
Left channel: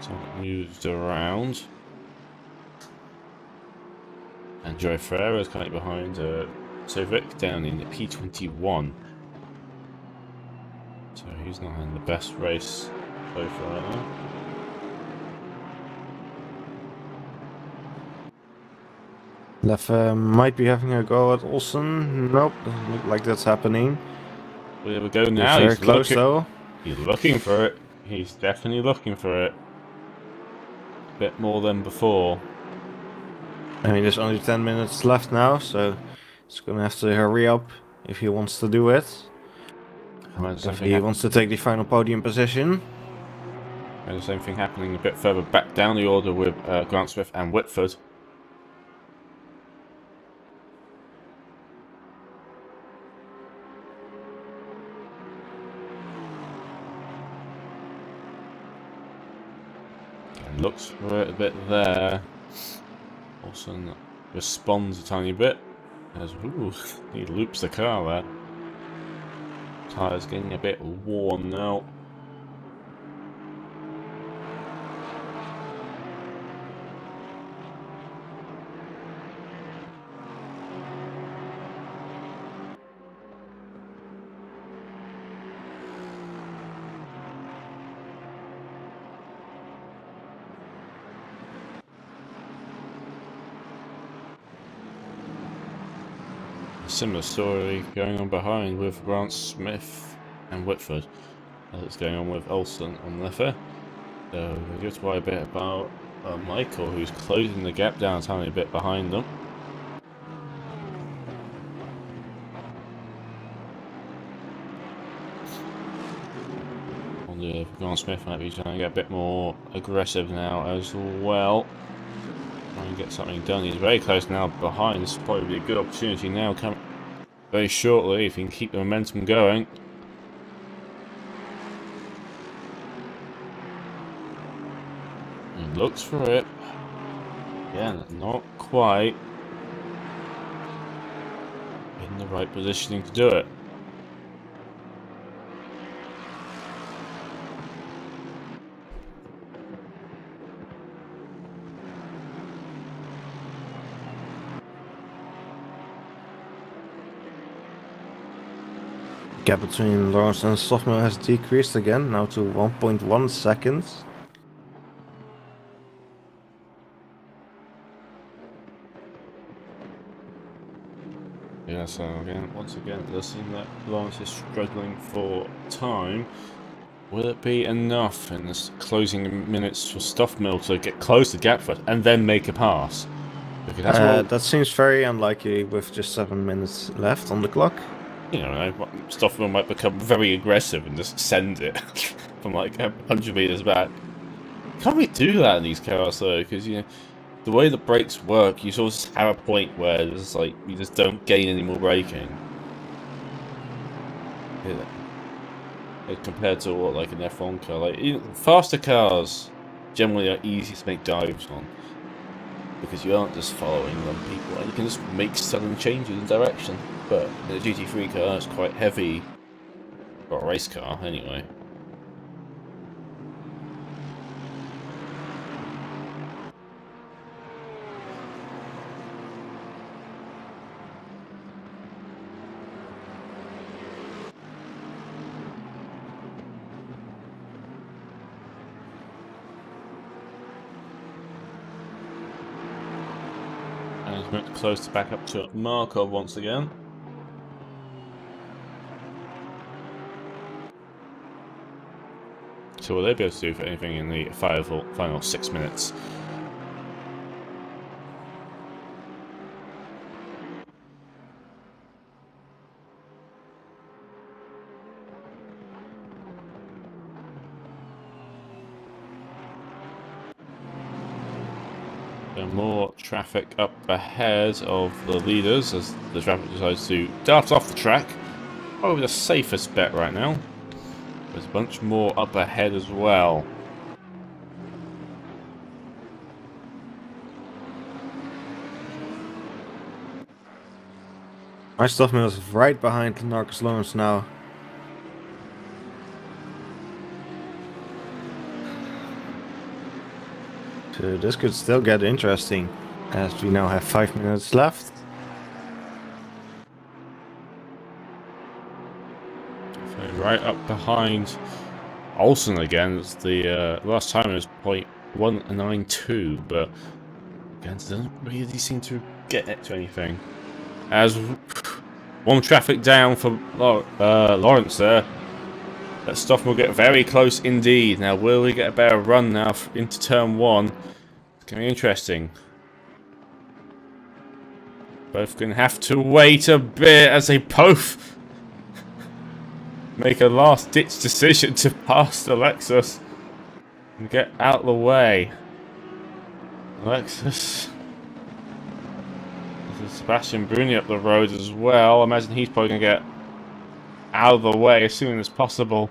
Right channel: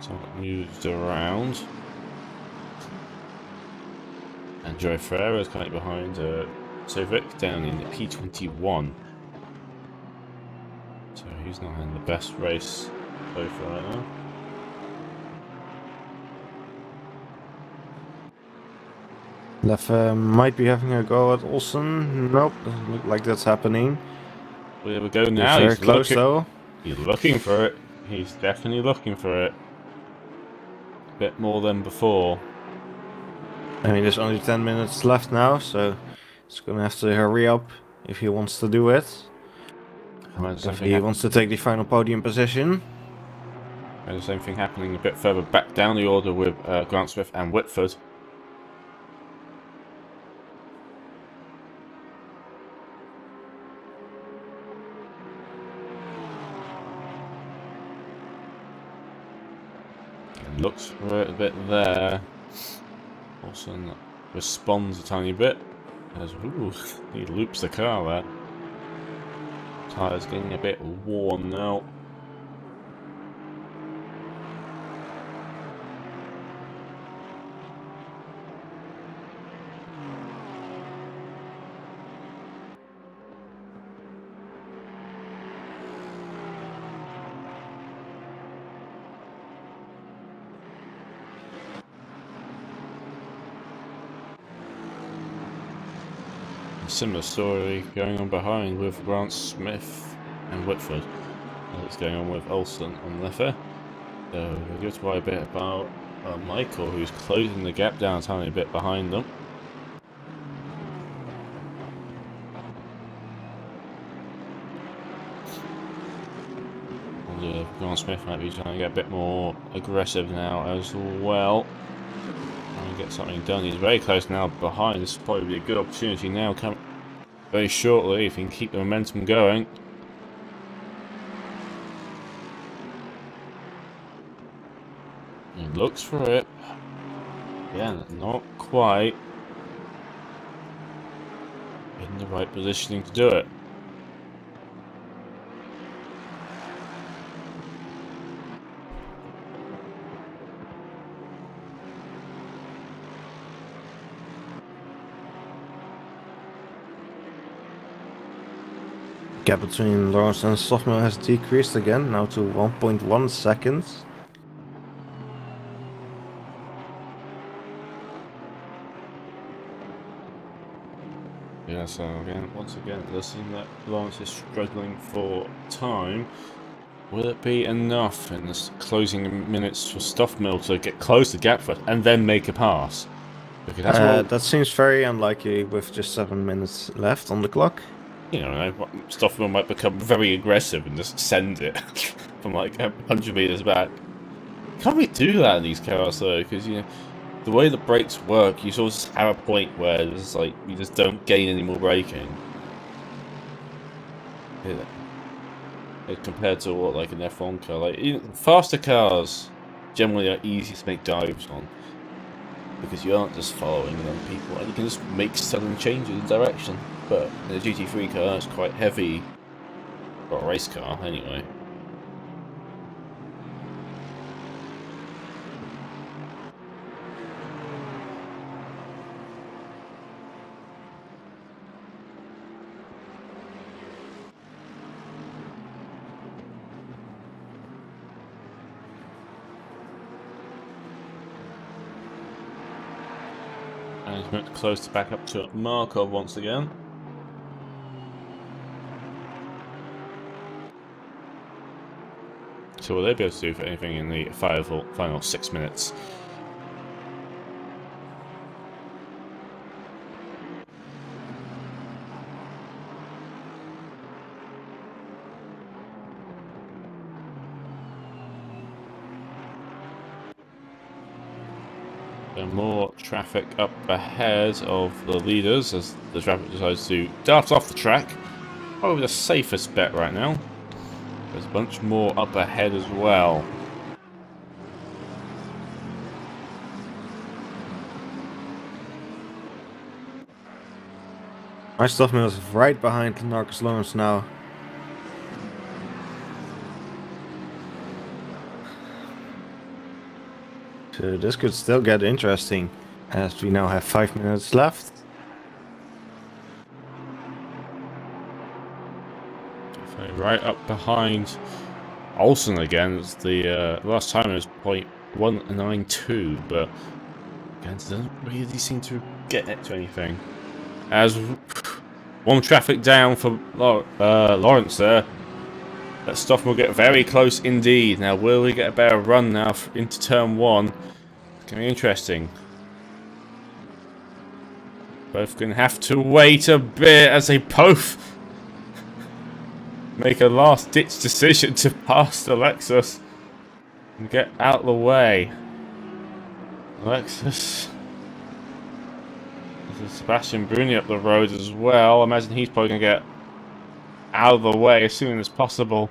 somewhat moved around. And Joe Ferreira is kind of behind So Vic down in the P21. So he's not in the best race so far right now. Leffe might be having a go at Olsen. Nope, doesn't look like that's happening. Well, there we go He's now. very close though. He's looking for it. He's definitely looking for it. A bit more than before. I mean, there's only 10 minutes left now, so he's gonna have to hurry up if he wants to do it. If he wants to take the final podium position. And the same thing happening a bit further back down the order with Grant Smith and Whitford. And looks for it a bit there. Olsen responds a tiny bit. As ooh, he loops the car there. Tyres getting a bit worn now. Similar story going on behind with Grant Smith and Whitford as it's going on with Olsen and Leffe. So they just worry a bit about Michael, who's closing the gap down a tiny bit behind them. Grant Smith might be trying to get a bit more aggressive now as well. Trying to get something done. He's very close now behind. This will probably be a good opportunity now coming very shortly if he can keep the momentum going. He looks for it. Yeah, not quite in the right positioning to do it. Gap between Lawrence and Stoffman has decreased again, now to 1.1 seconds. Yeah, so once again, it does seem that Lawrence is struggling for time. Will it be enough in this closing minutes for Stoffmill to get close to the gap first and then make a pass? Because that's that seems very unlikely with just 7 minutes left on the clock. You know, Stoffmill might become very aggressive and just send it from like 100 meters back. Can't we do that in these cars though? Because you know, the way the brakes work, you sort of have a point where it's like you just don't gain any more braking. Yeah. Compared to what like an F1 car, like faster cars generally are easy to make dives on because you aren't just following them people, and you can just make sudden changes in direction. But in a GT3 car, it's quite heavy for a race car, anyway. And he's meant close to back up to Markov once again. So will they be able to do for anything in the final 6 minutes? So more traffic up ahead of the leaders as the traffic decides to dart off the track. Probably the safest bet right now. There's a bunch more up ahead as well. My Stoffmill is right behind Marcus Lawrence now. So this could still get interesting as we now have 5 minutes left. right up behind Olsen again. It's the last time it was 0.192, but again, it doesn't really seem to get it to anything. As one traffic down for Lawrence there. That stuff will get very close indeed. Now, will we get a better run now into turn 1? It's going to be interesting. Both going to have to wait a bit as they both make a last-ditch decision to pass the Lexus and get out of the way. Lexus. There's Sebastian Bruni up the road as well. I imagine he's probably going to get out of the way as soon as possible.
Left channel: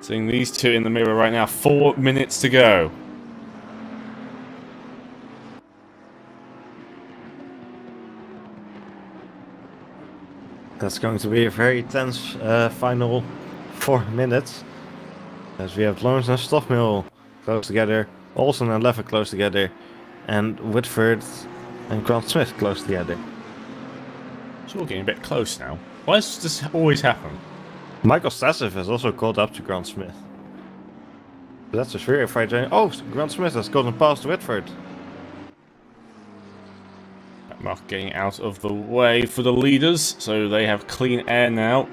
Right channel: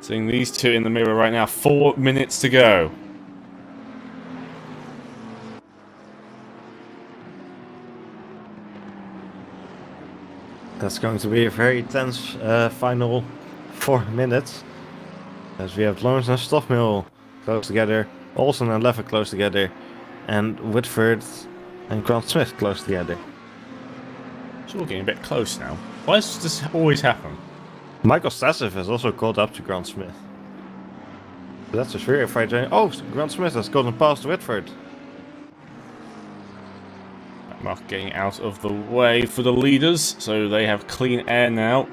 Seeing these two in the mirror right now. 4 minutes to go. That's going to be a very tense final 4 minutes. As we have Lawrence and Stoffmill close together, Olsen and Levitt close together, and Whitford and Grant Smith close together. It's all getting a bit close now. Why does this always happen? Michael Stassev has also caught up to Grant Smith. But that's a very fight. Oh, Grant Smith has gotten past Whitford. Mark getting out of the way for the leaders, so they have clean air now.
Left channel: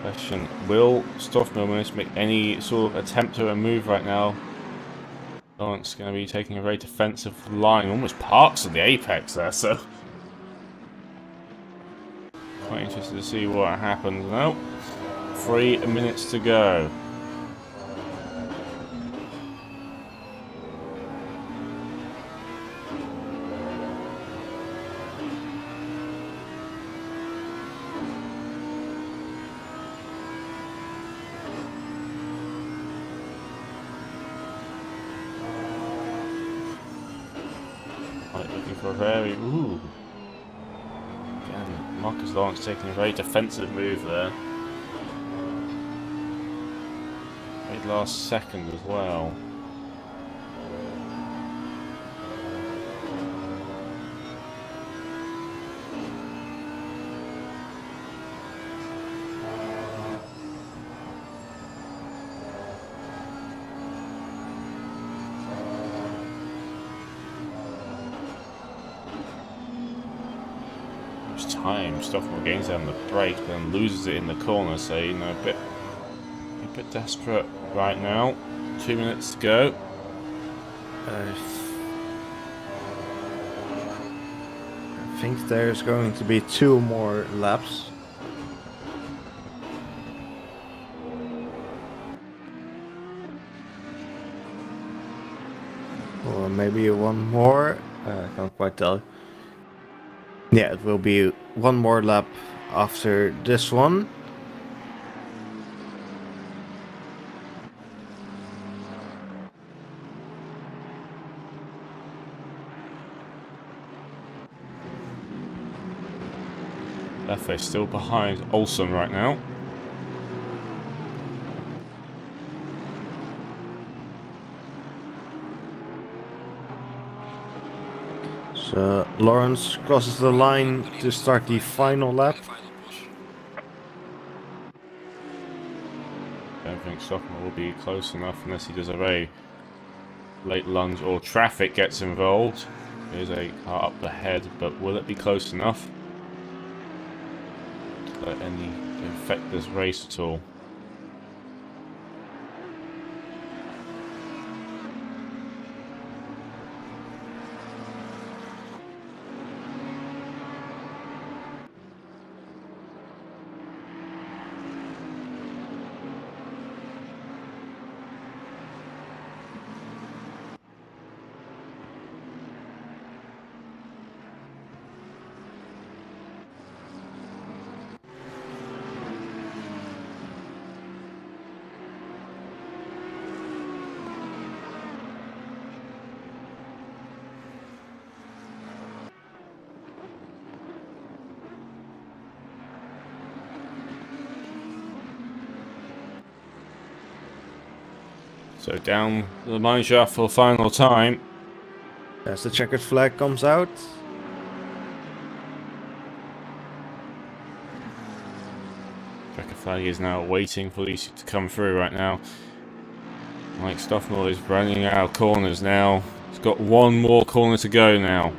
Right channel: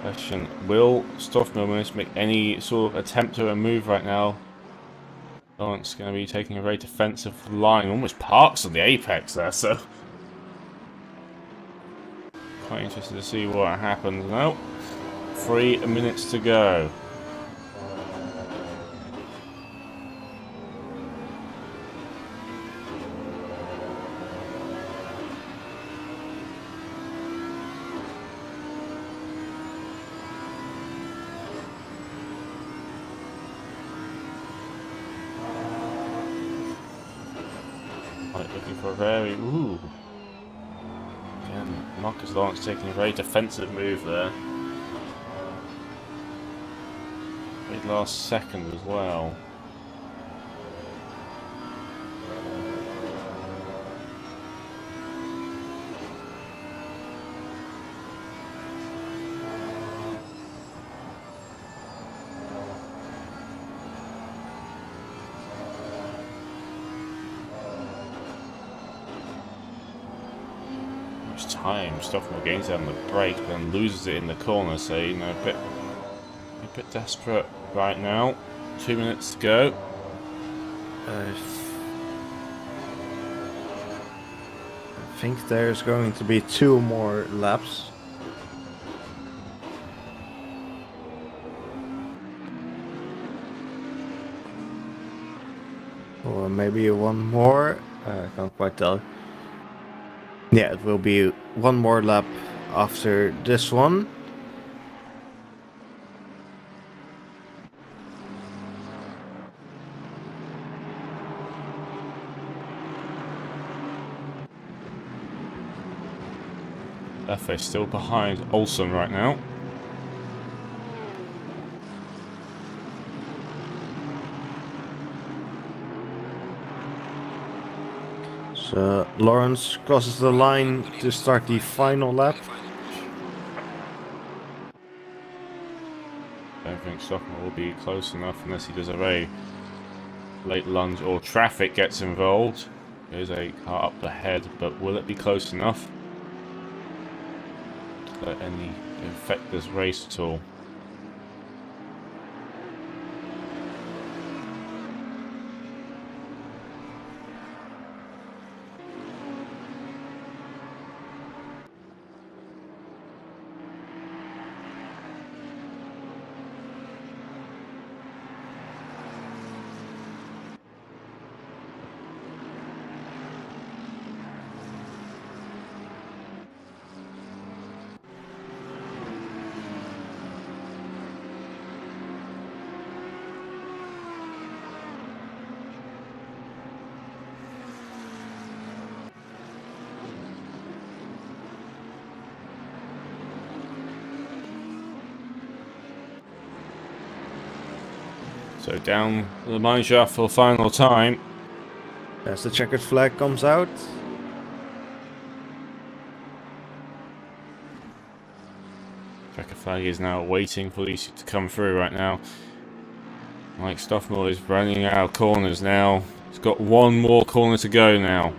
Question, will Stoffmill manage to make any sort of attempt to a move right now? Lawrence going to be taking a very defensive line, almost parks on the apex there, so quite interested to see what happens now. 3 minutes to go. Looking for a very... Ooh. Again, Marcus Lawrence taking a very defensive move there. Very last second as well. Time, Stoffmill gains it on the brake, but then loses it in the corner, so you know, a bit desperate right now. 2 minutes to go. I think there's going to be 2 more laps. Or maybe 1 more. I can't quite tell. Yeah, it will be 1 more lap after this one. Leffe still behind Olsen right now. So Lawrence crosses the line to start the final lap. I don't think Stockman will be close enough unless he does a very late lunge or traffic gets involved. There's a car up ahead, but will it be close enough to let any affect this race at all? So down the mine shaft for the final time. As the checkered flag comes out. Checker Flag is now waiting for these to come through right now. Mike Stoffmore is running out of corners now. He's got one more corner to go now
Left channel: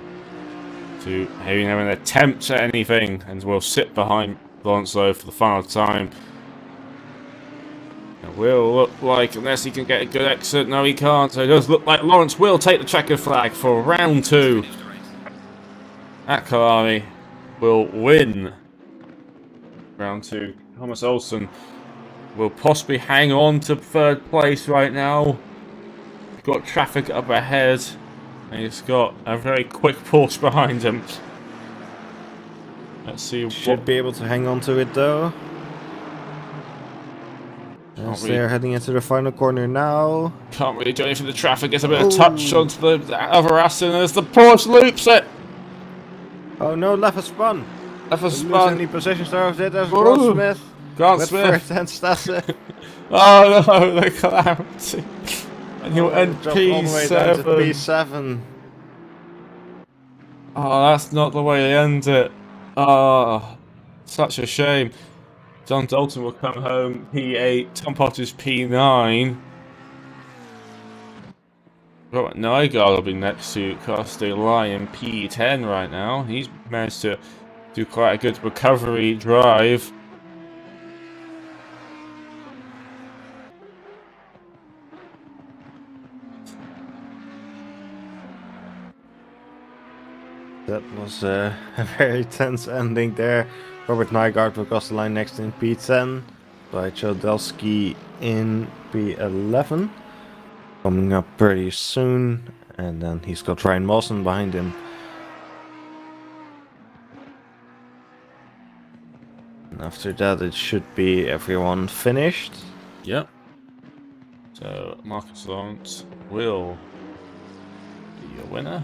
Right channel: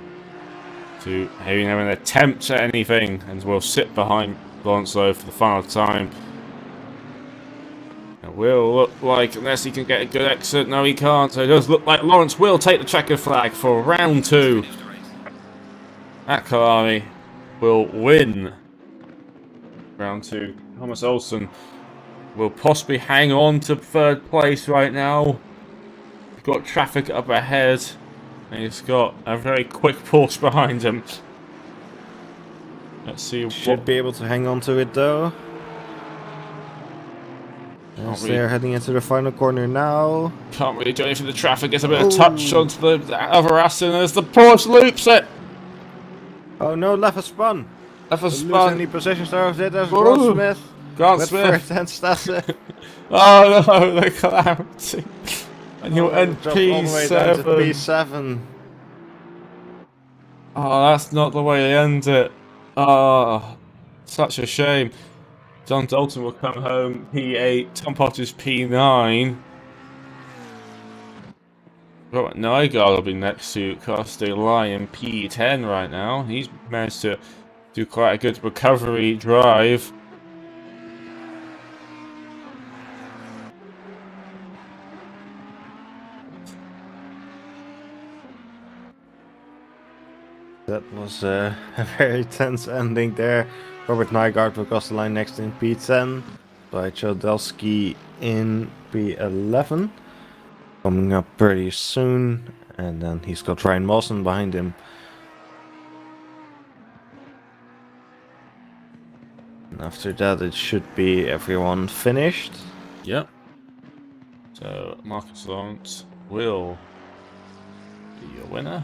to having an attempt at anything, and will sit behind Lawrence Lowe for the final time. It will look like, unless he can get a good exit, no he can't, so it does look like Lawrence will take the checker flag for round 2 at Kyalami. Will win round 2. Thomas Olsen will possibly hang on to 3rd place right now. He's got traffic up ahead, and he's got a very quick Porsche behind him. Let's see. Should be able to hang on to it though. As they're heading into the final corner now. Can't really do anything for the traffic. Gets a bit of touch onto the other Aston as the Porsche loops it. Oh no, left has spun. Left has Lose spun. any positions there of it. There's Grant Smith. Grant with Smith. First and Stasse. Oh no, the calamity. And you'll end Drop all the way down to P7. P7. Oh, that's not the way they end it. Oh, such a shame. John Dalton will come home P8, Tom Potter's P9. Robert Nygaard will be next to Kirsty Lyon P10 right now. He's managed to do quite a good recovery drive. That was a very tense ending there. Robert Nygaard will cross the line next in P10 by Chodelsky in P11. Coming up pretty soon, and then he's got Ryan Mawson behind him. And after that it should be everyone finished. Yep. So Marcus Lawrence will be your winner.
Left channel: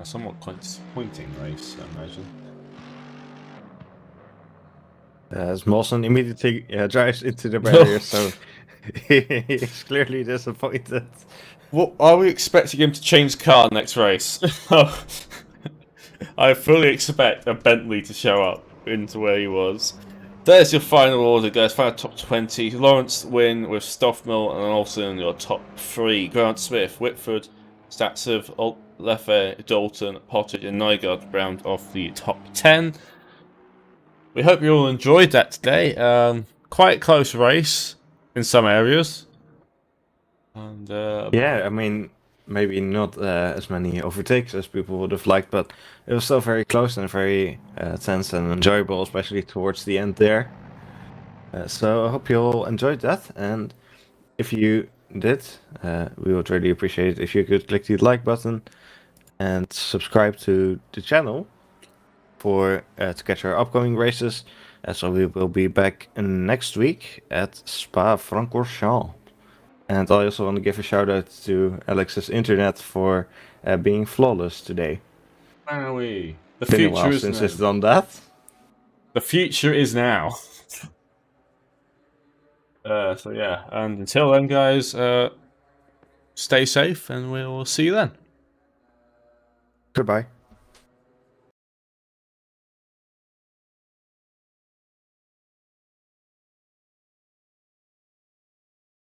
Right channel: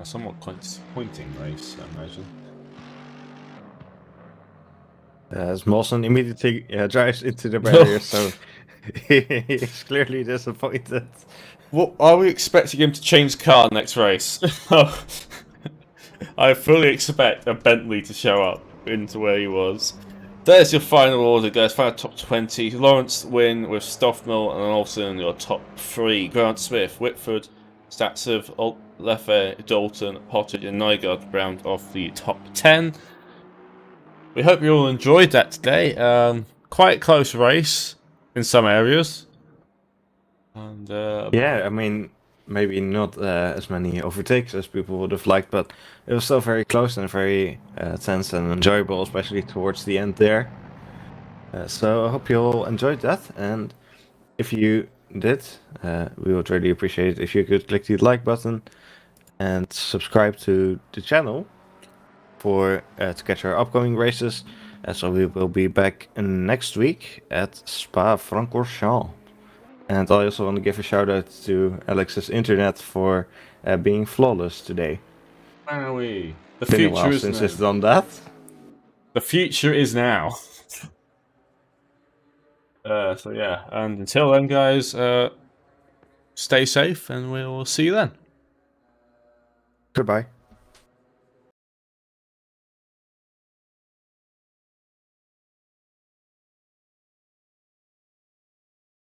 A somewhat quite disappointing race, I imagine. As Mawson immediately drives into the barrier, so he's clearly disappointed. What are we expecting him to change car next race? I fully expect a Bentley to show up into where he was. There's your final order, guys. Final top 20. Lawrence win with Stoffmill and Olsen your top 3. Grant Smith, Whitford, Statsev, Leffe, Dalton, Pottage, and Nygaard round off the top 10. We hope you all enjoyed that today. Quite a close race in some areas. And yeah, I mean, maybe not as many overtakes as people would have liked, but it was still very close and very tense and enjoyable, especially towards the end there. So I hope you all enjoyed that, and if you did, we would really appreciate it if you could click the like button and subscribe to the channel for to catch our upcoming races. So we will be back next week at Spa-Francorchamps. And I also want to give a shout out to Alex's internet for being flawless today. Wowie. The Been a future while is since now. it's done that. The future is now. So yeah, and until then, guys, stay safe, and we'll see you then. Goodbye.